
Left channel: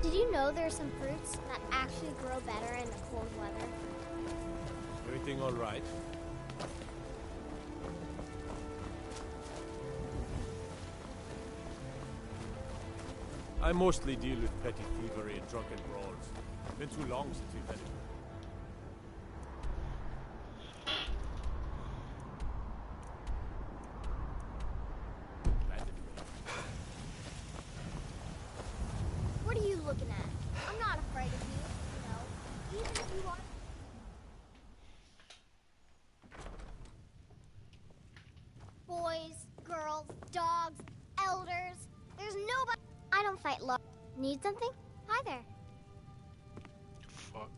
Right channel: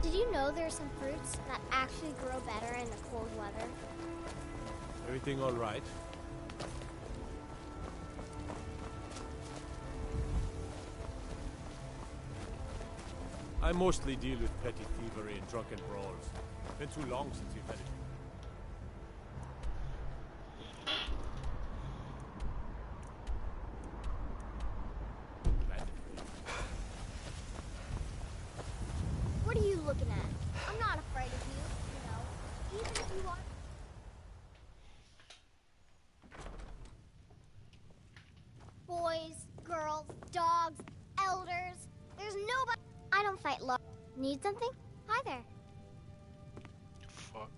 Did you know there are some fruits that actually grow better in the cold weather? Everything all right? I mostly deal with petty thievery and drunken brawls. Been too long since we've had it. What are you looking at? I'm not afraid of you, you know. Even if you are... Boys, girls, dogs, elders. There's nobody... I don't fight love. Need something? Hi there. Fuck.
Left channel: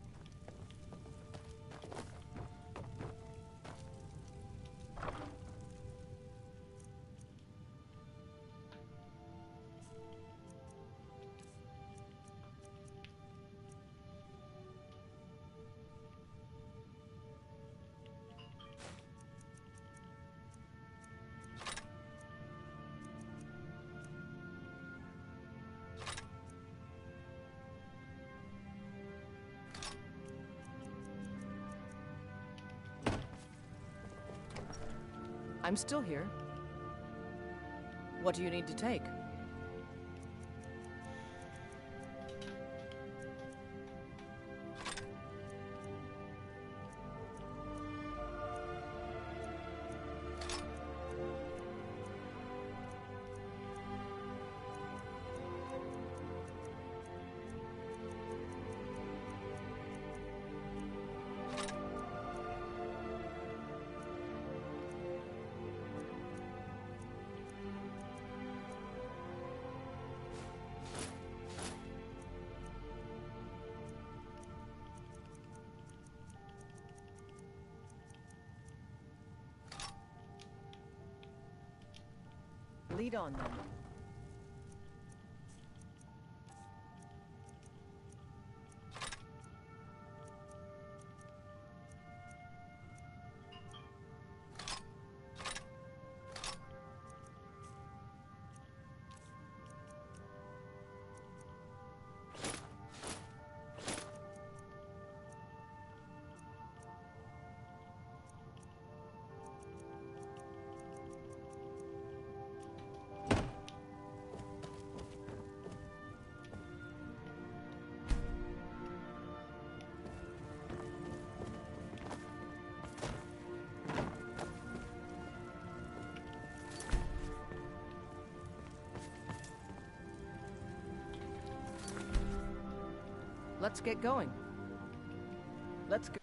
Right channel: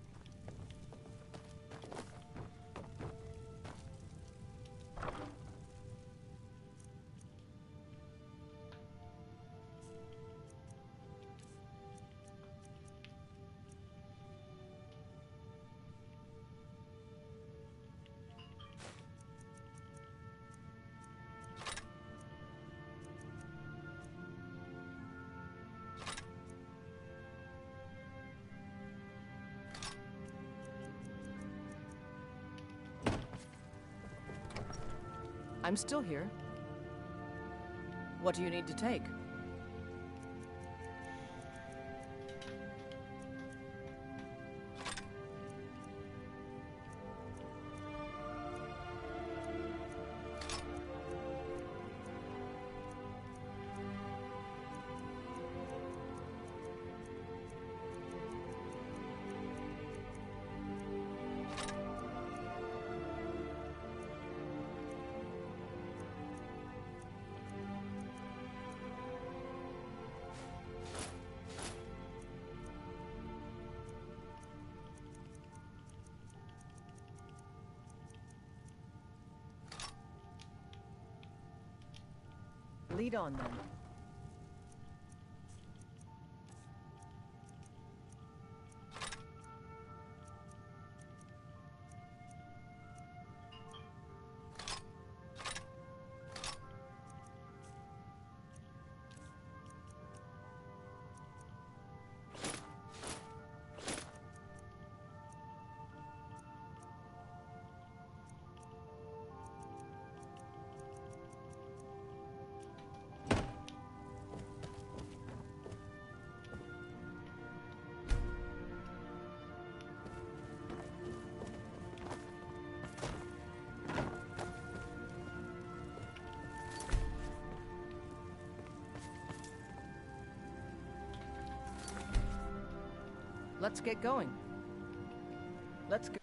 I'm still here. What do you need to take? Lead on, then. let's get going. Let's go.